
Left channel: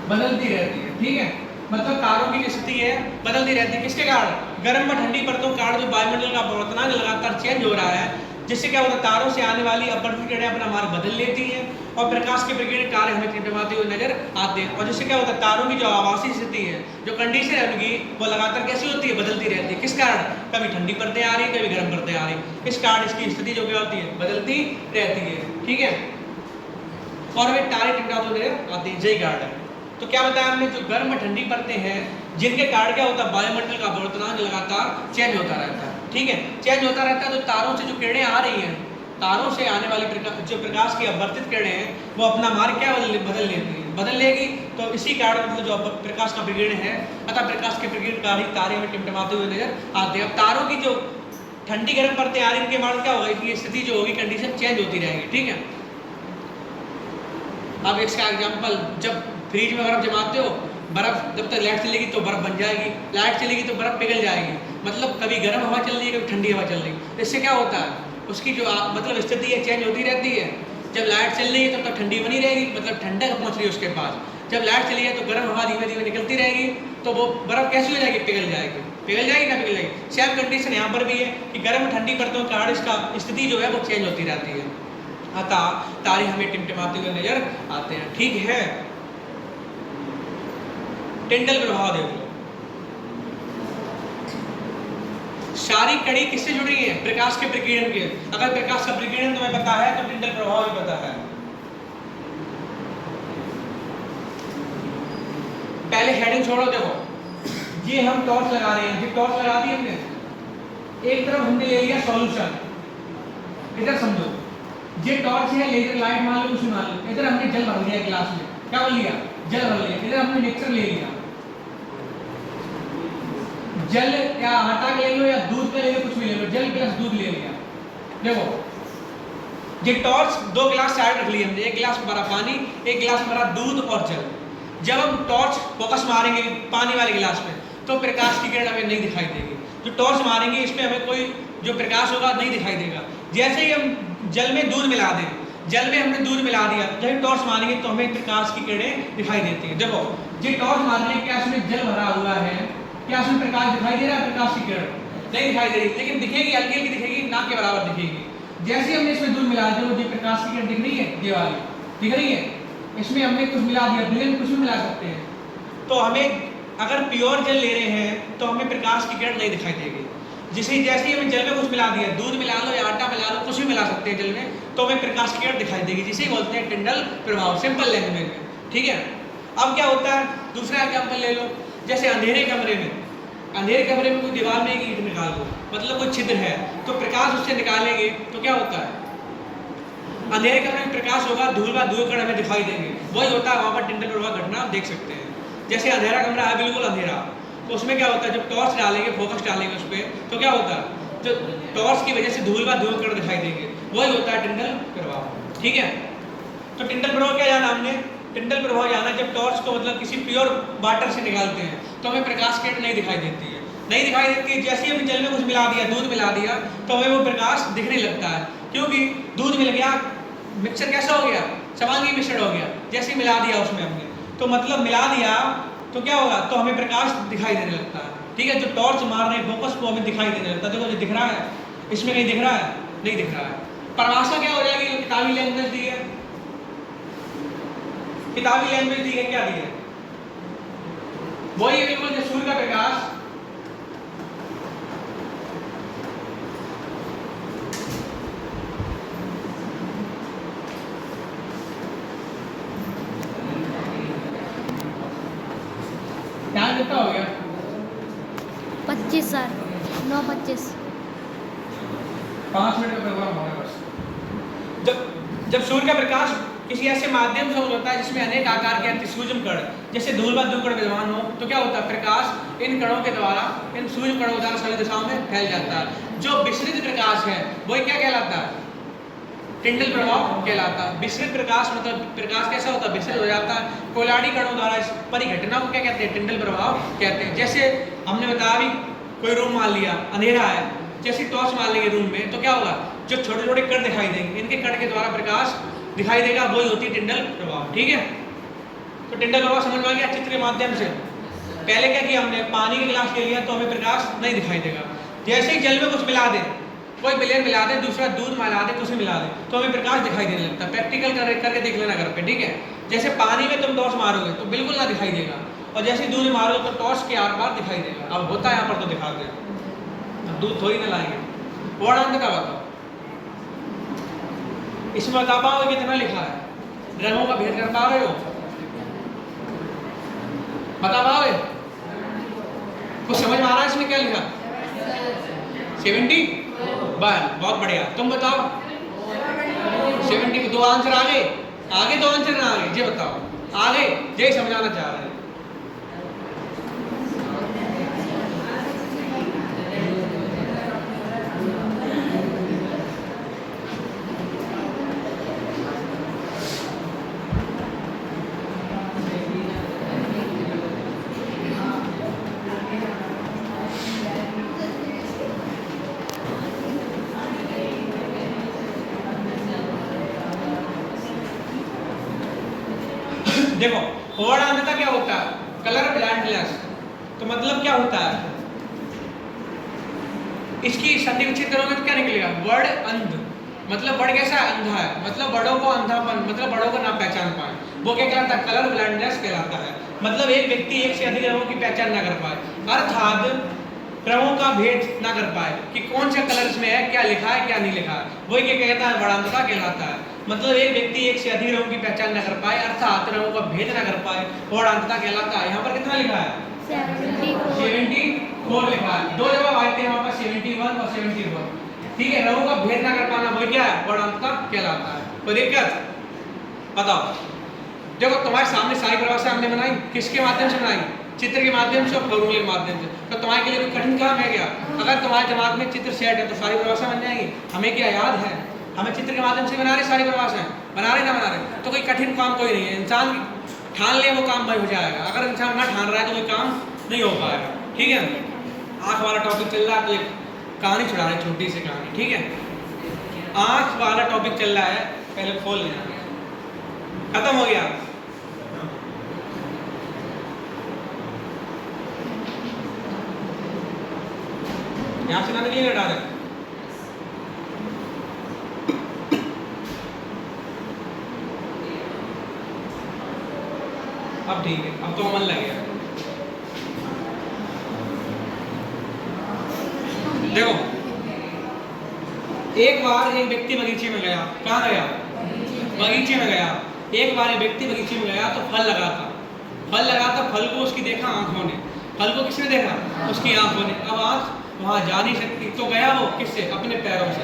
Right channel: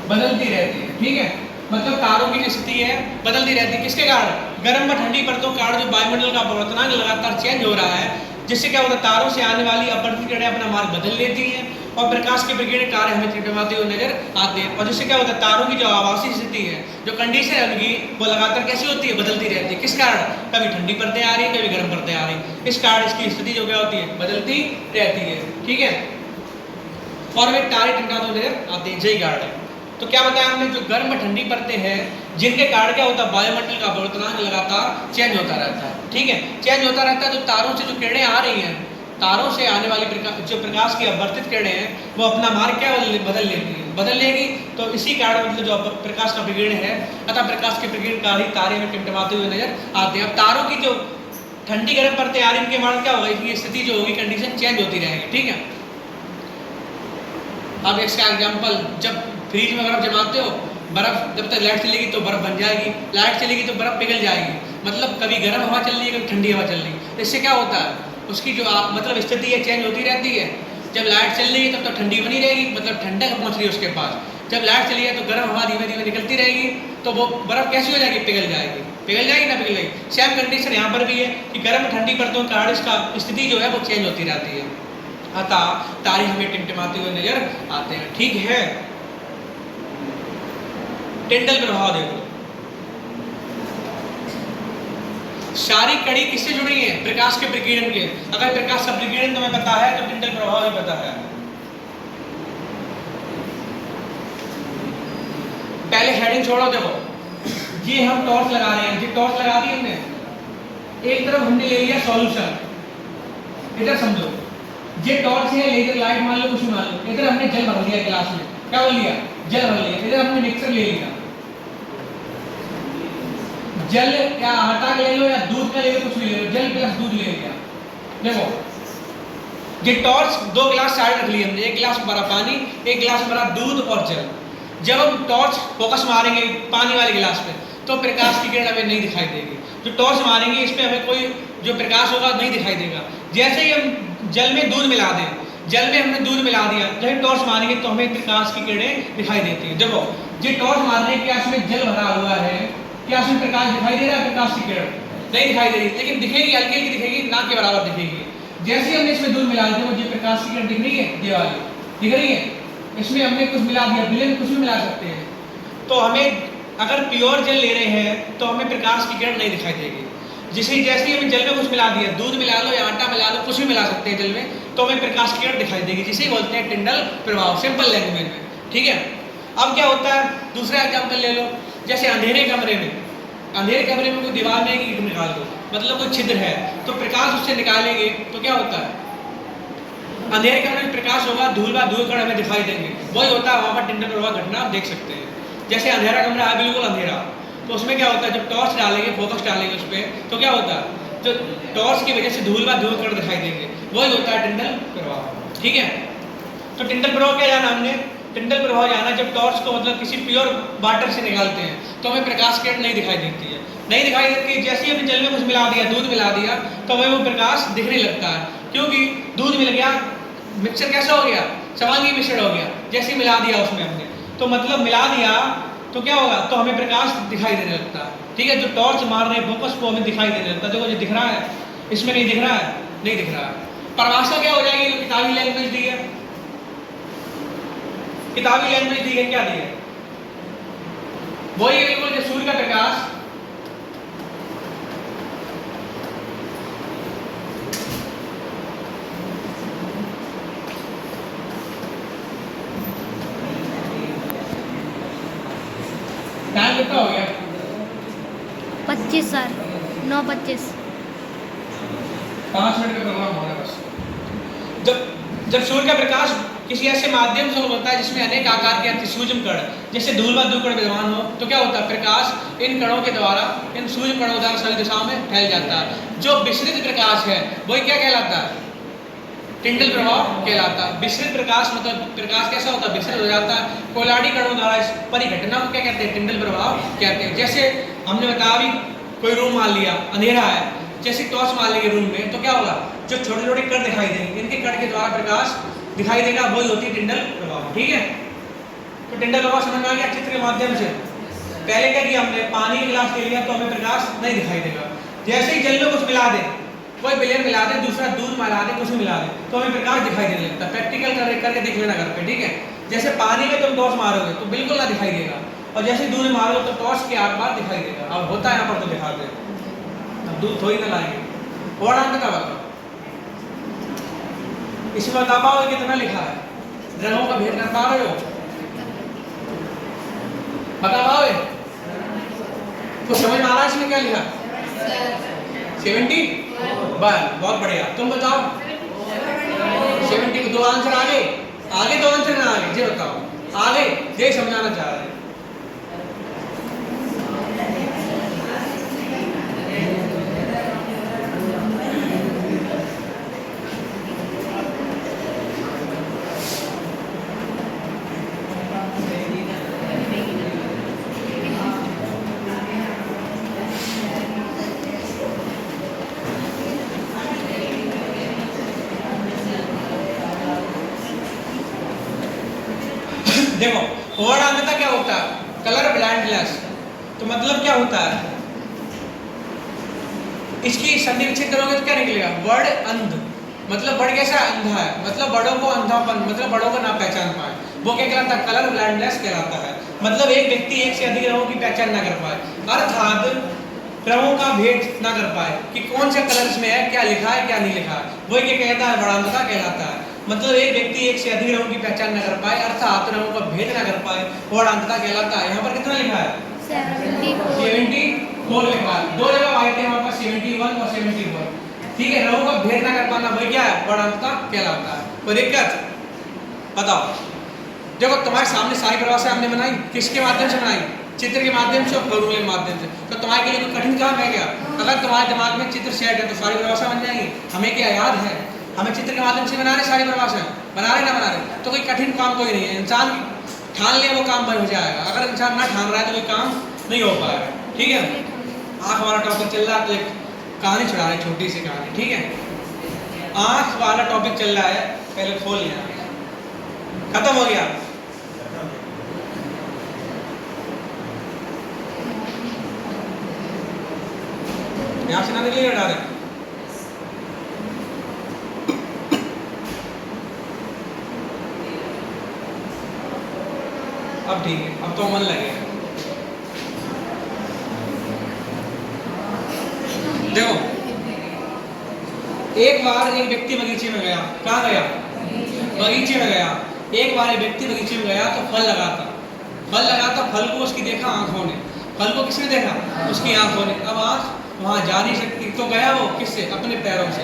बदलती रहती है, ठीक है। मतलब तारों की जो स्थिति है बदलती रहती है, किसके कारण? गर्म व ठंडी परतों के कारण जो वायुमंडल का अपवर्तनांक लगातार चेंज हो रहा है, जिससे क्या होता है तारों से आने वाली अपवर्तित किरणें अपना मार्ग बदल लेती हैं और प्रकाश के विकिरण कार्य हमें टिमटिमाते हुए नजर आते हैं। और जिससे क्या होता है तारों की जो आवासीय स्थिति है, जो कंडीशन है उनकी, वो लगातार कैसी होती है? बदलती रहती है। किस कारण? कभी ठंडी परतें आ रही है, कभी गर्म परतें आ रही है। इस कारण इसकी स्थिति जो क्या होती है? बदलती रहती है, ठीक है। और वे तारे टिमटिमाते हुए नजर आते हैं, यही कारण है। तो क्या बताया हमने? जो गर्म व ठंडी परतें हैं, जिनके कारण क्या होता है? वायुमंडल का अपवर्तनांक लगातार चेंज होता रहता है, ठीक है। चेंज होता रहता है तो तारों से जो किरणें आ रही हैं, तारों से आने वाली जो प्रकाश की अपवर्तित किरणें हैं, वो अपना मार्ग क्या बदल लेती है, बदल लेगी। तो इसी कारण मतलब जो प्रकाश का विकिरण है, अतः प्रकाश के विकिरण का ही तारे में टिमटिमाते हुए नजर आते हैं। अब तारों की जो ठंडी गर्म परतें आ रही हैं, इनके मार्ग क्या होगा? इनकी स्थिति जो होगी, कंडीशन चेंज होती रहेगी, ठीक है। अब इसका एग्जाम्पल, जब फ्रिज में बर्फ जमाते हो, बर्फ जब तक लाइट चलेगी तो बर्फ बन जाएगी, लाइट चलेगी तो बर्फ पिघल जाएगी। मतलब कभी गर्म हवा चल रही है, कभी ठंडी हवा चल रही है। इससे क्या होता है? उसकी जो मतलब स्थिति है चेंज होती रहती है। जब लाइट चल रही है तब तक ठंडी बनी रहेगी, मतलब ठंडक पहुंच रही है उसके पास। जब लाइट चली है तो गर्म हवा धीमे धीमे निकलती रहेगी, तो वो बर्फ कैसी हो जाएगी? पिघल जाएगी। पिघल जाएगी ना पिघल जाएगी। सेम कंडीशन यहाँ पर भी है कि गर्म ठंडी परतों के कारण इसका स्थिति जो है वो चेंज होती रहती है, अतः तारे हमें टिमटिमाते हुए नजर आते हैं, ठीक है। टिंडल प्रभाव देखो, सारी कड़ी किससे जुड़ी है? प्रकाश के विकिरण के। अगर प्रकाश का विकिरण तुम्हें पता है तो टिंडल प्रभाव भी पता है। पहले हेडिंग छोड़ो, देखो ये हम टॉर्च लगा रहे हैं, ये टॉर्च लगा दी हमने, एक तरफ हमने ले लिया सॉल्यूशन, इधर समझो ये टॉर्च है, लेजर लाइट मान लो, कुछ मान लो। इधर हमने जल भर लिया गिलास में, क्या भर लिया? जल भर लिया। इधर हमने मिक्सर ले लिया, जल या आटा ले लो या दूध का ले लो, कुछ भी ले लो, जल प्लस दूध ले लिया। देखो ये टॉर्च, दो गिलास साइड रख लिए हमने, एक गिलास में भरा पानी, एक गिलास में भरा दूध और जल। जब हम टॉर्च फोकस मारेंगे पानी वाले गिलास में तो प्रकाश की किरण हमें नहीं दिखाई देगी। जो टॉर्च मारेंगे इसमें हमें कोई जो प्रकाश होगा नहीं दिखाई देगा। जैसे ही हम जल में दूध मिला दें, जल में हमने दूध मिला दिया, जब टॉर्च मारेंगे तो हमें प्रकाश की किरणें दिखाई देती है। देखो ये टॉर्च मारने के इसमें जल भरा हुआ है, क्या इसमें प्रकाश दिखाई दे रहा है? प्रकाश की किरण नहीं दिखाई दे रही, लेकिन दिखेगी, हल्की हल्की दिखेगी, ना के बराबर दिखेगी। जैसे ही हमने इसमें दूध मिला दिया, वो ये प्रकाश की किरण दिख रही है, ये वाली दिख रही है। इसमें हमने कुछ मिला दिया, बिले में कुछ भी मिला सकते हैं। तो हमें अगर प्योर जल ले रहे हैं तो हमें प्रकाश की किरण नहीं दिखाई देगी। जैसे ही हमें जल में कुछ मिला दिया, दूध मिला लो या आटा मिला लो, कुछ भी मिला सकते हैं जल में, तो हमें प्रकाश की किरण दिखाई देगी, जिसे बोलते हैं टिंडल प्रभाव, सिंपल लैंग्वेज में, ठीक है। अब क्या होता है? दूसरा एग्जाम्पल ले लो, जैसे अंधेरे कमरे में, अंधेरे कमरे में कोई दीवार में ईंट निकाल दो, मतलब कोई छिद्र है, तो प्रकाश उससे निकालेंगे तो क्या होता है? अंधेरे कमरे में प्रकाश होगा, धूल कण हमें दिखाई देंगे, वही होता है। वहाँ पर टिंडल प्रभाव घटना आप देख सकते हैं। जैसे अंधेरा कमरा है, बिल्कुल अंधेरा, तो उसमें क्या होता है? जब टॉर्च डालेंगे, फोकस डालेंगे उस पर, तो क्या होता है? जो टॉर्च की वजह से धूल कण दिखाई देंगे, वही होता है टिंडल प्रभाव, ठीक है। तो टिंडल प्रभाव क्या जाना हमने? टिंडल प्रभाव जाना जब टॉर्च को मतलब किसी प्योर वाटर से निकालते हैं तो हमें प्रकाश किरण नहीं दिखाई देती है, नहीं दिखाई देती है। जैसे ही हमने जल में कुछ मिला दिया, दूध मिला दिया, तो हमें वो प्रकाश दिखने लगता है, क्योंकि दूध मिल गया, मिक्सचर कैसा हो गया? समांगी मिश्रण हो गया। जैसे मिला दिया उसमें हमने, तो मतलब मिला दिया तो क्या होगा? तो हमें प्रकाश दिखाई देने लगता है, ठीक है। जो टॉर्च मार रहे हैं फोकस को, हमें दिखाई देने लगता है। देखो ये दिख रहा है, इसमें नहीं दिख रहा है, नहीं दिख रहा है। परिभाषा क्या हो जाएगी? जो किताबी लैंग्वेज दी है, किताबी लैंग्वेज दी है, क्या दी है? वही है बिल्कुल, जो सूर्य का प्रकाश टाइम कितना हो गया? 25 सर, 9:25। 5 मिनट का प्रोग्राम हो रहा है बस। जब सूर्य का प्रकाश किसी ऐसे माध्यम से होता है जिसमें अनेक आकार के अतिसूक्ष्म कण, जैसे धूल कण विद्यमान हो, तो क्या होता है? प्रकाश इन कणों के द्वारा, इन सूक्ष्म कणों द्वारा सभी दिशाओं में फैल जाता है। जो विसरित प्रकाश है वही क्या कहलाता है? टिंडल प्रभाव कहलाता है। विसरित प्रकाश मतलब प्रकाश कैसा होता है? विसरित हो जाता है। कोलाडी कणों द्वारा इस परिघटना को क्या कहते हैं? टिंडल प्रभाव कहते हैं। जैसे हमने बताया अभी, कोई रूम मान लिया, अंधेरा है, जैसे टॉर्च मान लेंगे रूम में, तो क्या होगा? जो छोटे छोटे कण दिखाई देंगे, इनके कण के द्वारा प्रकाश दिखाई देगा, वही होती है टिंडल प्रभाव, ठीक है। तो टिंडल रोवा समझ में आ गया चित्र के माध्यम से। पहले क्या किया हमने, पानी का गिलास ले लिया तो हमें प्रकाश नहीं दिखाई देगा। जैसे ही जल में कुछ मिला दे, कोई विलयन मिला दे, दूसरा दूध मिला दे, कुछ मिला दे, तो हमें प्रकाश दिखाई देने लगता है। प्रैक्टिकल करके देख लेना घर पे, ठीक है। जैसे पानी में तुम टॉर्च मारोगे तो बिल्कुल ना दिखाई देगा, और जैसे दूध मारोगे तो टॉर्च के आर पार दिखाई देगा। अब होता है यहाँ पर तो दिखा दे, अब दूध थोड़ी ना लाएंगे। और अंत का बताओ, इसमें बता पाओ कितना लिखा है, रंगों का भेद कर पाओगे, बता पाओगे? कुछ समझ में आ रहा है इसमें क्या लिखा? 70 बस, बहुत बढ़िया। तुम बताओ 70 दो आंसर आगे, आगे दो आंसर ना आगे, ये बताओ आगे, ये समझाना चाह रहे हैं। देखो वर्ड अंधता क्या होता है, कलर ब्लाइंडनेस। तो मतलब क्या होता है, इसकी संधि विच्छेद करोगे तो क्या निकलेगा, वर्ड अंध। मतलब वर्ड कैसा अंधा है, मतलब बड़ों को अंधापन, मतलब बड़ों को ना पहचान पाए, वो क्या कहलाता है, कलर ब्लाइंडनेस कहलाता है। मतलब एक व्यक्ति एक से अधिक रंगों की पहचान ना कर पाए, अर्थात रंगों का भेद ना कर पाए कि कौन सा कलर में है, क्या लिखा है क्या नहीं लिखा है, वही क्या कहता है, वर्णांधता कहलाता है। मतलब एक व्यक्ति एक से अधिक रंगों की पहचान न कर पाए, अर्थात रंगों का भेद न कर पाए, वर्णांधता कहलाता है। यहाँ पर कितना लिखा है, 74 लिखा है। दो जगह आए थे वहाँ पर 71 और 74, ठीक है। रंगों का भेद न कर पाना वही क्या है, वर्णांधता कहलाता है। तो दिक्कत बताओ, देखो तुम्हारे सामने सारी परिभाषा हमने बनाई, किसके माध्यम से बनाई, चित्र के माध्यम से और फॉर्मूले के माध्यम से। तो तुम्हारे लिए कोई कठिन काम है क्या? अगर तुम्हारे दिमाग में चित्र सेट है तो सारी परिभाषा बन जाएगी। हमें क्या याद है, हमें चित्र के माध्यम से बना रहे सारी परिभाषाएं, बना रहे ना बना रहे, तो कोई कठिन काम कोई नहीं है। इंसान ठान ले वो काम बन जाएगा, अगर इंसान ना ठान रहा है तो कोई काम नहीं हो पाएगा, ठीक है। आँख वाला टॉपिक चल रहा है, तो एक कहानी छुड़ा रहे, छोटी सी कहानी, ठीक है। आँख वाला टॉपिक चल रहा है, पहले खोल लिया, खत्म हो गया। यहाँ से ना निकलेगा, डाले अब ठीक है, अब तो मन लग गया। देखो एक बार एक व्यक्ति बगीचे में गया, कहाँ गया, बगीचे में गया। एक बार एक व्यक्ति बगीचे में गया तो फल लगा था, फल को उसकी देखा आंखों ने, फल को किसने देखा, उसकी आंखों ने। अब आंख वहां जा नहीं सकती, तो गया वो किससे, अपने पैरों से।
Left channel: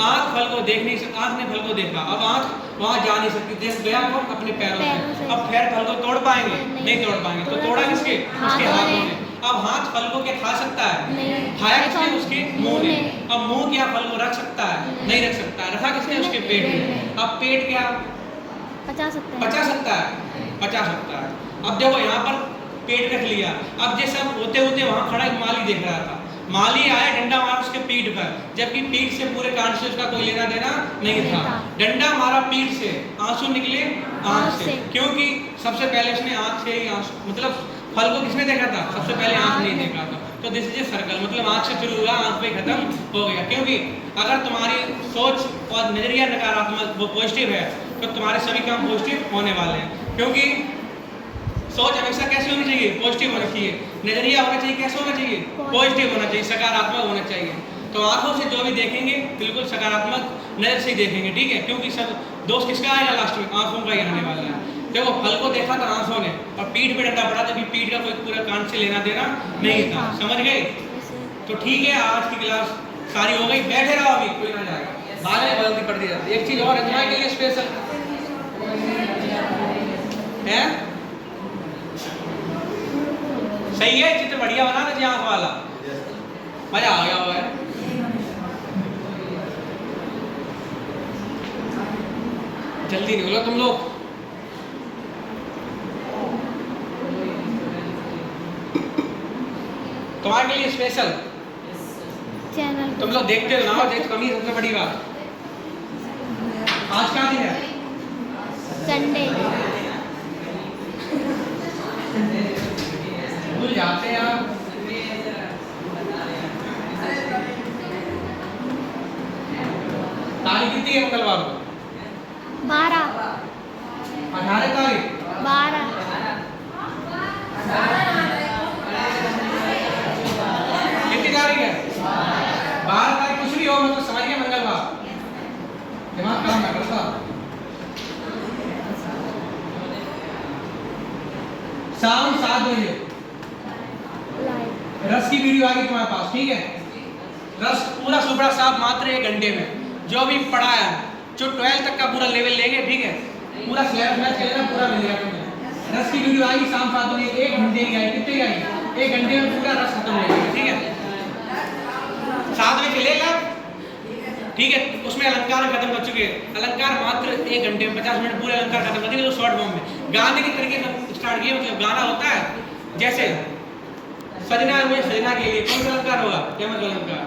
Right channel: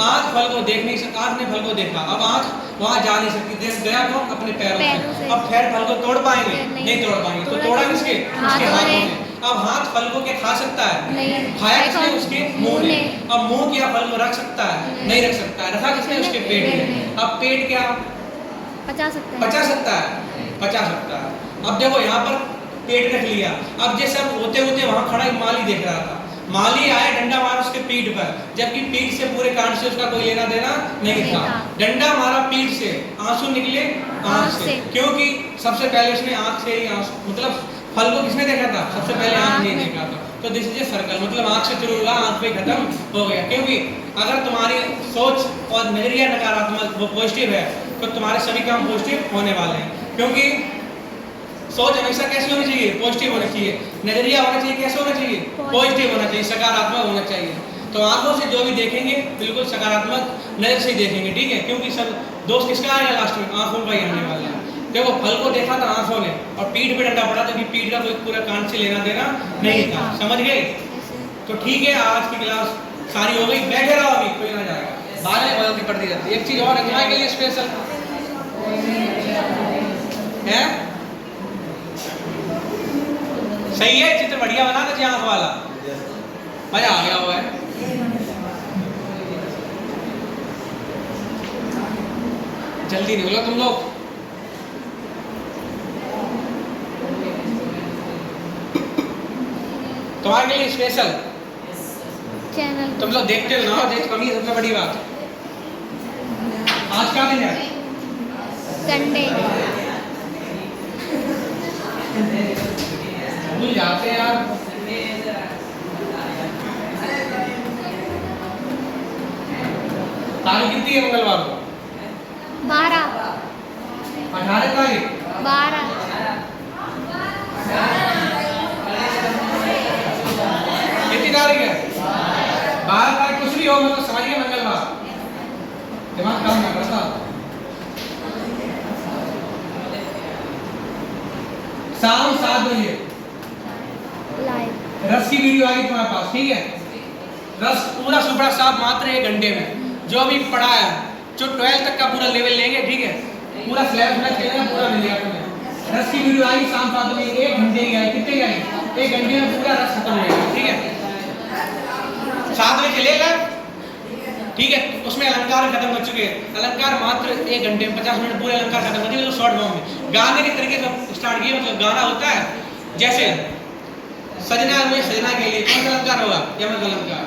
आंख फल को देख नहीं सकती, आंख ने फल को देखा, अब आंख वहां जा नहीं सकती, देख गया कौन, अपने पैरों से। अब पैर फल को तोड़ पाएंगे, नहीं तोड़ पाएंगे, तो तोड़ा किसके, उसके हाथों ने। अब हाथ फल को क्या खा सकता है, खाया किसने, उसके मुंह ने। अब मुंह क्या फल को रख सकता है, नहीं रख सकता है, रखा किसने, उसके पेट में। अब पेट क्या पचा सकता है। अब देखो यहाँ पर पेट रख लिया। अब जैसे अब होते होते वहां खड़ा एक माली देख रहा था, माली आया, डंडा मारा उसके पीठ पर, जबकि पीठ से पूरे कांड से उसका कोई लेना देना नहीं था। डंडा मारा पीठ से, आंसू निकले आंख से, क्योंकि सबसे पहले उसने आंख से ही आंसू, मतलब फल को किसने देखा था, सबसे पहले आंख नहीं देखा था। तो दिस इज ए सर्कल, मतलब आंख से शुरू हुआ, आंख पे खत्म हो गया। क्योंकि अगर तुम्हारी सोच और नजरिया नकारात्मक, वो पॉजिटिव है, तो तुम्हारे सभी काम पॉजिटिव होने वाले हैं। क्योंकि सोच हमेशा कैसी होनी चाहिए, पॉजिटिव होनी चाहिए। नजरिया होना चाहिए, कैसे होना चाहिए, पॉजिटिव होना चाहिए, सकारात्मक होना चाहिए। तो आंखों से जो भी देखेंगे बिल्कुल सकारात्मक नजर से ही देखेंगे, ठीक है। क्योंकि सब दोस्त किसका आएगा लास्ट में, आंखों का ही आने वाला है। देखो फल को देखा था आंखों ने, और पीठ पे डंडा पड़ा था कि पीठ का कोई पूरा कान से लेना देना नहीं था। समझ गए? तो ठीक है, आज की क्लास सारी हो गई, बैठे रहो, अभी कोई ना जाएगा, बाद में बदलती पड़ती रहती। एक चीज और है तुम्हारे के लिए स्पेशल है, सही है, चित्र बढ़िया बना दीजिए, आंख वाला मजा आ गया हुआ है। जल्दी निकलो तुम लोग, तुम्हारे लिए स्पेशल चैनल तुम लोग देखते हो ना, देख कमी सबसे बड़ी बात। आज क्या दिन है, संडे। भूल जाते हैं यार। तारीख कितनी है मंगलवार को? 12 18 तारीख। 12 कितनी तारीख है? 12 तारीख। कुछ भी हो मतलब समझिए मंगलवार, दिमाग काम ना करता। शाम 7 बजे लाइव रस की वीडियो आएगी तुम्हारे पास, ठीक है? रस पूरा सुपड़ा साफ मात्र 1 घंटे में। जो अभी पढ़ा है, जो 12 तक का पूरा लेवल लेंगे, ठीक है? पूरा सिलेबस चलेगा, पूरा मिल जाएगा तुम्हें। रस की वीडियो आएगी शाम 7 बजे, 1 घंटे की आएगी। कितने की आएगी? 1 घंटे में पूरा रस खत्म हो जाएगा, ठीक है? 7 बजे चलेगा, ठीक है? उसमें अलंकार खत्म कर चुके हैं। अलंकार मात्र 1 घंटे में 50 मिनट पूरे अलंकार खत्म कर दिए, शॉर्ट फॉर्म में। गाने के तरीके से स्टार्ट किए, मतलब गाना होता है जैसे सजना हुए सजना के लिए, कौन सा अलंकार होगा? यमक अलंकार।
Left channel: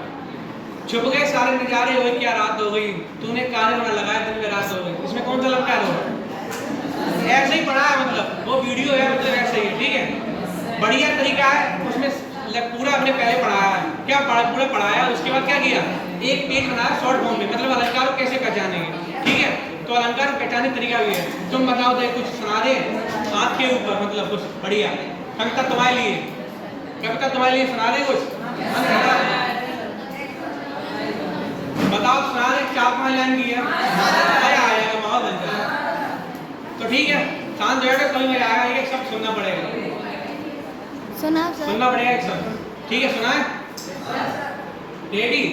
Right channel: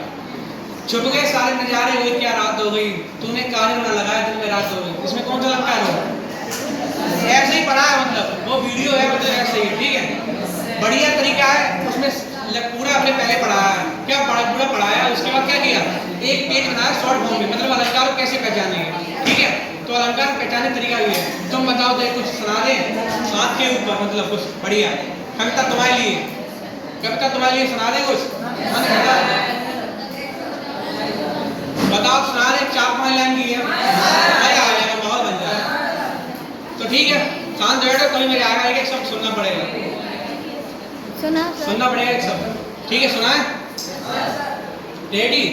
छुप गए सारे नजारे हुए, क्या रात हो गई, तूने काजल ना लगाया दिन में रात हो गई, इसमें कौन सा अलंकार होगा? ऐसे ही पढ़ा है, मतलब वो वीडियो है, मतलब ऐसे ही, ठीक है? बढ़िया तरीका है, उसमें पूरा हमने पहले पढ़ाया है। क्या पूरा पढ़ाया, उसके बाद क्या किया? एक पेज बनाया शॉर्ट फॉर्म में, मतलब अलंकार को कैसे पहचानेंगे, ठीक है? तो अलंकार पहचानने तरीका भी है। तुम बताओ तो कुछ सुना दे हाथ के ऊपर, मतलब कुछ बढ़िया कविता तुम्हारे लिए, कविता तुम्हारे लिए सुना दे कुछ, मन करता बताओ, सुना दे। 4-5 लाइन की है, मजा आएगा, माहौल बन जाएगा। तो ठीक है, शांत बैठो, कभी मजा आएगा। एक शब्द सुनना पड़ेगा, सुना सर। सुनना पड़ेगा एक शब्द, ठीक है? सुनाए, रेडी?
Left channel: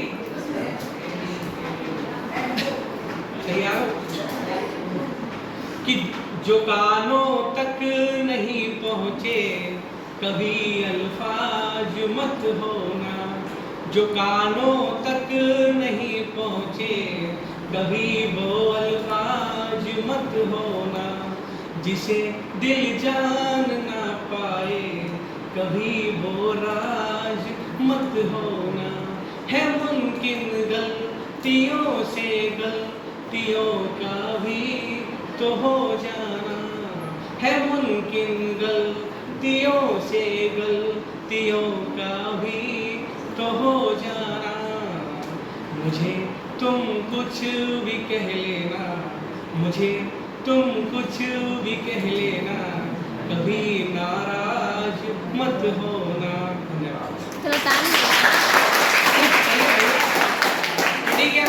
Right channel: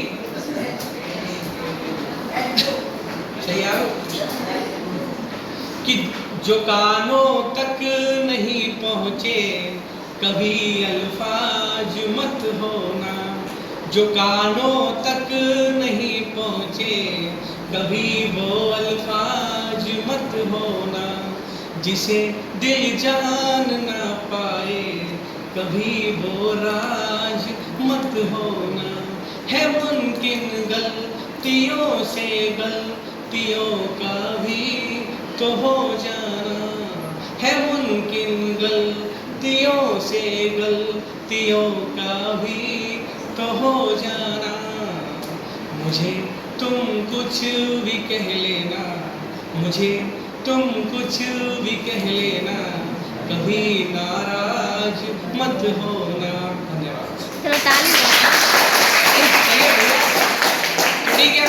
सही आओ। कि जो कानों तक नहीं पहुँचे कभी अल्फाज मत होना, जो कानों तक नहीं पहुँचे कभी वो अल्फाज मत होना, जिसे दिल जान ना पाए कभी वो राज मत होना। है मुमकिन गलतियों से गलतियों का भी तो हो जाना, है मुमकिन गलतियों से गलतियों का भी तो हो जाना। मुझे तुम कुछ भी कह लेना, मुझे तुम कुछ भी कह लेना, कभी नाराज मत होना। धन्यवाद। चलो ताली बजाओ। ठीक है,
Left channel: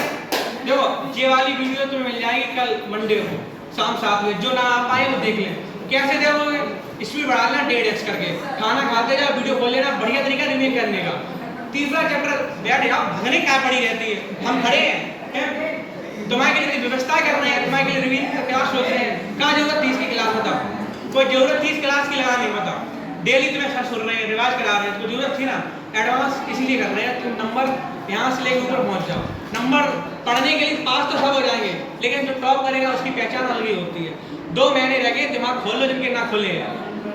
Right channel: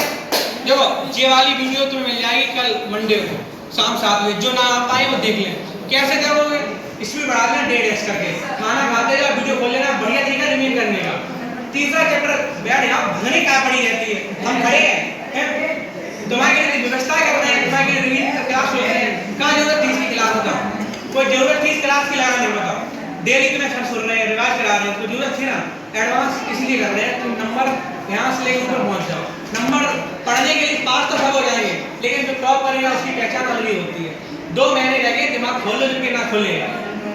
देखो ये वाली वीडियो तुम्हें मिल जाएगी कल मंडे को शाम 7 बजे। जो ना आ पाए वो देख लें। कैसे देखोगे? इसमें बढ़ा लेना 1.5x करके, खाना खाते जाओ वीडियो खोल लेना। बढ़िया तरीका रिव्यू करने का। तीसरा चैप्टर बैठ यहाँ भगने क्या पड़ी रहती है, हम खड़े हैं तुम्हारे लिए व्यवस्था कर रहे हैं, तुम्हारे लिए रिवीजन क्लास हो रहे हैं। कहाँ जरूरत थी इसकी क्लास का? कोई जरूरत थी इस क्लास की? लगा नहीं पता। डेली तुम्हें सब सुन रहे हैं, रिवाइज करा रहे हैं, तो जरूरत थी ना। एडवांस इसलिए कर रहे हैं तुम नंबर यहाँ से लेकर ऊपर पहुँच जाओ। नंबर पढ़ने के लिए पास तो सब हो जाएंगे, लेकिन जो टॉप करेगा उसकी पहचान अलग ही होती है। 2 महीने लगे, दिमाग खोल लो, जिनके ना खोलेगा,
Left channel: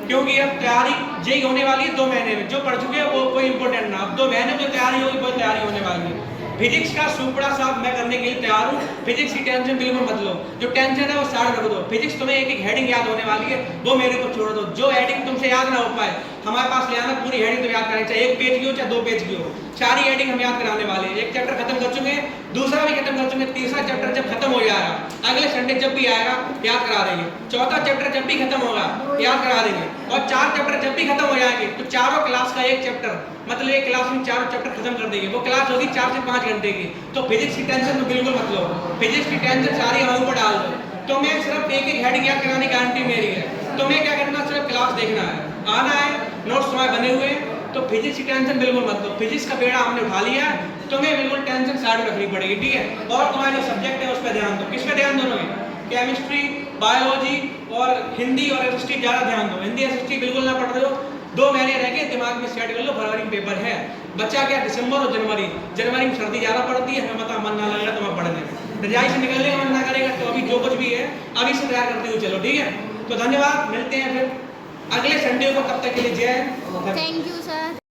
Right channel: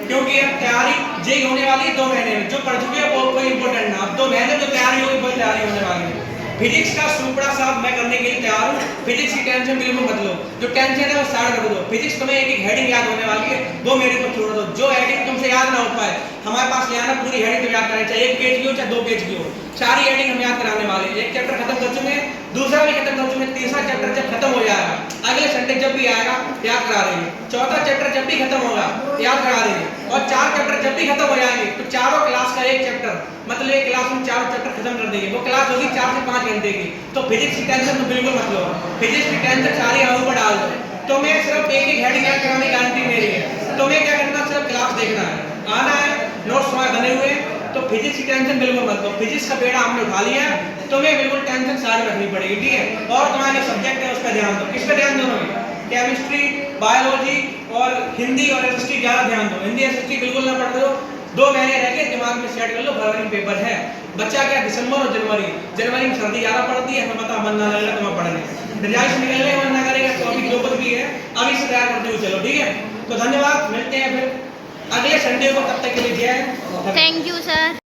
क्योंकि अब तैयारी जेई होने वाली है 2 महीने में। जो पढ़ चुके हैं वो कोई इंपॉर्टेंट ना, अब 2 महीने में जो तैयारी होगी वो तैयारी होने वाली है। फिजिक्स का सुपड़ा साफ मैं करने के लिए तैयार हूँ। फिजिक्स की टेंशन बिल्कुल मत लो, जो टेंशन है वो साइड रख दो। फिजिक्स तुम्हें एक हेडिंग याद होने वाली है, वो मेरे को छोड़ दो। जो हेडिंग तुमसे याद ना हो पाए हमारे पास ले आना, पूरी हेडिंग तुम याद करानी चाहिए। 1 पेज की हो चाहे 2 पेज की हो, सारी हेडिंग हम याद कराने वाले हैं। 1 चैप्टर खत्म कर चुके हैं, दूसरा भी खत्म कर चुके हैं। तीसरा चैप्टर जब खत्म हो जाएगा, अगले संडे जब भी आएगा याद करा देंगे। चौथा चैप्टर जब भी खत्म होगा याद करा देंगे। और 4 चैप्टर जब भी खत्म हो जाएंगे तो चारों क्लास का 1 चैप्टर, मतलब एक क्लास में 4 चैप्टर खत्म कर देंगे। वो क्लास होगी 4 से 5 घंटे की। तो फिजिक्स की टेंशन तो बिल्कुल मत लो, फिजिक्स की टेंशन सारी हम ऊपर डाल दो। तो मैं सिर्फ एक हेडिंग याद कराने की गारंटी मेरी है। तो मैं क्या करना, सिर्फ क्लास देखना है, आना है, नोट्स हमारे बने हुए हैं। तो फिजिक्स की टेंशन बिल्कुल मत लो। फिजिक्स का बेड़ा हमने उठा लिया है, तुम्हें बिल्कुल टेंशन साइड रखनी पड़ेगी, ठीक है? और तुम्हारे जो सब्जेक्ट है उस पर ध्यान दो। किस पे ध्यान दोगे? केमिस्ट्री, बायोलॉजी और हिंदी और एसएसटी ज़्यादा ध्यान दो। हिंदी एसएसटी बिल्कुल ना पढ़ दो। 2 महीने रह गए, दिमाग में सेट कर लो। फरवरी में पेपर है, बच्चा क्या दिसंबर और जनवरी में सर्दी ज़्यादा पड़ती है, हमें पता मन ना लगेगा तुम्हें पढ़ने में, रजाई से निकलने मन ना करेगा। तो अभी जो कुछ भी है अभी से तैयार करते हुए चलो, ठीक है? तो धन्यवाद, मिलते हैं फिर अगले संडे को। तब तक के लिए जय हिंद। Thank you sir.